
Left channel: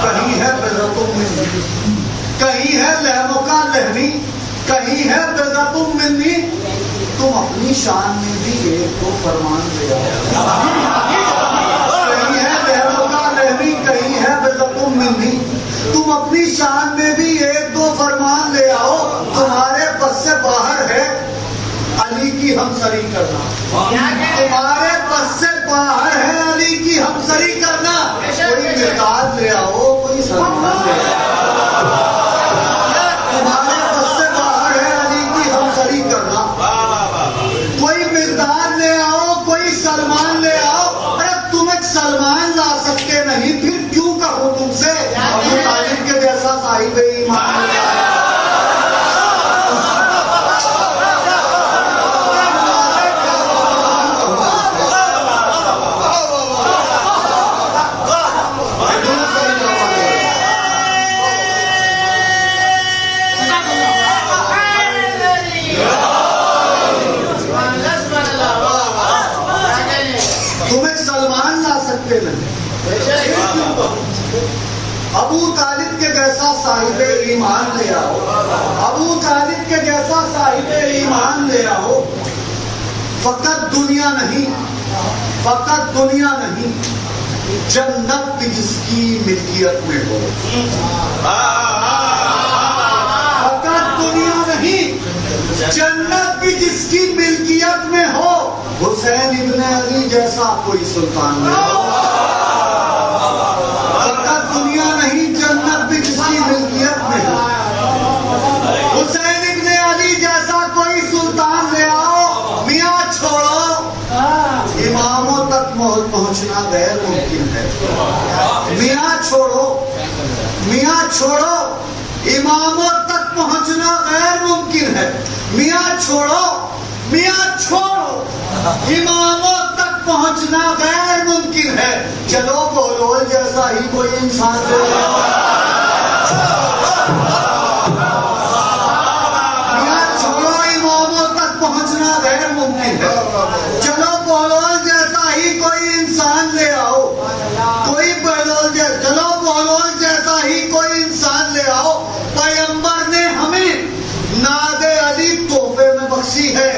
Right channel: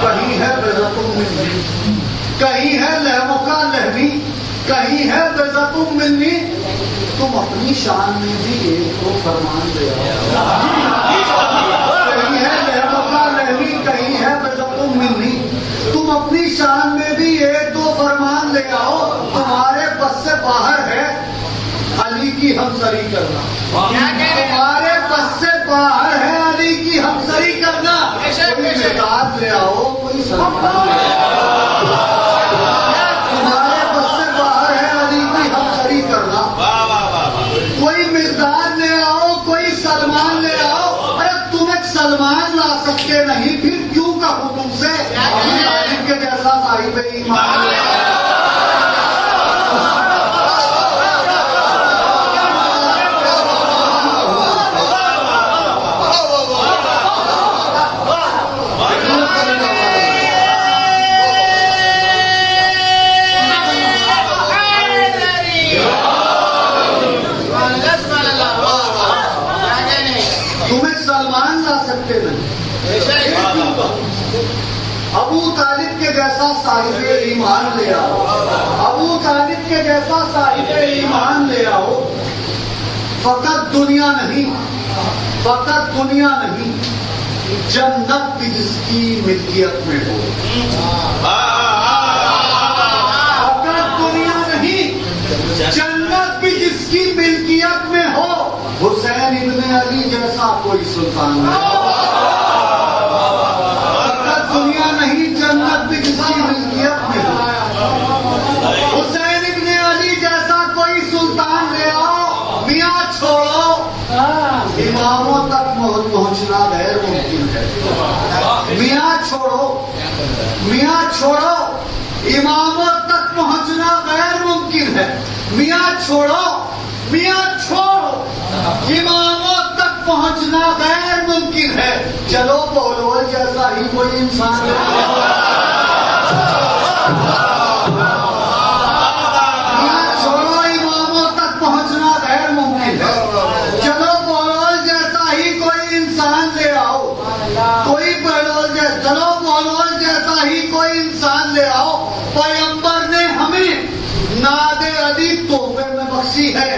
کہیں ہے بزتم منی، کہیں ہے لہو کا لہمی، کہیں ہے بزتم منی، تم اپنی شان میں بھی ایک تو فرمان لے آؤ، کہیں ہے لہو کا لہمی، کہیں ہے بزتم منی، تم اپنی شان میں بھی ایک دو فرمان لے آؤ، تمہارے بس سے باہر ہے علی کی ہمسری کرنا، تمہارے بس سے باہر ہے علی کی ہمسری کرنا، کوئی مزاج لے آؤ، کوئی سلمان لے آؤ، تمہارے بس سے باہر ہے علی کی ہمسری کرنا، کوئی مزاج لے آؤ، کوئی سلمان لے آؤ، ارے تم ایک سلمان لا سکتے نہیں، پھر کیوں کہو تم سے ابو طالب کے جیسا صاحب ایمان لے آؤ۔ تم ایک سلمان لا سکتے نہیں، ابو طالب کے جیسا صاحب ایمان لے آؤ، ابو طالب کے جیسا صاحب ایمان لے آؤ، فقط دنیا نہیں، فقط دنیا نہیں، جنت بھی جس کی ملکیت میں ہو، فقط دنیا نہیں، جنت بھی جس کی ملکیت میں ہو، حسین ابن علی جیسا کوئی سلطان نہیں، فقط دنیا نہیں، جنت بھی جس کی ملکیت میں ہو، حسین ابن علی جیسا کوئی سلطان لے آؤ، میاں چھوڑو، اماموں تک پہنچنا غیر ممکن ہے، میاں چھوڑو، میاں چھوڑو، اماموں تک پہنچنا غیر ممکن ہے، میاں چھوڑو، میاں چھوڑو، اماموں تک پہنچنا غیر ممکن ہے، چلو بہلول جیسا ہی کوئی انسان لے آؤ، میاں چھوڑو، اماموں تک پہنچنا غیر ممکن ہے، چلو بہلول جیسا ہی کوئی انسان لے آؤ، کوئی بہلول جیسا، چلو بہلول جیسا ہی کوئی انسان لے آؤ، پیغمبر نے ہمیں ناد علی تحفے میں بخشی ہے،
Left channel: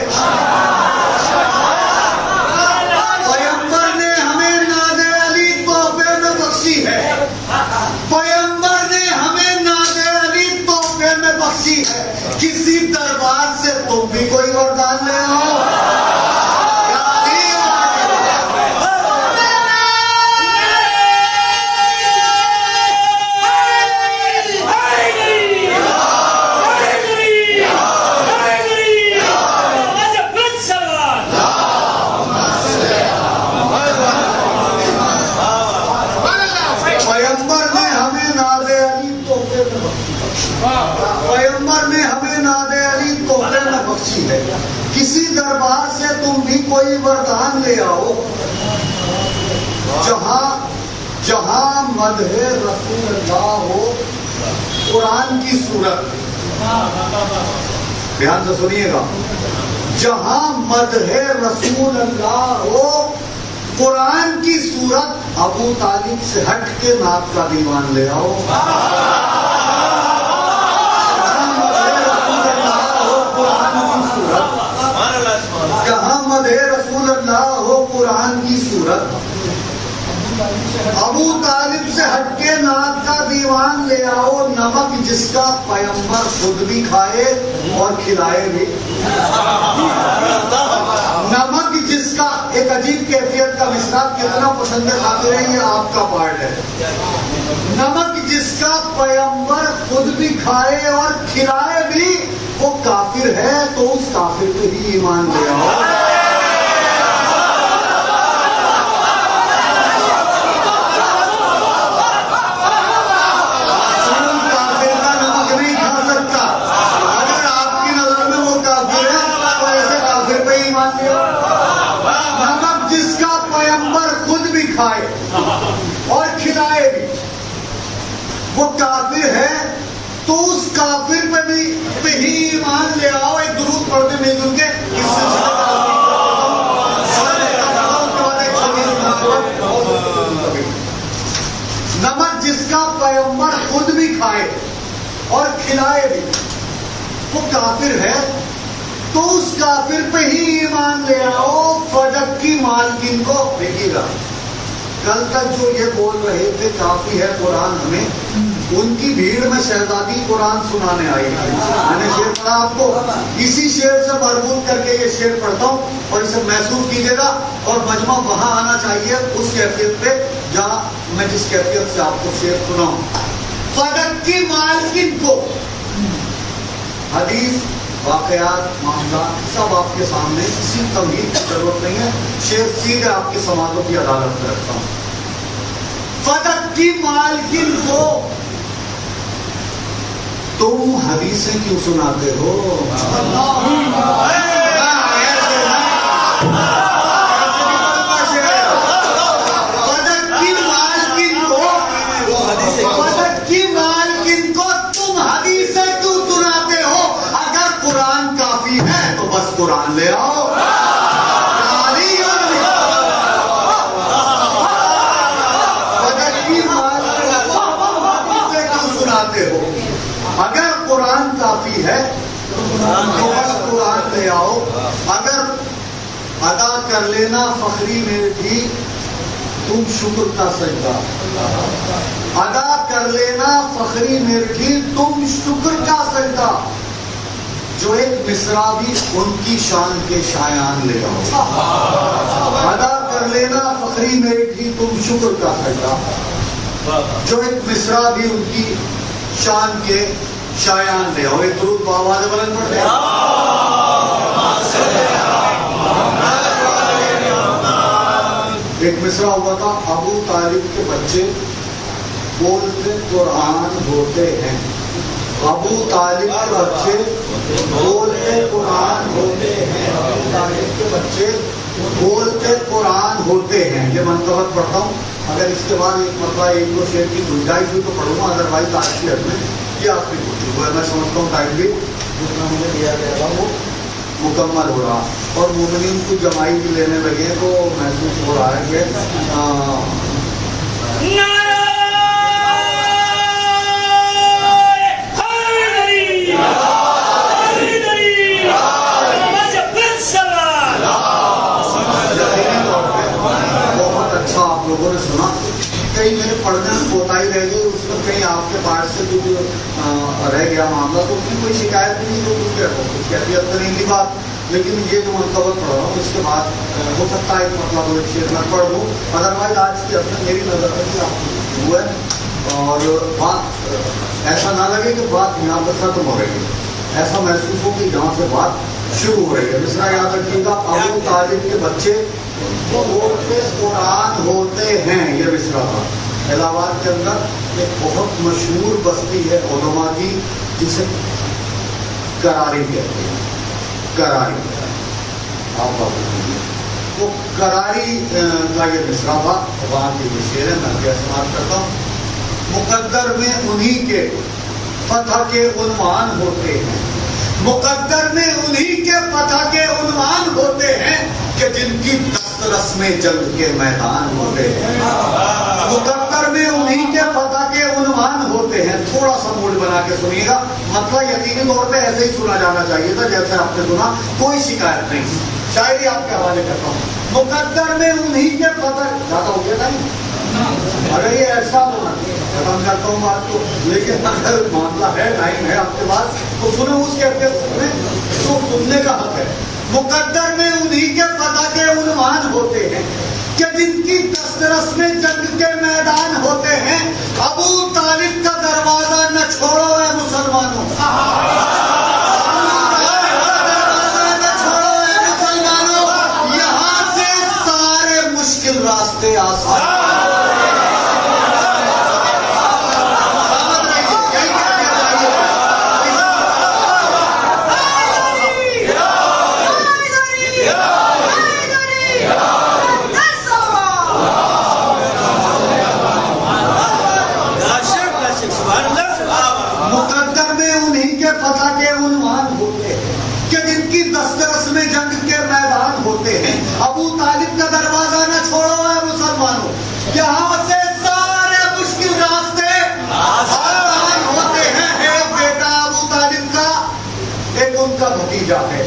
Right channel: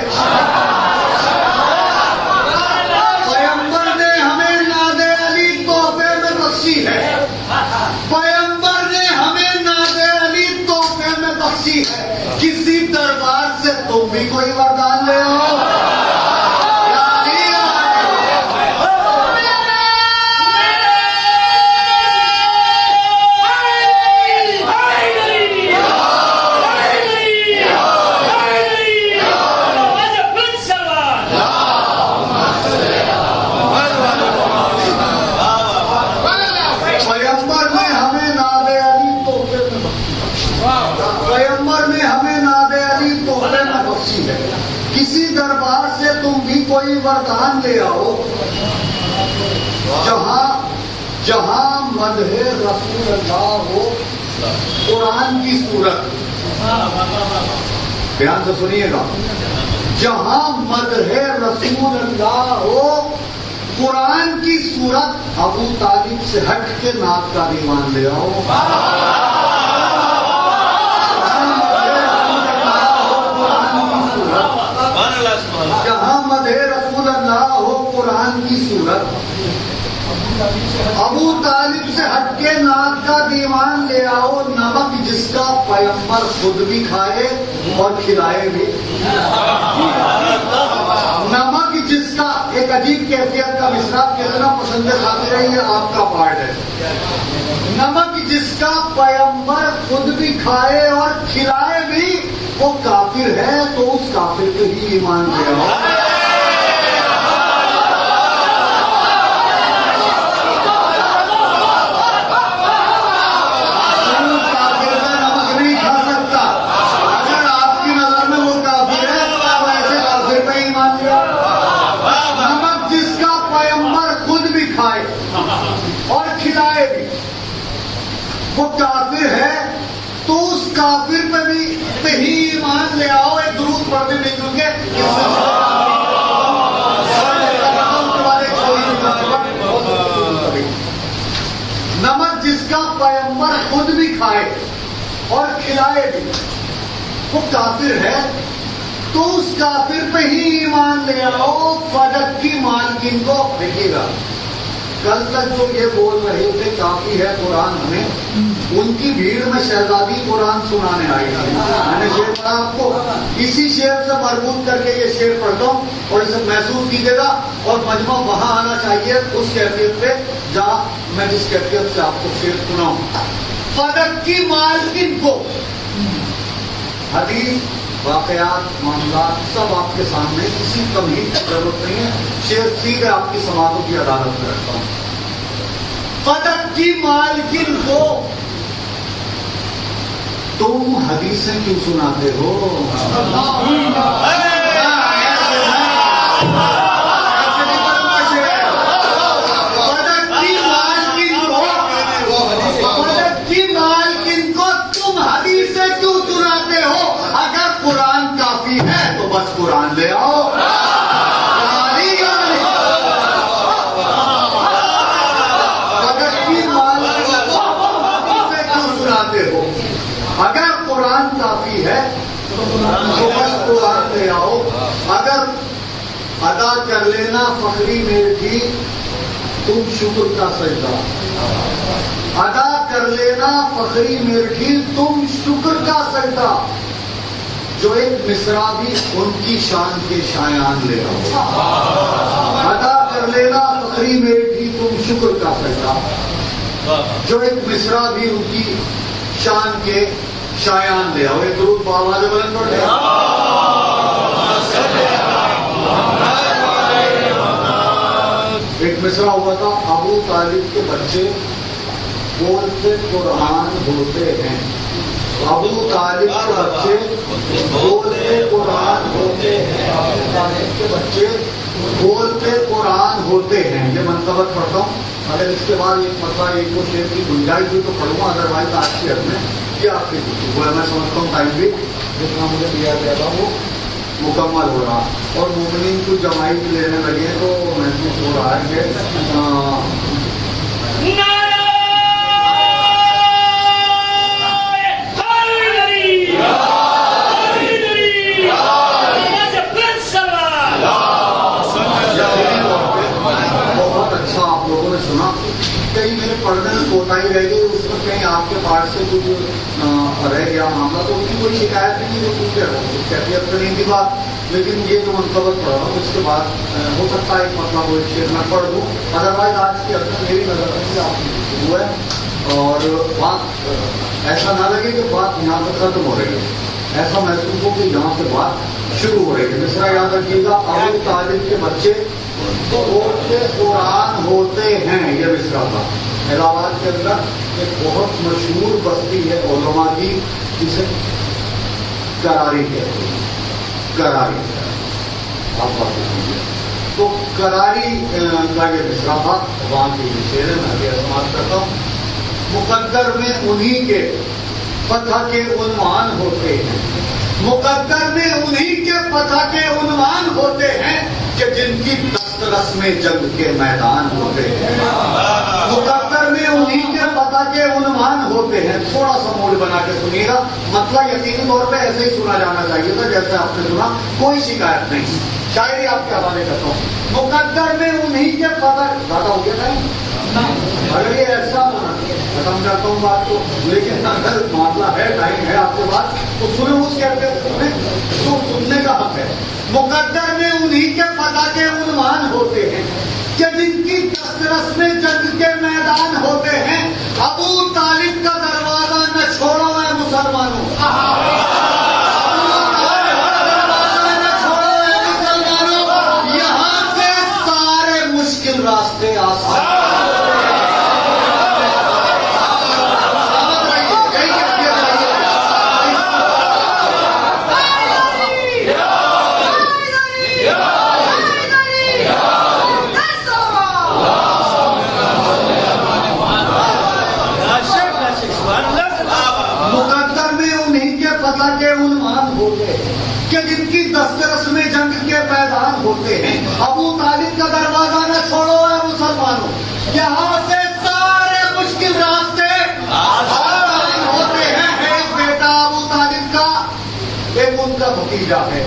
پیغمبر نے ہمیں ناد علی تحفے میں بخشی ہے، پیغمبر نے ہمیں ناد علی تحفے میں بخشی ہے، کسی دربار سے تم بھی کوئی وردان لے آؤ، پیغمبر نے ہمیں ناد علی تحفے میں بخشی ہے، کسی دربار سے تم بھی کوئی وردان لے آؤ، جہاں مدح رسول اللہ ہو، قرآن کی صورت، بیان تو سنیے گا، جہاں مدح رسول اللہ ہو، قرآن کی صورت، ابو طالب سے ہٹ کے نعت کا دیوان لے آؤ، جہاں مدح رسول اللہ ہو، قرآن کی صورت، ابو طالب سے ہٹ کے نعت کا دیوان لے آؤ، نمک جس کا پیغمبر خود بھی کھائے اور کھلائے بھی، نمک جس کا، ایک عجیب کیفیت کا مصرع کتنا پسند کھاتے ہیں، یہ آپ کا پارٹ ہے، نمک جس کا پیغمبر خود بھی کھائے اور کھلائے بھی، وہ کافر ہے تو اس کافر پہ ہی ایمان لے آؤ، کافر کا نمک نہیں کھا سکتا، اگر آپ کی نظر میں وہ کافر ہے تو ایسے کافر پہ ایمان لے آؤ، نمک جس کا پیغمبر خود بھی کھائے اور کھلائے بھی، وہ کافر ہے تو اس کافر پہ ہی ایمان لے آؤ، ایک درود پڑھتے مل جل کے، نمک جس کا وہ کافر ہے تو اس کافر پہ ہی ایمان لے آؤ. فدق کی مالکین کو دیکھیے گا، کل تک جو یہ بول رہے تھے کافی ہے قرآن ہمیں، ان کی بھیڑ میں شہزادی قرآن سنانے آئی تھی. میں نے شعر پڑھا آپ کو، اسی شعر سے مربوط کر کے یہ شعر پڑھتا ہوں اور اسے محسوس کیجیے گا. اور مجمع وہاں آنا چاہیے اس کیفیت پہ جہاں میں جس کیفیت سے آپ کو شعر سناؤں. فدق کی مالکین کو، حدیث واقعات معاملات سب آپ کے سامنے، کسی تمہید کی ضرورت نہیں ہے. شعر سیدھے آپ کی سماعتوں کی عدالت میں رکھتا ہوں. فدق کی مالکین کو تم حدیثیں کیوں سناتے ہو؟ فدق کی مالکین کو تم حدیثیں کیوں سناتے ہو؟ اگر قرآن کافی ہے تو بس قرآن لے آؤ. اگر قرآن کافی ہے تو بس قرآن لے آؤ. اگر ادا کر لینا فخری میرے جی تم شکر کا سجدہ، ادا کر لینا فخری میرے جی تم شکر کا سجدہ، جو ایک مصرع بھی ان کی شان کے شایان لے آؤ. ادا کر لینا فخری میرے جی تم شکر کا سجدہ، جو ایک مصرع بھی ان کی شان کے شایان لے آؤ. ایک درود بآواز بلند پڑھتے ہیں. ایک مصرع ہوا تھا، ابو طالب کے بچے بولتے قرآن ہوتے ہیں. ابو طالب کے بچے بولتے قرآن ہوتے ہیں. ابو طالب کے بچے بولتے قرآن ہوتے ہیں. یہ منتبت پڑھتا ہوں. اگر اس کے بعد ایک مرتبہ ایک دو شعر کی گنجائش ہوئی تو پڑھوں گا، ادروائز آج کی حد میں یہ آپ کی پوچھی ہوا. میں سمجھتا ہوں ٹائم بھی جتنا مجھے دیا گیا تھا وہ مکمل ہو رہا، اور مومنین کو جمائی بھی لینے لگے تو محسوس ہو رہا ہے کہ میرے پڑھنے میں کوتاہی رہ گئی، اس میں کہیں آپ کے پاس سے کچھ رہ گیا معاملہ تو اس کی کوئی شکایت نہیں ہے، کچھ کیفیت کرنے کی بات. لیکن یہ جو منتبت پڑھ رہا ہوں اس کے بعد ہو سکتا ہے ایک مطلب وہ شعر میں پڑھ دوں. ادروائز آج کی حد میں میری نظر میں آپ کی گفتگو ہے اور بات ایسا نہ لگے کہ بات یہاں پہ ختم ہو رہی ہے، ایسا محسوس ہو کہ یہاں سے بات شروع ہو رہی ہے. جس طرح یاد رکھیے گا، ابو طالب کے بچے بولتے قرآن ہوتے ہیں. یہ مصرع تھا. الہ آباد کے اندر ایک بہت مشہور بستی ہے علماء کی جسے کراری کہتے ہیں. کراری آپ بات کیجیے تو کراری کا یہ مصرع تھا. وہاں کی شعر ہے، میں استعمال کرتا ہوں. مقدر میں انہی کے فتح کے عنوان ہوتے ہیں. مقدر میں انہی کے فتح کے عنوان ہوتے ہیں کہ جن کی دسترس میں جنگ کے میدان ہوتے ہیں. مقدر میں انہی کے فتح کے عنوان ہوتے ہیں. تھوڑا سا موڈ بنا کے سنیے گا، مطلب یقینی طور پہ ایسے ہی سنا جانا چاہیے تھا جیسے آپ نے سنا، کوئی شکایت نہیں. شاعری آپ کے حوالے کرتا ہوں. مقدر میں انہی کے فتح، زیادہ ہو گیا ٹائم، اگر یہ ایسا ختم کرتا ہوں بات کو، لیکن اگر معاملہ ہے ٹائم ہے آپ کے پاس تو سنیں اس کیفیت میں تو سننے کا حق ہے. مقدر میں انہی کے فتح کے عنوان ہوتے ہیں کہ جن کی دسترس میں جنگ کے میدان ہوتے ہیں. ابو طالب کا دروازہ نہ چھوڑو اے مسلمانوں، دروازہ نہ چھوڑو اے مسلمانوں، یہاں سے سارے مشکل راستے آسان. کہ جن کی دسترس میں جنگ کے میدان ہوتے ہیں. ابو طالب کا دروازہ نہ چھوڑو اے مسلمانوں، یہاں سے سارے مشکل راستے آسان ہوتے ہیں. ایک بیٹا ابو طالب کا ایک ان کا بھتیجا ہے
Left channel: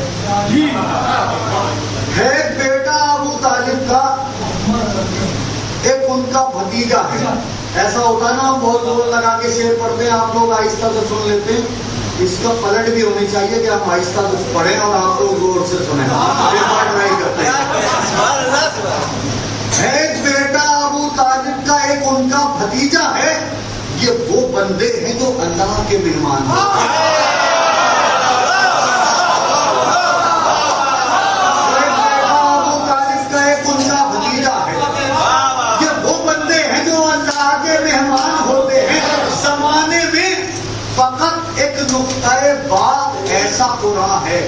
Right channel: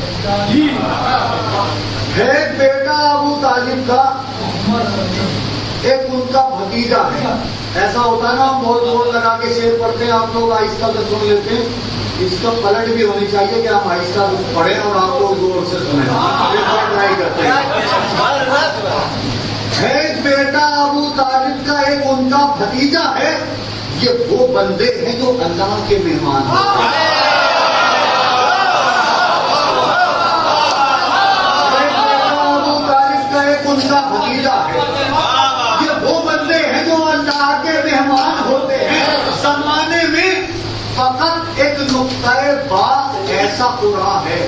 ایک بیٹا ابو طالب کا، ایک ان کا بھتیجا ہے. ایسا ہوتا ہے نا ہم بہت زور لگا کے شعر پڑھتے ہیں، آپ لوگ آہستہ سے سن لیتے ہیں. اس کا پلٹ بھی ہونی چاہیے کہ ہم آہستہ سے پڑھیں اور آپ لوگ زور سے سنیں. ایک بار ٹرائی کرتے ہیں. ایک بیٹا ابو طالب کا، ایک ان کا بھتیجا ہے. یہ وہ بندے ہیں جو اللہ کے مہمان ہیں. ان کا بھتیجا ہے. یہ وہ بندے ہیں جو اللہ کے مہمان ہوتے ہیں. زمانے میں فقط ایک نقطۂ بات ایسا قرآن ہے.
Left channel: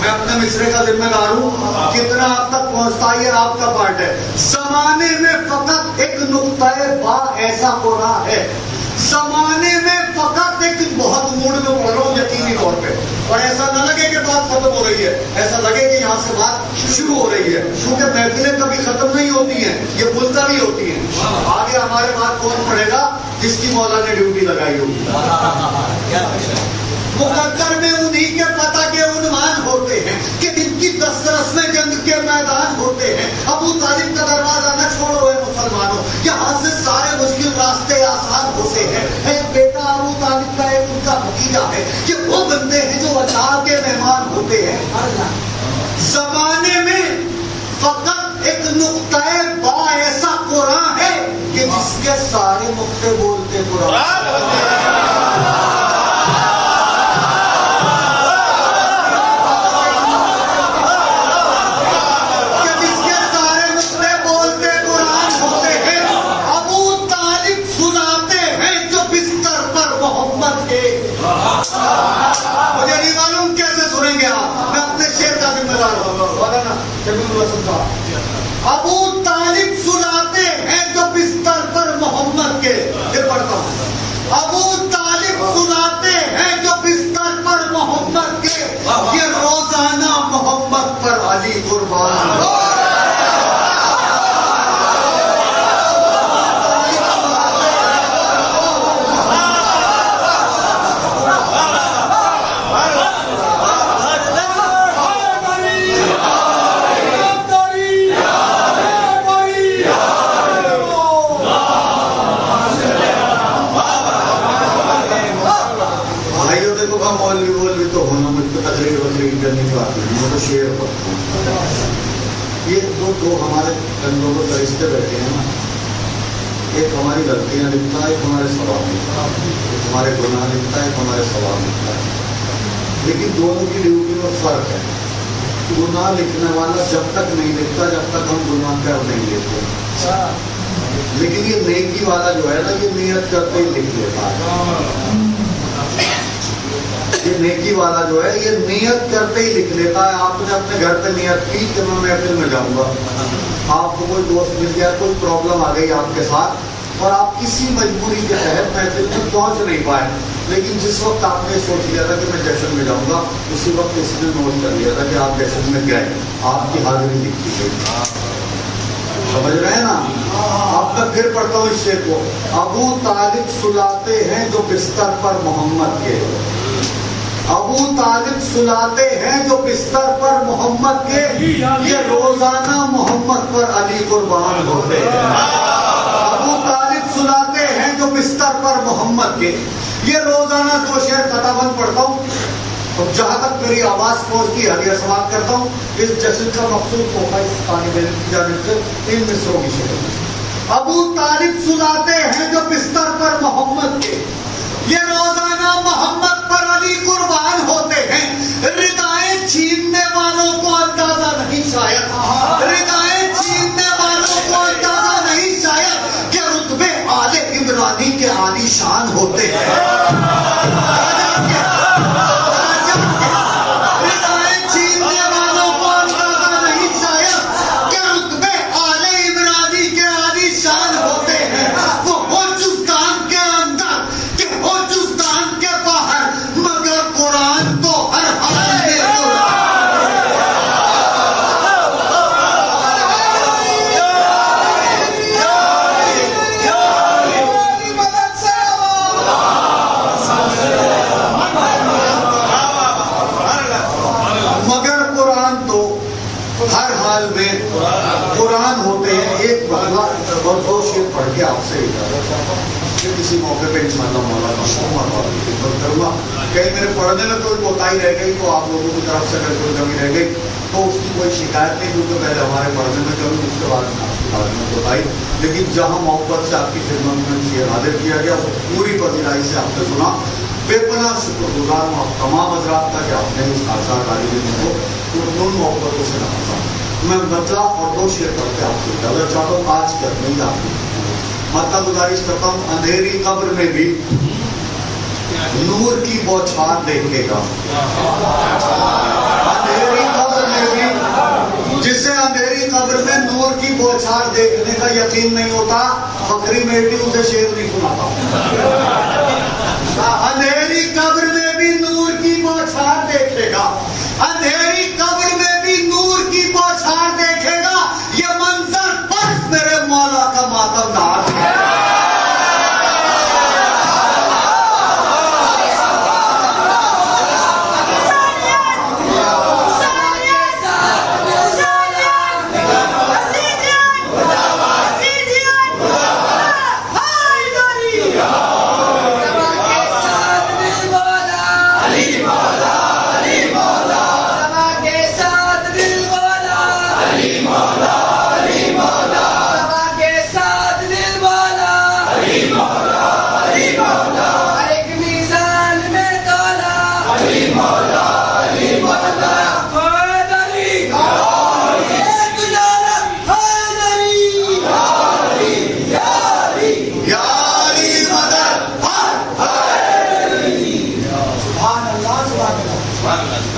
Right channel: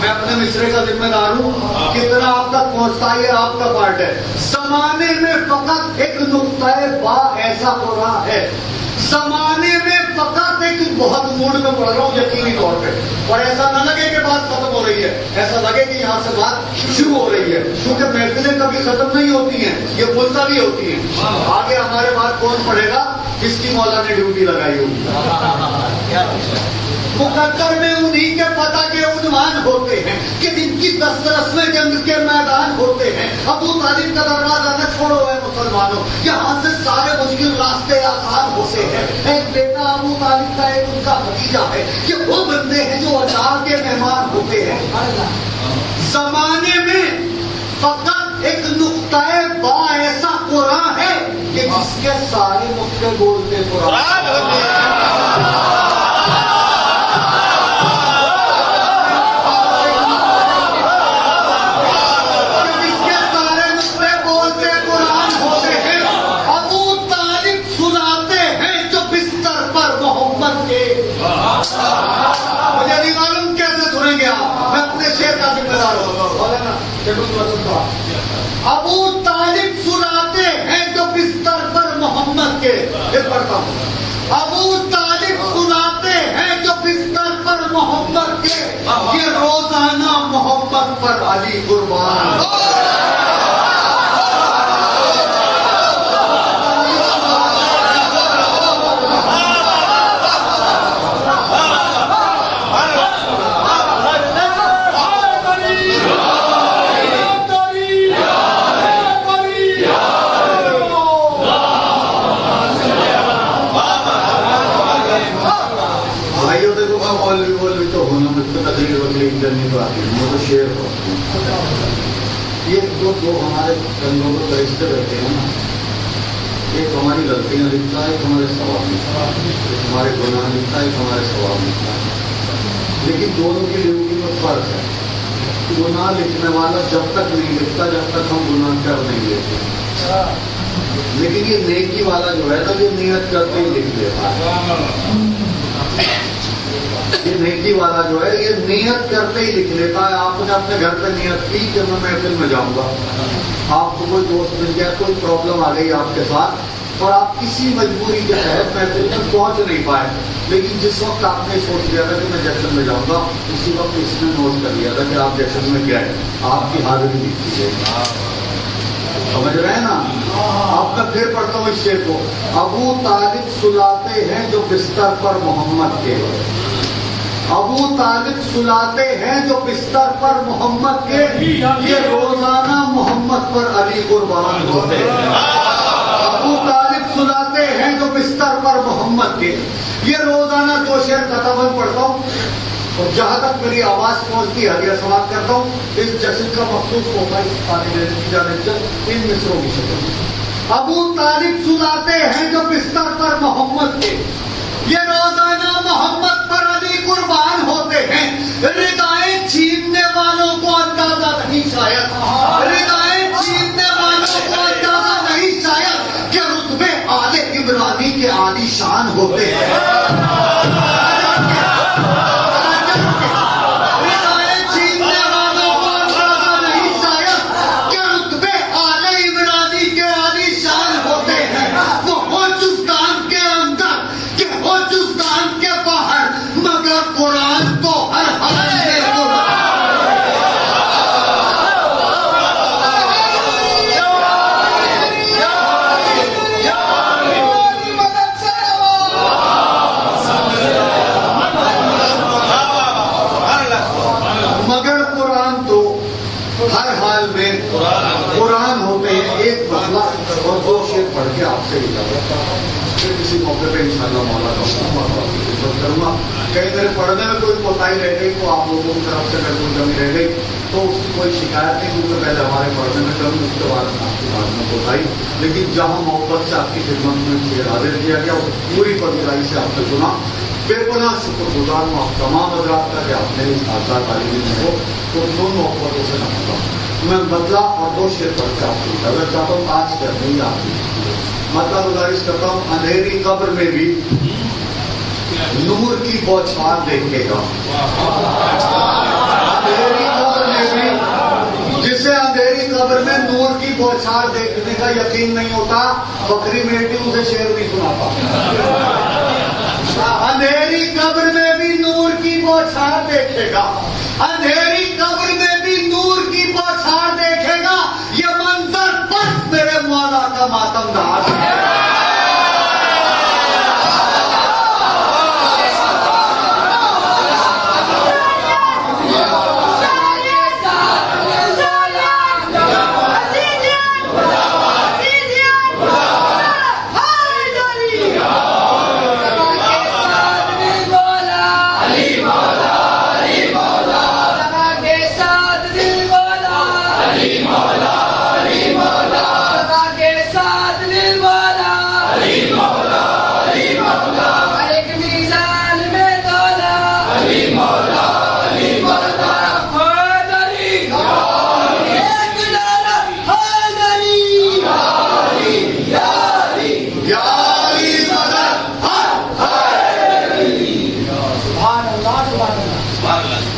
میں اپنے مصرے کا ذمہ دار ہوں، کتنا آپ تک پہنچتا ہے یہ آپ کا پارٹ ہے. زمانے میں فقط ایک نقطۂ بات ایسا قرآن ہے. زمانے میں فقط ایک بہت موڈ میں پڑھ رہا ہوں یقینی طور پہ، اور ایسا نہ لگے کہ بات ختم ہو رہی ہے، ایسا لگے کہ یہاں سے بات شروع ہو رہی ہے، کیونکہ محفلیں کبھی ختم نہیں ہوتی ہیں، یہ بولتا بھی ہوتی ہیں. آگے ہمارے بعد کون پڑھے گا؟ جس کی مولا نے ڈیوٹی لگائی ہوگی. مقدر میں انہی کے فتح کے عنوان ہوتے ہیں کہ جن کی دسترس میں جنگ کے میدان ہوتے ہیں. ابو طالب کا دروازہ نہ چھوڑو اے مسلمانوں، یہاں سے سارے مشکل راستے آسان ہوتے ہیں. ایک بیٹا ابو طالب کا، ایک ان کا بھتیجا ہے. یہ وہ بندے ہیں جو اللہ کے مہمان ہوتے ہیں. زمانے میں فقط ایک نقطۂ با ایسا قرآن ہے کہ جس کے سارے نقطے بولتے قرآن. مجھے نہیں معلوم کیسے سنیں گے آپ، میں اپنے شعر کا ذمہ دار ہوں. ابو طالب سلاتے ہیں جو بستر پر محمد کے. یہ پڑھتا ہوں. ابو طالب سلاتے ہیں جو بستر پر محمد کے، یہ روزانہ محمد پر علی قربان. مولوی تو ہونا مجھ کو تقریر وغیرہ کرنے کو آتی ہے. میں شعر پڑھتا ہوں. یہ دو ہمارے کنگوں کو درستہ رہتے ہیں نا، ایک ہماری غلطیاں لکھتا ہے، ایک ہمارے ثواب لکھتا ہے. ایک ہمارے گناہ لکھتا ہے، ایک ہمارے ثواب لکھتا ہے. لیکن دونوں کی ڈیوٹی میں فرق ہے. گناہ لکھنے والا جب تک نہیں لکھتا جب تک ہم گناہ پہ نہیں لیتے، لیکن یہ نیکی والا جو ہے نا، یہ نیت کر کے لکھ لیتا ہے. یہ نیکی والا جو ہے یہ نیت کرتے ہی لکھ لیتا ہے. آپ نے اپنے گھر پہ نیت کی کہ میں محفل میں جاؤں گا، آپ کو کوئی دوست مل گیا، کوئی پرابلم آ گئی آپ کے ساتھ، اور آپ کسی مجبوری کے تحت محفل میں پہنچ نہیں پائے، لیکن جس وقت آپ نے سوچ لیا تھا کہ میں جشن میں جاؤں گا، اسی وقت اس نے نوٹ کر لیا تھا کہ آپ جشن میں گئے، آپ کی حاضری لکھی گئی. سمجھ رہے ہیں نا؟ آپ میں پھر پڑھتا ہوں اس شعر کو. ابو طالب سلاتے ہیں جو بستر پر محمد کے. ابو طالب سلاتے ہیں جو بستر پر محمد کے، یہ روزانہ محمد پر علی قربان ہوتے ہیں. ابو طالب سلاتے ہیں جو بستر پر محمد کے. یہ روزانہ دو شعر خطابت پڑھتا ہوں، اور جہاں تک میری آواز پہنچتی ہے یہ سماعت کرتا ہوں. اس جشن کا مقصود ہوتا ہے اس طالب علم کی جانب سے ان مصروں کی شکل میں. ابو طالب سلاتے ہیں جو بستر پر محمد کے، یہ روزانہ محمد پر علی قربان ہوتے ہیں. ردائیں چھیننے والوں کو اندازہ نہیں شاید، ردائیں چھیننے والوں کو اندازہ نہیں شاید کہ رتبے آل عمرانی کے عالی شان ہوتے ہیں. ہر حال میں قرآن ہوتے ہیں. ایک بہلا اور 2 شعر پڑھ کے آپ سے اجازت چاہتا ہوں. پھر کسی موقع پہ انشاءاللہ مولا کا خدمت کروں گا. کہیں میرے پڑھنے میں کوئی کوتاہی رہ گئی تو آپ لوگوں کی طرف سے اگر کوئی کمی رہ گئی تو اس کی کوئی شکایت نہیں, کیونکہ پہلے ہمارے پڑھنے میں کروں, اس کے بعد آپ کی بات میں کوتاہی. لیکن جہاں محبت سے آپ کی خدمت میں یہ حاضر کیا گیا پوری پذیرائی سے آپ نے سنا. بے پناہ شکر گزار ہوں آپ تمام حضرات کا کہ آپ نے اس حادثہ تعلیم میں ہو تو دونوں محبتوں سے نوازا. میں مطلع اور 2 شعر پڑھ کے آپ کو اجازت چاہتا ہوں. آج کرنی آپ ماتا گزارش کرتا ہوں. اندھیری قبر میں بھی نور کی بوچھار دیکھے گا. اندھیری قبر میں بھی جسے اندھیری قبر میں نور کی بوچھار دیکھنے کا یقین نہیں ہوتا, فقری میٹی اسے شعر نہیں سناتا. اندھیری قبر میں بھی نور کی بوچھار دیکھے گا. اندھیری قبر میں بھی نور کی بوچھار دیکھے گا. یہ منظر بس میرے مولا کا ماتم دار ہے.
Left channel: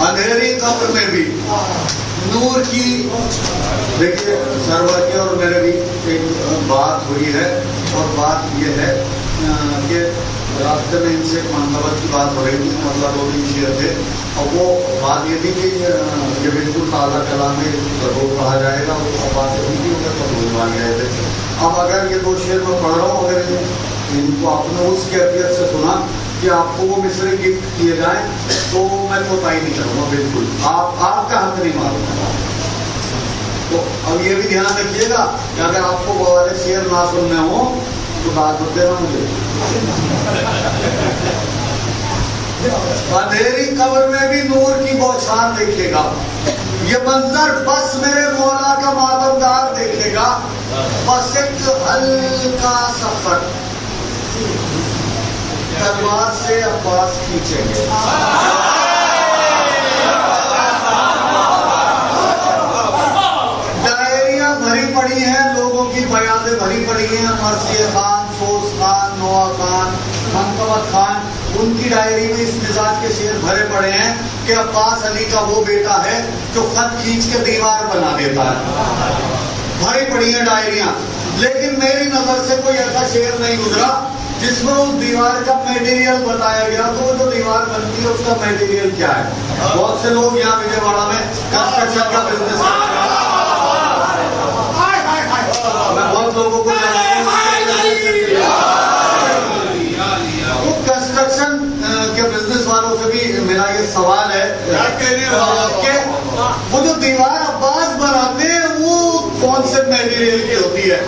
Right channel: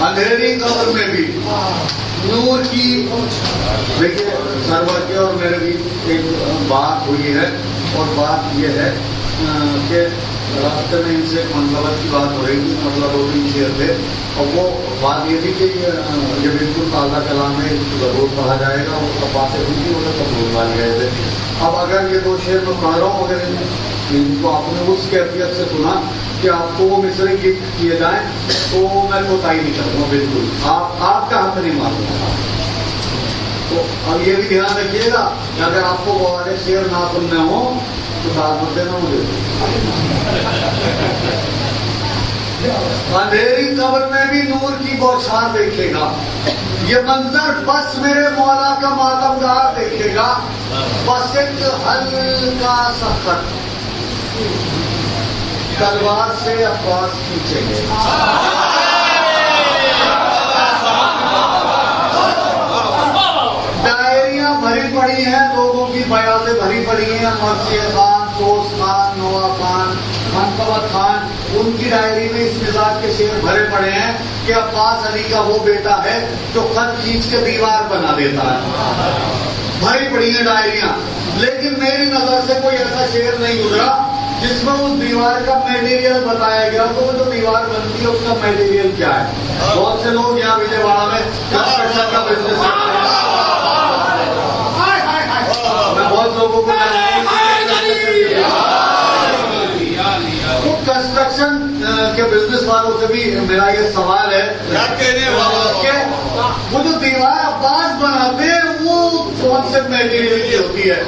اندھیری قبر میں بھی نور کی. دیکھیے سرور کے اور میرے بھی ایک بات ہوئی ہے, اور بات یہ ہے کہ راستے میں ان سے منقبت کی بات ہو رہی تھی, مطلب 2-3 شعر تھے, اور وہ بات یہ تھی کہ یہ بالکل تازہ کلام ہے, ضرور کہا جائے گا. اور باتیں ہوئی تھی انہیں سب بولوا گئے تھے. اب اگر یہ 2 شعر میں پڑھ رہا ہوں, اگر ان کو آپ نے اس کیفیت سے سنا کہ آپ کو وہ مصرے گفٹ کیے جائیں تو میں کوتاہی نہیں کروں گا بالکل. آپ کا حق نہیں ماروں گا. تو اب یہ بھی دھیان رکھیے گا کہ اگر آپ کو بہت شعر نہ سننے ہوں تو بات مت دینا مجھے. اندھیری قبر میں بھی نور کی بوچھار دیکھے گا. یہ منظر بس میرے مولا کا ماتم دار دیکھے گا. بس ایک ہلکا سا خط تلوار سے عباس کھینچے گے. ڈائریاں بھری پڑی ہیں, لوگوں کی بیعتیں بھری پڑی ہیں. مرثیہ خان, سوس خان, نوا خان, منقبت خان, ان کی ڈائری میں اس مزاج کے شعر بھرے پڑے ہیں کہ عباس علی کا وہ بیٹا ہے جو خط کھینچ کے دیوار بنا دیتا ہے. بھری پڑی ہیں ڈائریاں, لیکن میری نظر سے کوئی ایسا شعر نہیں گزرا جس میں اس دیوار کا میٹیریل بتایا گیا. تو جو دیوار بنتی ہے اس کا میٹیریل کیا ہے؟ بہت سے لوگ یہاں وجے واڑا میں کنسٹرکشن کا بزنس میں بہت لوگوں کو کنسٹرکشن کے بزنس والوں سے بھی میرا یہ سوال ہے کہ وہ جو دیوار عباس بناتے ہیں وہ کون سے میٹیریل کی ہوتی ہے؟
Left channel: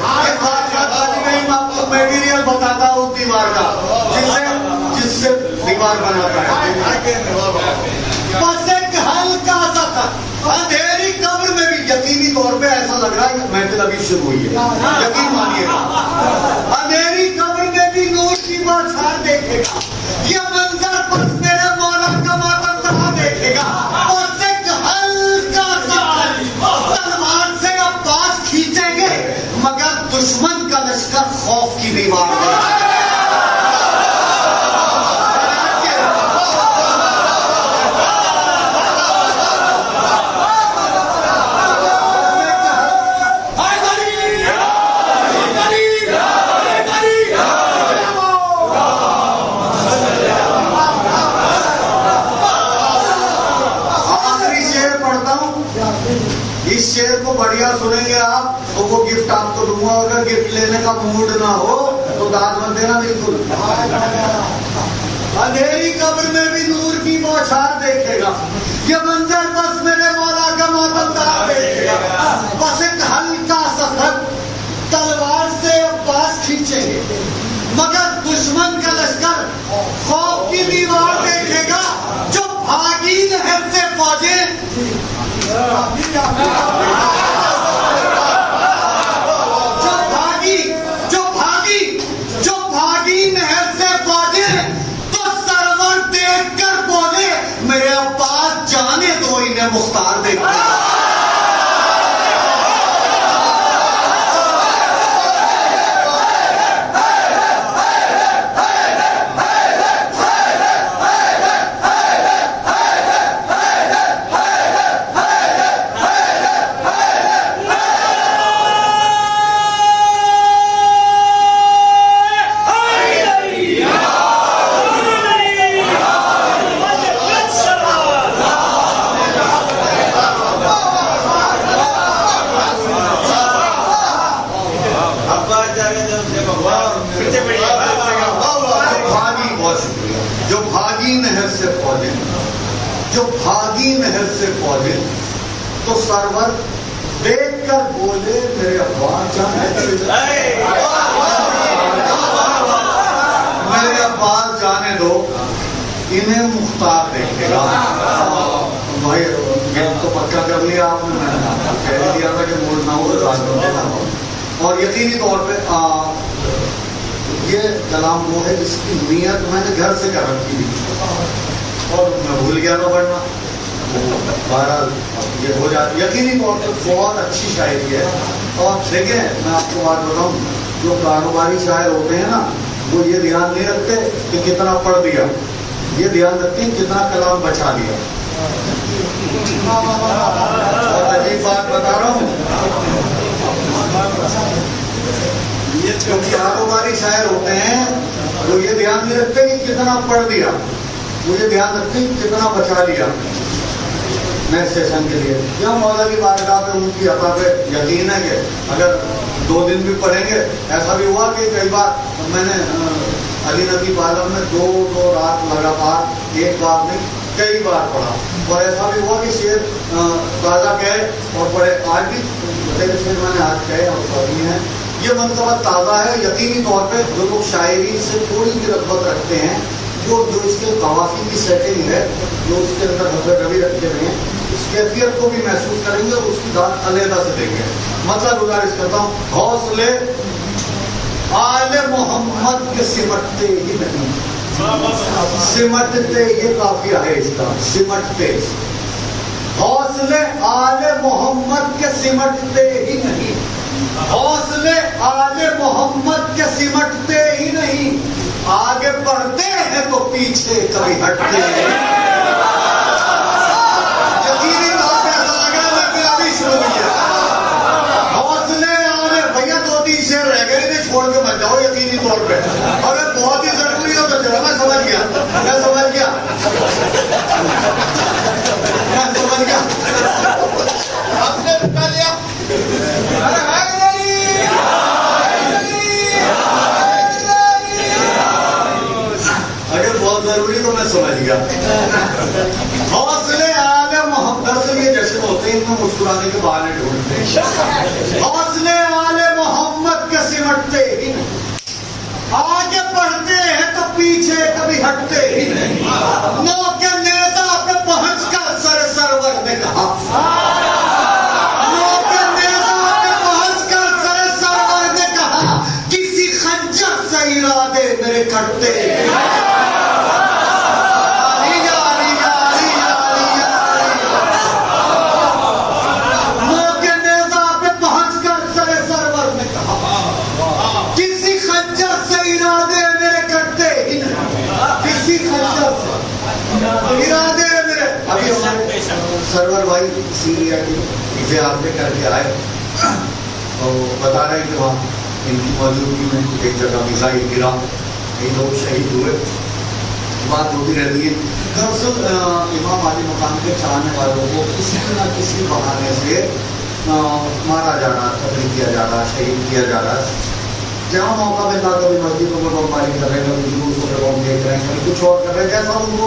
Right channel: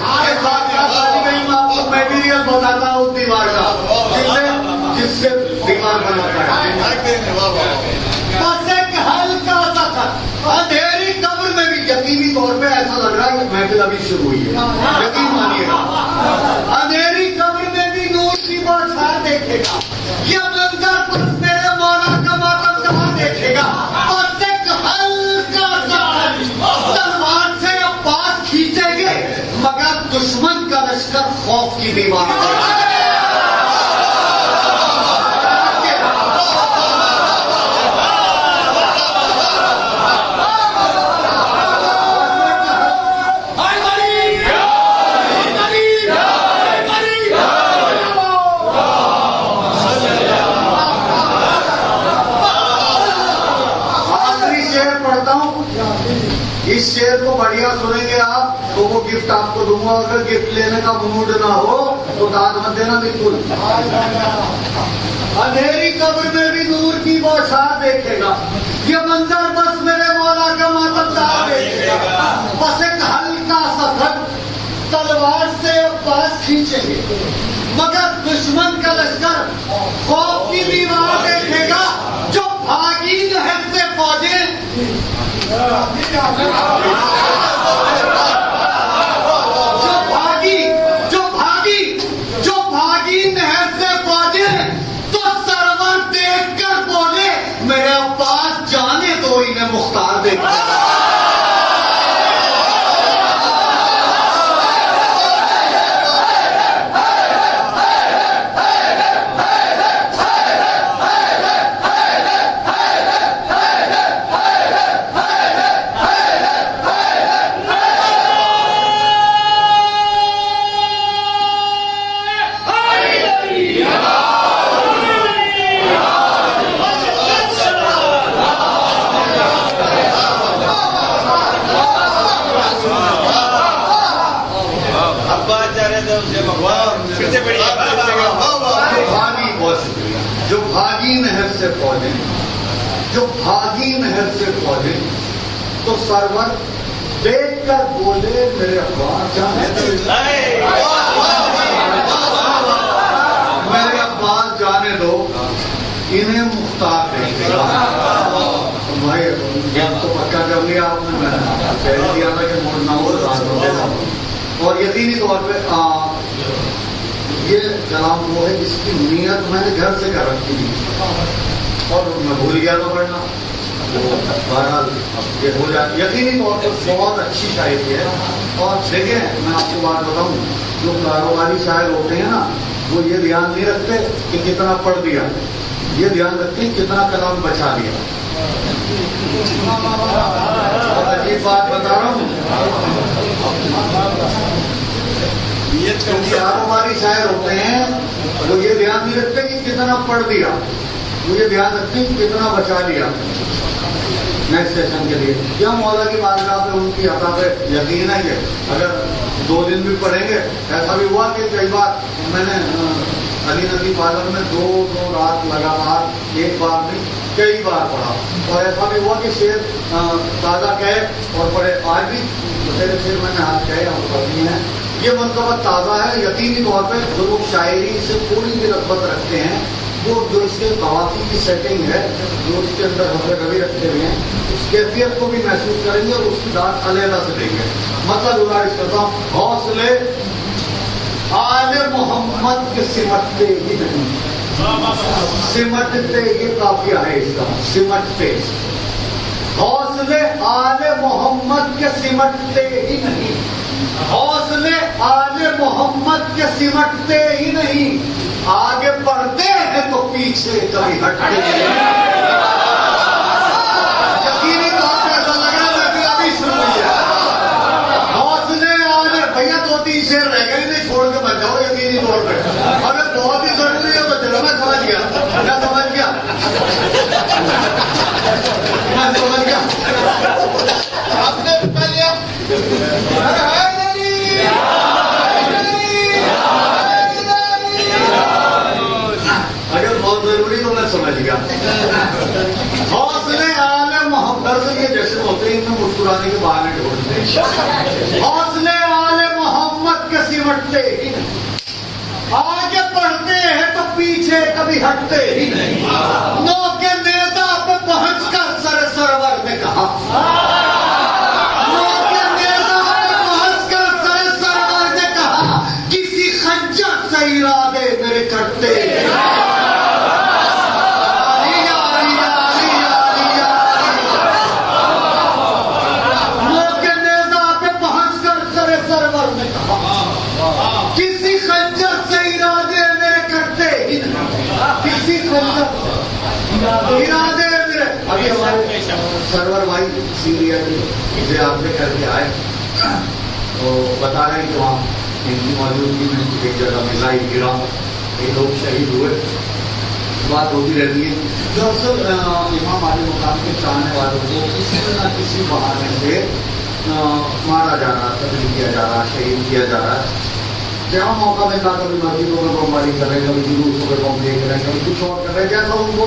میٹیریل بتاتا ہے اس دیوار کا جس سے دیوار بناتا ہے. بس ایک ہلکا سا خط. اندھیری قبر میں بھی یقینی طور پہ ایسا لگ رہا ہے محفل ابھی شروع ہوئی ہے, یقین مانیے گا. اندھیری قبر میں بھی نور کی بوچھار دیکھے گا. یہ منظر بس میرے مولا کا ماتم دار دیکھے گا. بس ایک ہلکا سا خط تلوار سے عباس کھینچیں گے, مگر دشمن کا لشکر خوف کی دیوار ہے. اس شعر کو بڑھیا سنیں گے آپ تو وہ گفٹ آپ کو دوں گا. اگر گفٹ لینے کا موڈ نہ ہو تو داد مت دینا بالکل. اندھیری قبر میں بھی نور کی بوچھار دیکھے گا. یہ منظر بس میرے مولا کا ماتم دار دیکھے گا. پہنچیں گے، مگر دشمن کا لشکر خوف کی دیوار دیکھے گا. جو بھاگی نہر سے فوجیں، جو بھاگی نہر سے فوجیں، تو سرور دیکھ کر بولے میرے عباس جانے دو انہیں مختار دیکھنے. جو بھاگی نہر سے فوجیں، تو سرور دیکھ کر بولے میرے عباس جانے دو، میرے عباس جانے دو انہیں مختار دیکھے گا. بھائی تو پکا کر لیا آپ نے، میں کہہ دیا تھا کہ مڑنا ہو دینا. اور یقینی طور پہ یہ کلام وہ ہے جس کی نیت میں نے گھر سے کر رکھی تھی اور میں بھول گیا تھا پڑھنا. بہرحال یہ ہو جاتی یقینی طور پر بہت اچھی شاعری ہے. اور دیکھیں میں آپ کو بات بتاؤں، جو کاروباری شاعر ہوتے ہیں نا وہ یہ دھیان نہیں رکھتے کہ کتنا پڑھ دیا، یہ دھیان رکھتے ہیں کتنا کلام بچا دیا. اور عجیب بات بتا رہا ہوں، جو کاروباری شاعر ہوتے ہیں وہ یہ دھیان نہیں رکھتے کہ کتنا پڑھ دیا، وہ یہ دھیان رکھتے ہیں کتنا بچا لیا نیکسٹ سیشن کے لیے. کیا مولا کی بارگاہ پہ ان کی عطا پہ یقین ہے کہ اگر 2 دن بھی پڑھیں گے. ایسا بھی ہوا کہ کئی بار میں نے علی نبی عالم میں 2 رات لگاتار ایک بار نہیں کئی بار پڑھا. اور ایسا بھی ہوا کہ شعر تازہ کہے اور پڑھے. آج بھی شعر میں نے آج کہے اور پڑھی ہیں. یہ منصوبہ تازہ ہے. یقینی طور پہ جو لوگ شاعری سے تھوڑی بھی رغبت رکھتے ہیں، جو اس کے قوافی کی سیٹنگ ہے، جو اس کے اندر حضرت کبھی رکھتے ہوئے ہیں، اس کیفیت کو بھی محسوس کریں گے اور اس کی داد علیحدہ سے دیں گے. مطلب گزارش کرتا ہوں، حوصلے آل محمد کے سمٹتے ہی نہیں، سمٹتے یہ قافیہ ہے اس کا، سمٹتے. حوصلے آل محمد کے سمٹتے ہی نہیں، حوصلے آل محمد کے سمٹتے ہی نہیں، آگے بڑھتے ہیں تو پیچھے کبھی ہٹتے ہیں. یقینی طور پہ ایسا لگ رہا ہے کہ ابھی شروع ہی ہے. حوصلے آلے بھیا 2-3 شعر رہ گئے، نہیں چھوڑ کے مت جاؤ. یقینی طور پہ ابھی بہت ہی ضروری ہو تو چلو. میں سمجھ گیا. آپ نے کہہ لیا اگر بہت ضروری تو میں سمجھ گیا. حوصلے آل محمد سے یہ جشن ہوتے ہیں، ان کو مسکرانے کے بہانے ڈھونڈتے ہیں. حوصلے آل محمد کے سمٹتے ہی نہیں، آگے بڑھتے ہیں تو پیچھے کبھی ہٹتے ہی نہیں. نو کے نیزہ پہ پہنچ کر سرور نے کہا، نو کے نیزہ پہ پہنچ کر سرور نے کہا، کسی خنجر سے ارادے میرے کرتے ارادے میرے. ابھی ہمارے سرور بھائی سیریا کے آپ نے کر کے آئے تو بتا رہے ہیں کہ وہاں ان کی موجودگی میں ایک جگہ میزائل گرا، کئی لوگ شہید ہوئے. بات ہوتی رہتی ہے. دراصل امام علی مقام کے چاہنے والوں کو کسی نہ کسی بہانے سے مارا جا رہا، قتل کیا جا رہا، شہید کیا جا رہا. جہاں موقع ملتا کبھی مسجدوں میں بمباری کر رہے ہیں، کبھی جلوسوں پہ بم دیکھ رہے ہیں، کبھی کچھ اور کر رہے ہیں. جیسا ان کو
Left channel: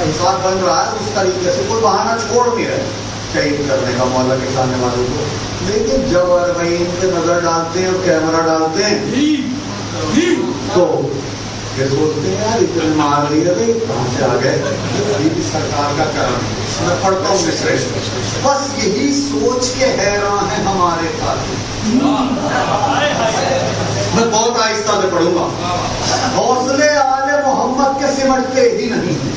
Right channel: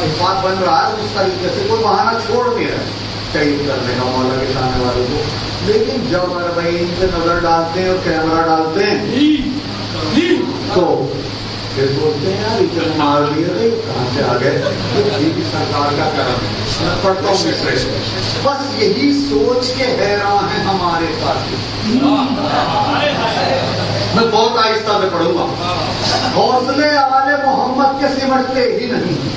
حساب بن رہا ہے اس طریقے سے کوئی بہانہ چھوڑ نہیں رہے شہید کرنے کا مولا کے چاہنے والوں کو. لیکن جب ان پہ نظر ڈالتے ہیں اور کیمرہ ڈالتے ہیں تو یہ بولتے ہیں یار اتنے مار لیے تھے کہاں سے آ گئے؟ بھی سرکار کا کرم ہے. میں پڑھتا ہوں مصرے سے. بس یہی سوچ کے حیران ہیں ہمارے قاتل. میں بہت آہستہ سے پڑھوں گا. حوصلے آل محمد کے سمٹتے ہی نہیں,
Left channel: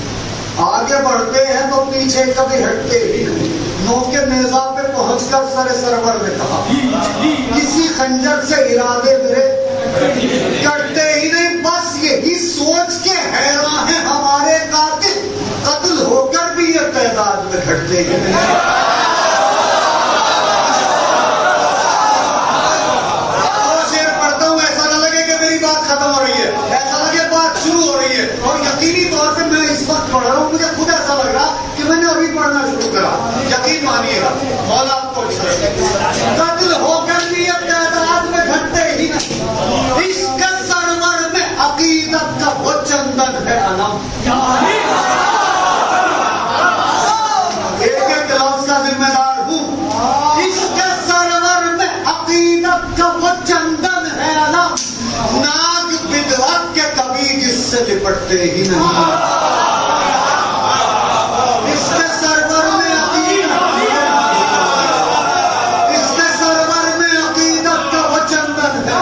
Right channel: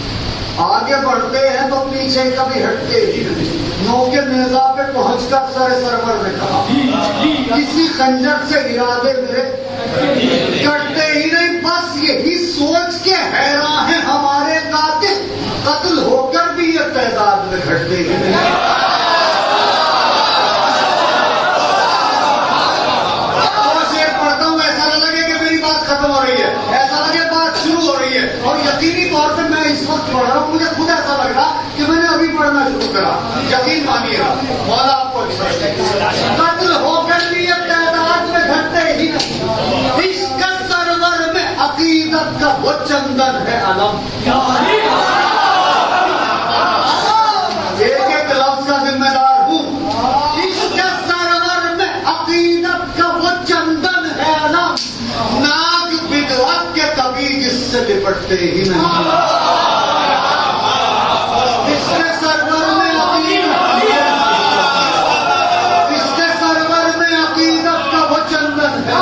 آگے بڑھتے ہیں تو پیچھے کبھی ہٹتے ہی نہیں. نوکے نیزا پہ پہنچ کر سرور نے کہا کسی خنجر سے ارادے میرے کرتے ہی نہیں. بس یہی سوچ کے حیران ہیں ہمارے قاتل, قتل ہو کر بھی یہ تعداد میں گھٹتے ہی نہیں. پڑھتا ہوں ایسا نہ لگے کہ میری بات ختم ہو رہی ہے, ایسا لگے بات شروع ہو رہی ہے. اور یقینی طور سے میں اس وقت پڑھ رہا ہوں, مجھے خود ایسا لگ رہا کہ میں نے ابھی پڑھنا شروع کرا. یقین مانیے گا مولا آپ کو قتل ہو کر بھی یہ تعداد میں گھٹتے ہی نہیں. اس کا سرور میں عقیدت کا وہ چندن ہے علم. ایک ایک لفظ کا ذمہ دار ہوں. اس کے سرور میں عقیدت کا وہ چندن ہے علم, ناک بدعت کے کبھی جس سے لپٹتے ہی نہیں. اس کے سرور میں عقیدت کا وہ چندن ہے.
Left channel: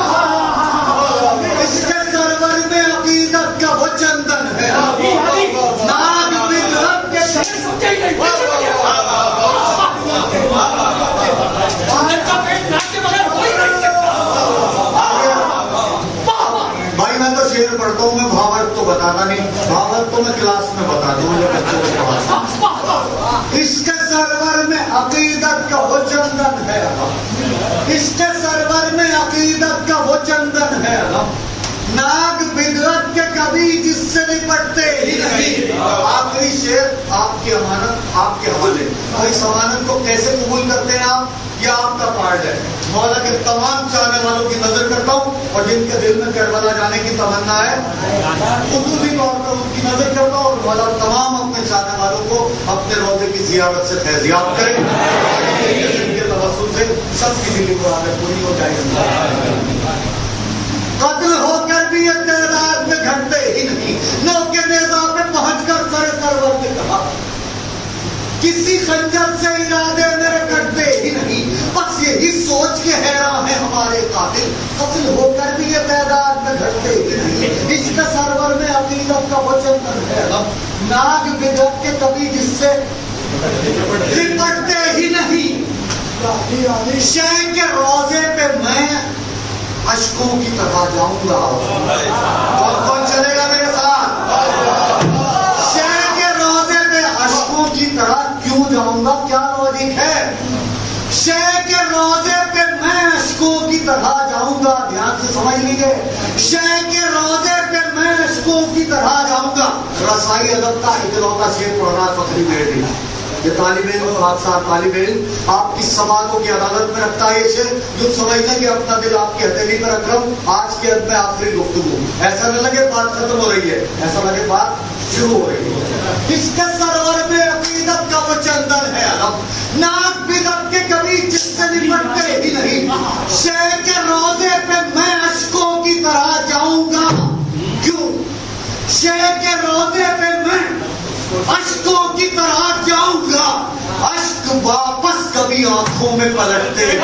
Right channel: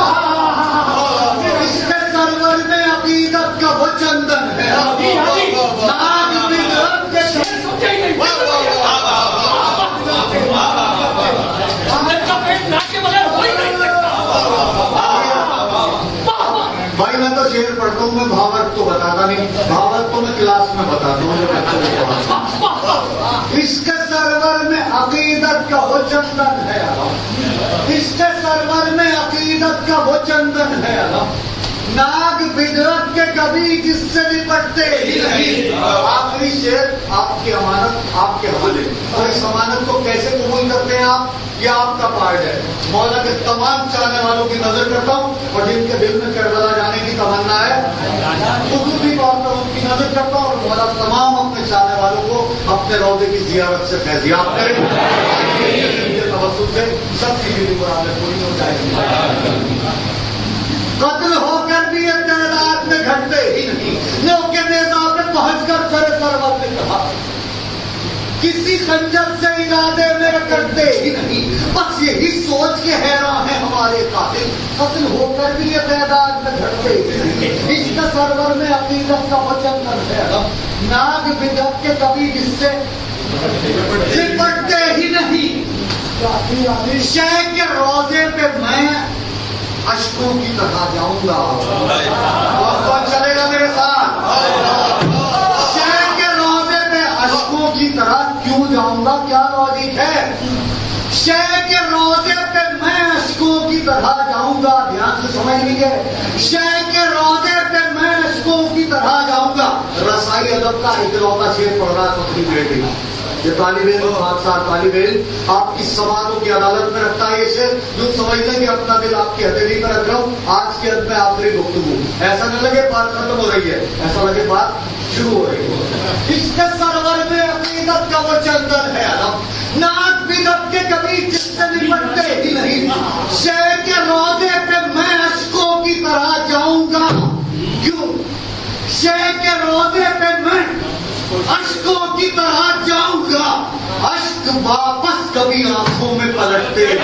اس کے سرور میں عقیدت کا وہ چندن ہے. ناک بدعت کے بھائی میں تو شعر پڑھتا ہوں, میں بھاورت تو بتاتا نہیں. بھاورت تو میں کلاس میں بتاتا ہوں, جو بچوں کو پڑھاتا ہوں. اس کے سرور میں عقیدت کا وہ چندن ہے. اس کے سرور میں عقیدت کا وہ چندن ہے. ناگ بدرت کے کبھی جس سے نپٹتے ہی نہیں. آخری شعر آپ کی امانت آپ کے حوالے. اور اس امانت کو کیسے قبول کرتے ہیں آپ, یہ آپ کا پارٹ ہے. مولا کے تمام چاہنے والوں کی نظر کرتا ہوں, اور جن کے دل میں کربلا جانے کی تمنا ہے خصوصی طور پر ان کی نظر کرتا ہوں. اور مولا تمام اپنے چاہنے والوں کو اپنے روضے کی زیارت سے فیضیاب کرے. ان کے توسل سے سب کی دلی مرادیں پوری ہو جائیں. قتل ہو کر بھی یہ تعداد میں گھٹتے ہی نہیں. نوکے نیزا پہ پہنچ کر سرور نے کہا کسی خنجر سے ارادے میرے کرتے ہی نہیں. بس یہی سوچ کے حیران ہے ہمارے قاتل, قتل ہو کر بھی یہ تعداد میں گھٹتے ہی نہیں. اس کے سرور میں عقیدت کا وہ چندن ہے. ناگ بدعت کے کبھی جس سے لپٹتے ہی نہیں. شیخ کے روزے پہ میں اشکوں کی طرح جاؤں گا. کون چلے گا میرے ساتھ؟ شیخ کے روزے پہ اشکوں کی طرح کیوں جاؤں گا, کیا لاجک ہے؟ شیخ کے روزے پہ میں اشکوں کی طرح جاؤں گا. دھیان سے سمجھ لیجیے, شیخ کے روزے پہ میں اشکوں کی طرح جاؤں گا. رسائی ادب کا اکلوتا شعر پڑھ رہا فخری بیٹی. یہ طالب علم حادثہ طالب علم آپ کی سماعتوں کی عدالت میں رکھتا ہے. یہ جو سمجھنا کہ اپنا دل آپ کی ہتھیلی پر رکھ رہا ہوں. آج کے عد میں آخری گفتگو, ایسا نہ لگے بات ختم ہو رہی ہے, ایسا لگے بات شروع ہو رہی ہے. اس کے سرور میں عقیدت کا وہ چندن ہے. ناک بدعت کے کبھی جس سے نپٹتے ہی نہیں. شیخ کے روزے پہ میں اشکوں کی طرح جاؤں گا. کیوں؟ شیخ کے روزے پہ میں اشکوں کی طرح جاؤں گا. اشک واپس کبھی آنکھوں میں پلٹتے ہیں.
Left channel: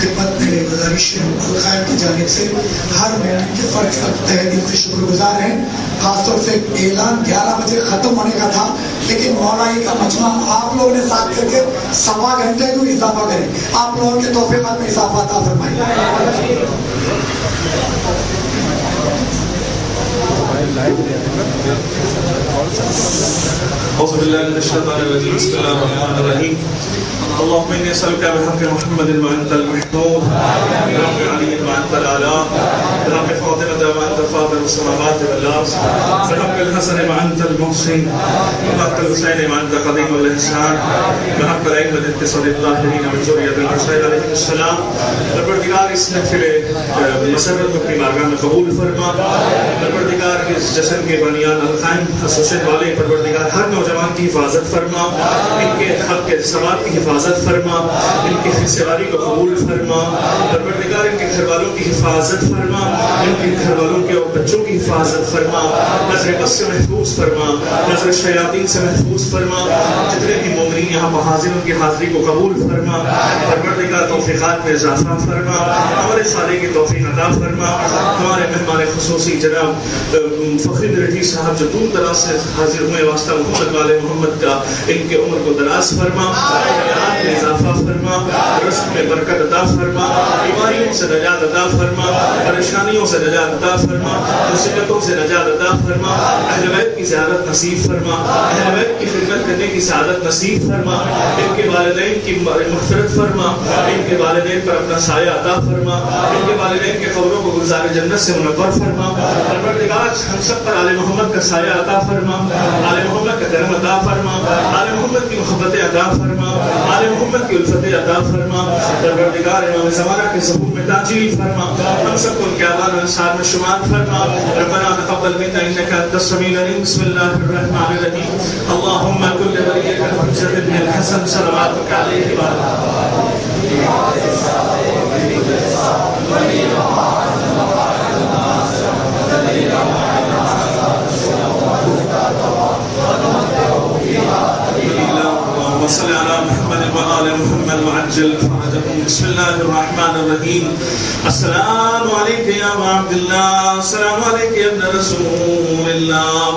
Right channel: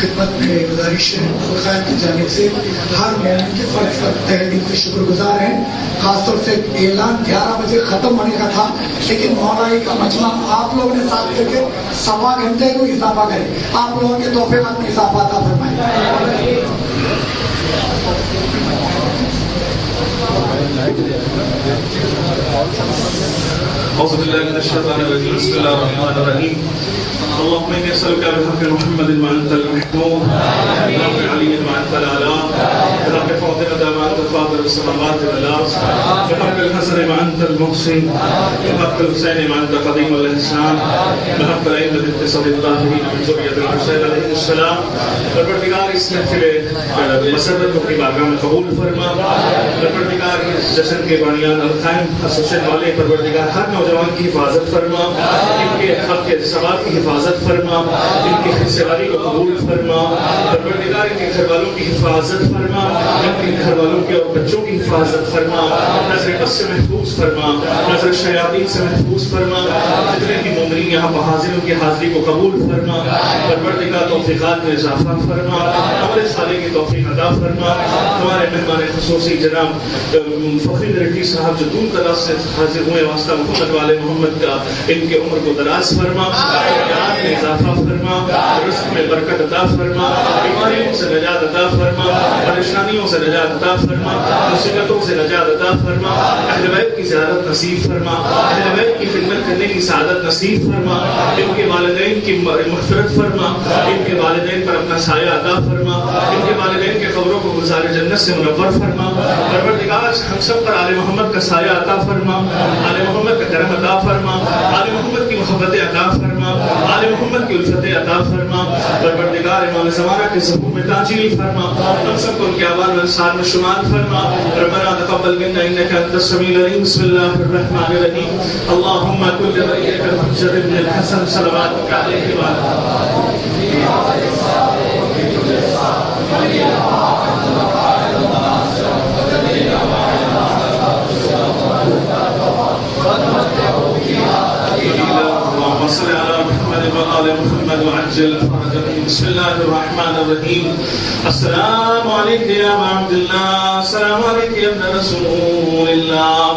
خدمت میں گزارش ہے خیر کی جانب سے ہر مومن کے فرض کا تہ دل سے شکر گزار ہیں. خاص طور سے اعلان 11 بجے ختم ہونے کا تھا, لیکن مولائی کا مجمع آپ لوگوں نے ساتھ کر کے 1.25 گھنٹے کو اضافہ کریں. آپ لوگوں کے توفیقات میں اضافہ عطا فرمائیں. أعوذ بالله من الشيطان الرجيم. بسم الله الرحمن الرحيم. اللهم إني أسألك بحق محمد ما أنت المحمود بحق علي ما أنت الأعلى بحق فاطمة ما أنت فاطر السماوات والأرض بحق الحسن ما أنت المحسن بحق الحسين ما أنت قديم الإحسان بحق الأئمة التسعة الطاهرين من ذرية الحسين عليه السلام پروردگار اس محفل مسرت کو اپنی بارگاہ میں قبول فرما. پروردگار اس جشن کے بانیان القائم ایسوسیشن والے پروردگار ہر نوجوان کی حفاظت فرما, ان کے حق کے ثواب کی حفاظت فرما, ان کی حصہ داری کو قبول فرما. پروردگار ان کے گھر والوں کی حفاظت فرما, ان کے گھر والوں کے اور بچوں کی حفاظت فرما, نظر بد سے محفوظ فرما, نظر شیاطین سے محفوظ فرما. جتنے بھی مومنین یہاں پر حاضر ان کی حاضری کو قبول فرما. پروردگار توفیقات میں اضافہ فرما, ہمارے سارے کی توفیق عطا فرما. ہمارے مہمان خصوصی جناب فخر رٹی صاحب جو دور دراز سے حاضر ہوئے واسطہ محمد والے محمد کا, ان کے عمر کو دراز فرما, حیات میں اضافہ فرما, رزق میں برکت عطا فرما, بیماریوں سے نجات عطا فرما, پریشانیوں سے نجات عطا فرما, مصیبتوں سے نجات عطا فرما. اہل بیت کی زیارت نصیب فرما, اہل بیت کی خدمت کرنے کی سعادت نصیب فرما. ان کے والدین کی مغفرت فرما, ان کے والدین پر اپنا سایہ عطا فرما, ان کے والدین کے قبروں کو گلزار جنت سے منور فرما. پروردگار ہم سب پر آل محمد کا سایہ عطا فرما, آل محمد کا کرم عطا فرما, آل محمد کی محبتیں عطا فرما, آل محمد کی الفتیں عطا فرما. پروردگار امام زمانہ کے ظہور میں تاجیل فرما, ہم سب کو ان کے آبان و انصار میں شمار فرما. ربنا تقبل منا انك انت السميع العليم. بسم الله الرحمن الرحيم. اللهم كن لوليك الحجة ابن الحسن صلواتك عليه وعلى وصل على محمد وآل محمد وعجل فرجهم. بسم الله الرحمن الرحيم. السلام عليك يا ابا عبد الله, السلام عليك يا ابن رسول الله,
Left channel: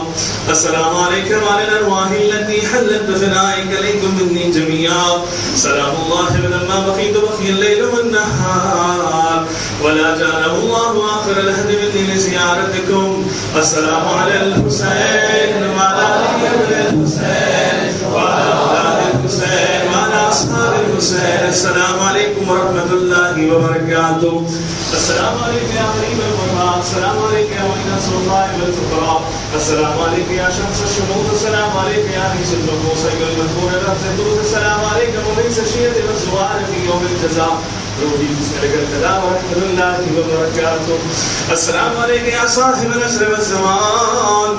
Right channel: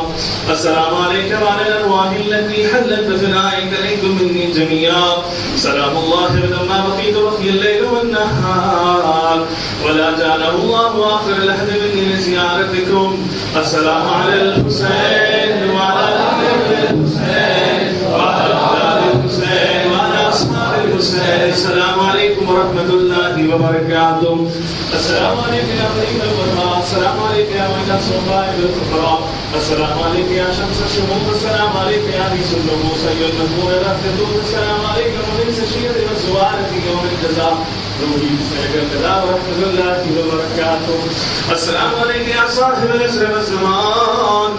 السلام عليك وعلى الأرواح التي حلت بثنائك عليكم مني جميعا. سلام الله لما بقيت بقي الليل والنهار ولا جعله الله آخر العهد مني لزيارتكم. السلام على الحسين وعلى آل الحسين وعلى الحسين وعلى أصحاب الحسين. السلام عليكم ورحمة الله وبركاته. السلام عليكم يا طيب الغرباء, السلام عليكم يا ويل الصغائر والفقراء, السلام عليكم يا شمس الشموس, السلام عليكم يا ريس النموس أيها المذكور الأخدود, السلام عليكم مغيث الشيد والزوار في يوم الجزاء. روحي بسم الله ورحمة الله وبركاته. السلام عليك يا صاحب العصر والزمان,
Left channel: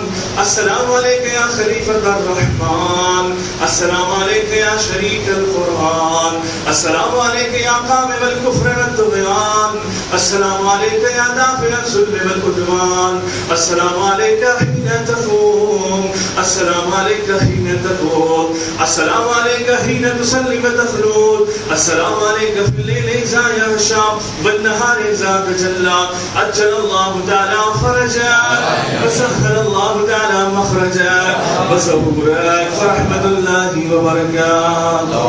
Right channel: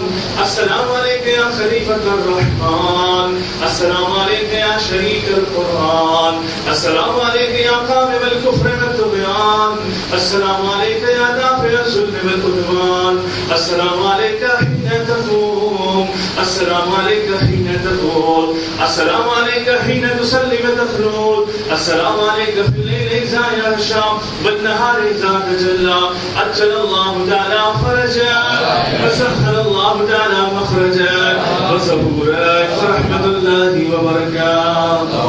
السلام عليك يا خليفة الرحمن, السلام عليك يا شريك القرآن, السلام عليك يا قامم الكفر والطغيان, السلام عليك يا دافع الظلم والعدوان, السلام عليك حين تقوم, السلام عليك حين تقول, السلام عليك حين تصلي وتخلود, السلام عليك في الليل إذا يغشى والنهار إذا تجلى. أجل الله تعالى فرجك وسهل الله تعالى مخرجك وسرورك ورحمة الله وبركاته.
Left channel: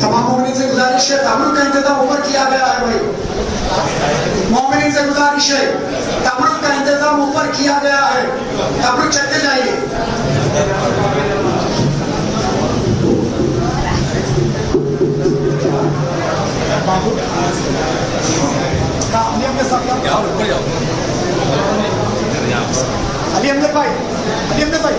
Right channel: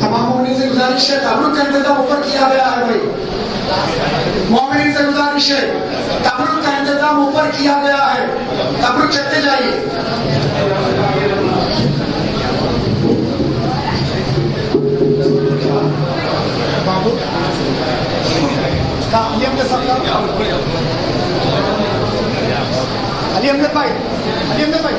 تمام سے گزارش ہے, تبرک کا انتظام اوپر کیا گیا ہے بھائی. مومنین سے گزارش ہے, تبرک کا انتظام اوپر کیا گیا ہے, تبرک چلتے جائیے. علی احمد بھائی, علی احمد بھائی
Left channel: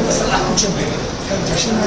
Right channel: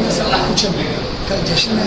مسئلہ کچھ کل جشن میں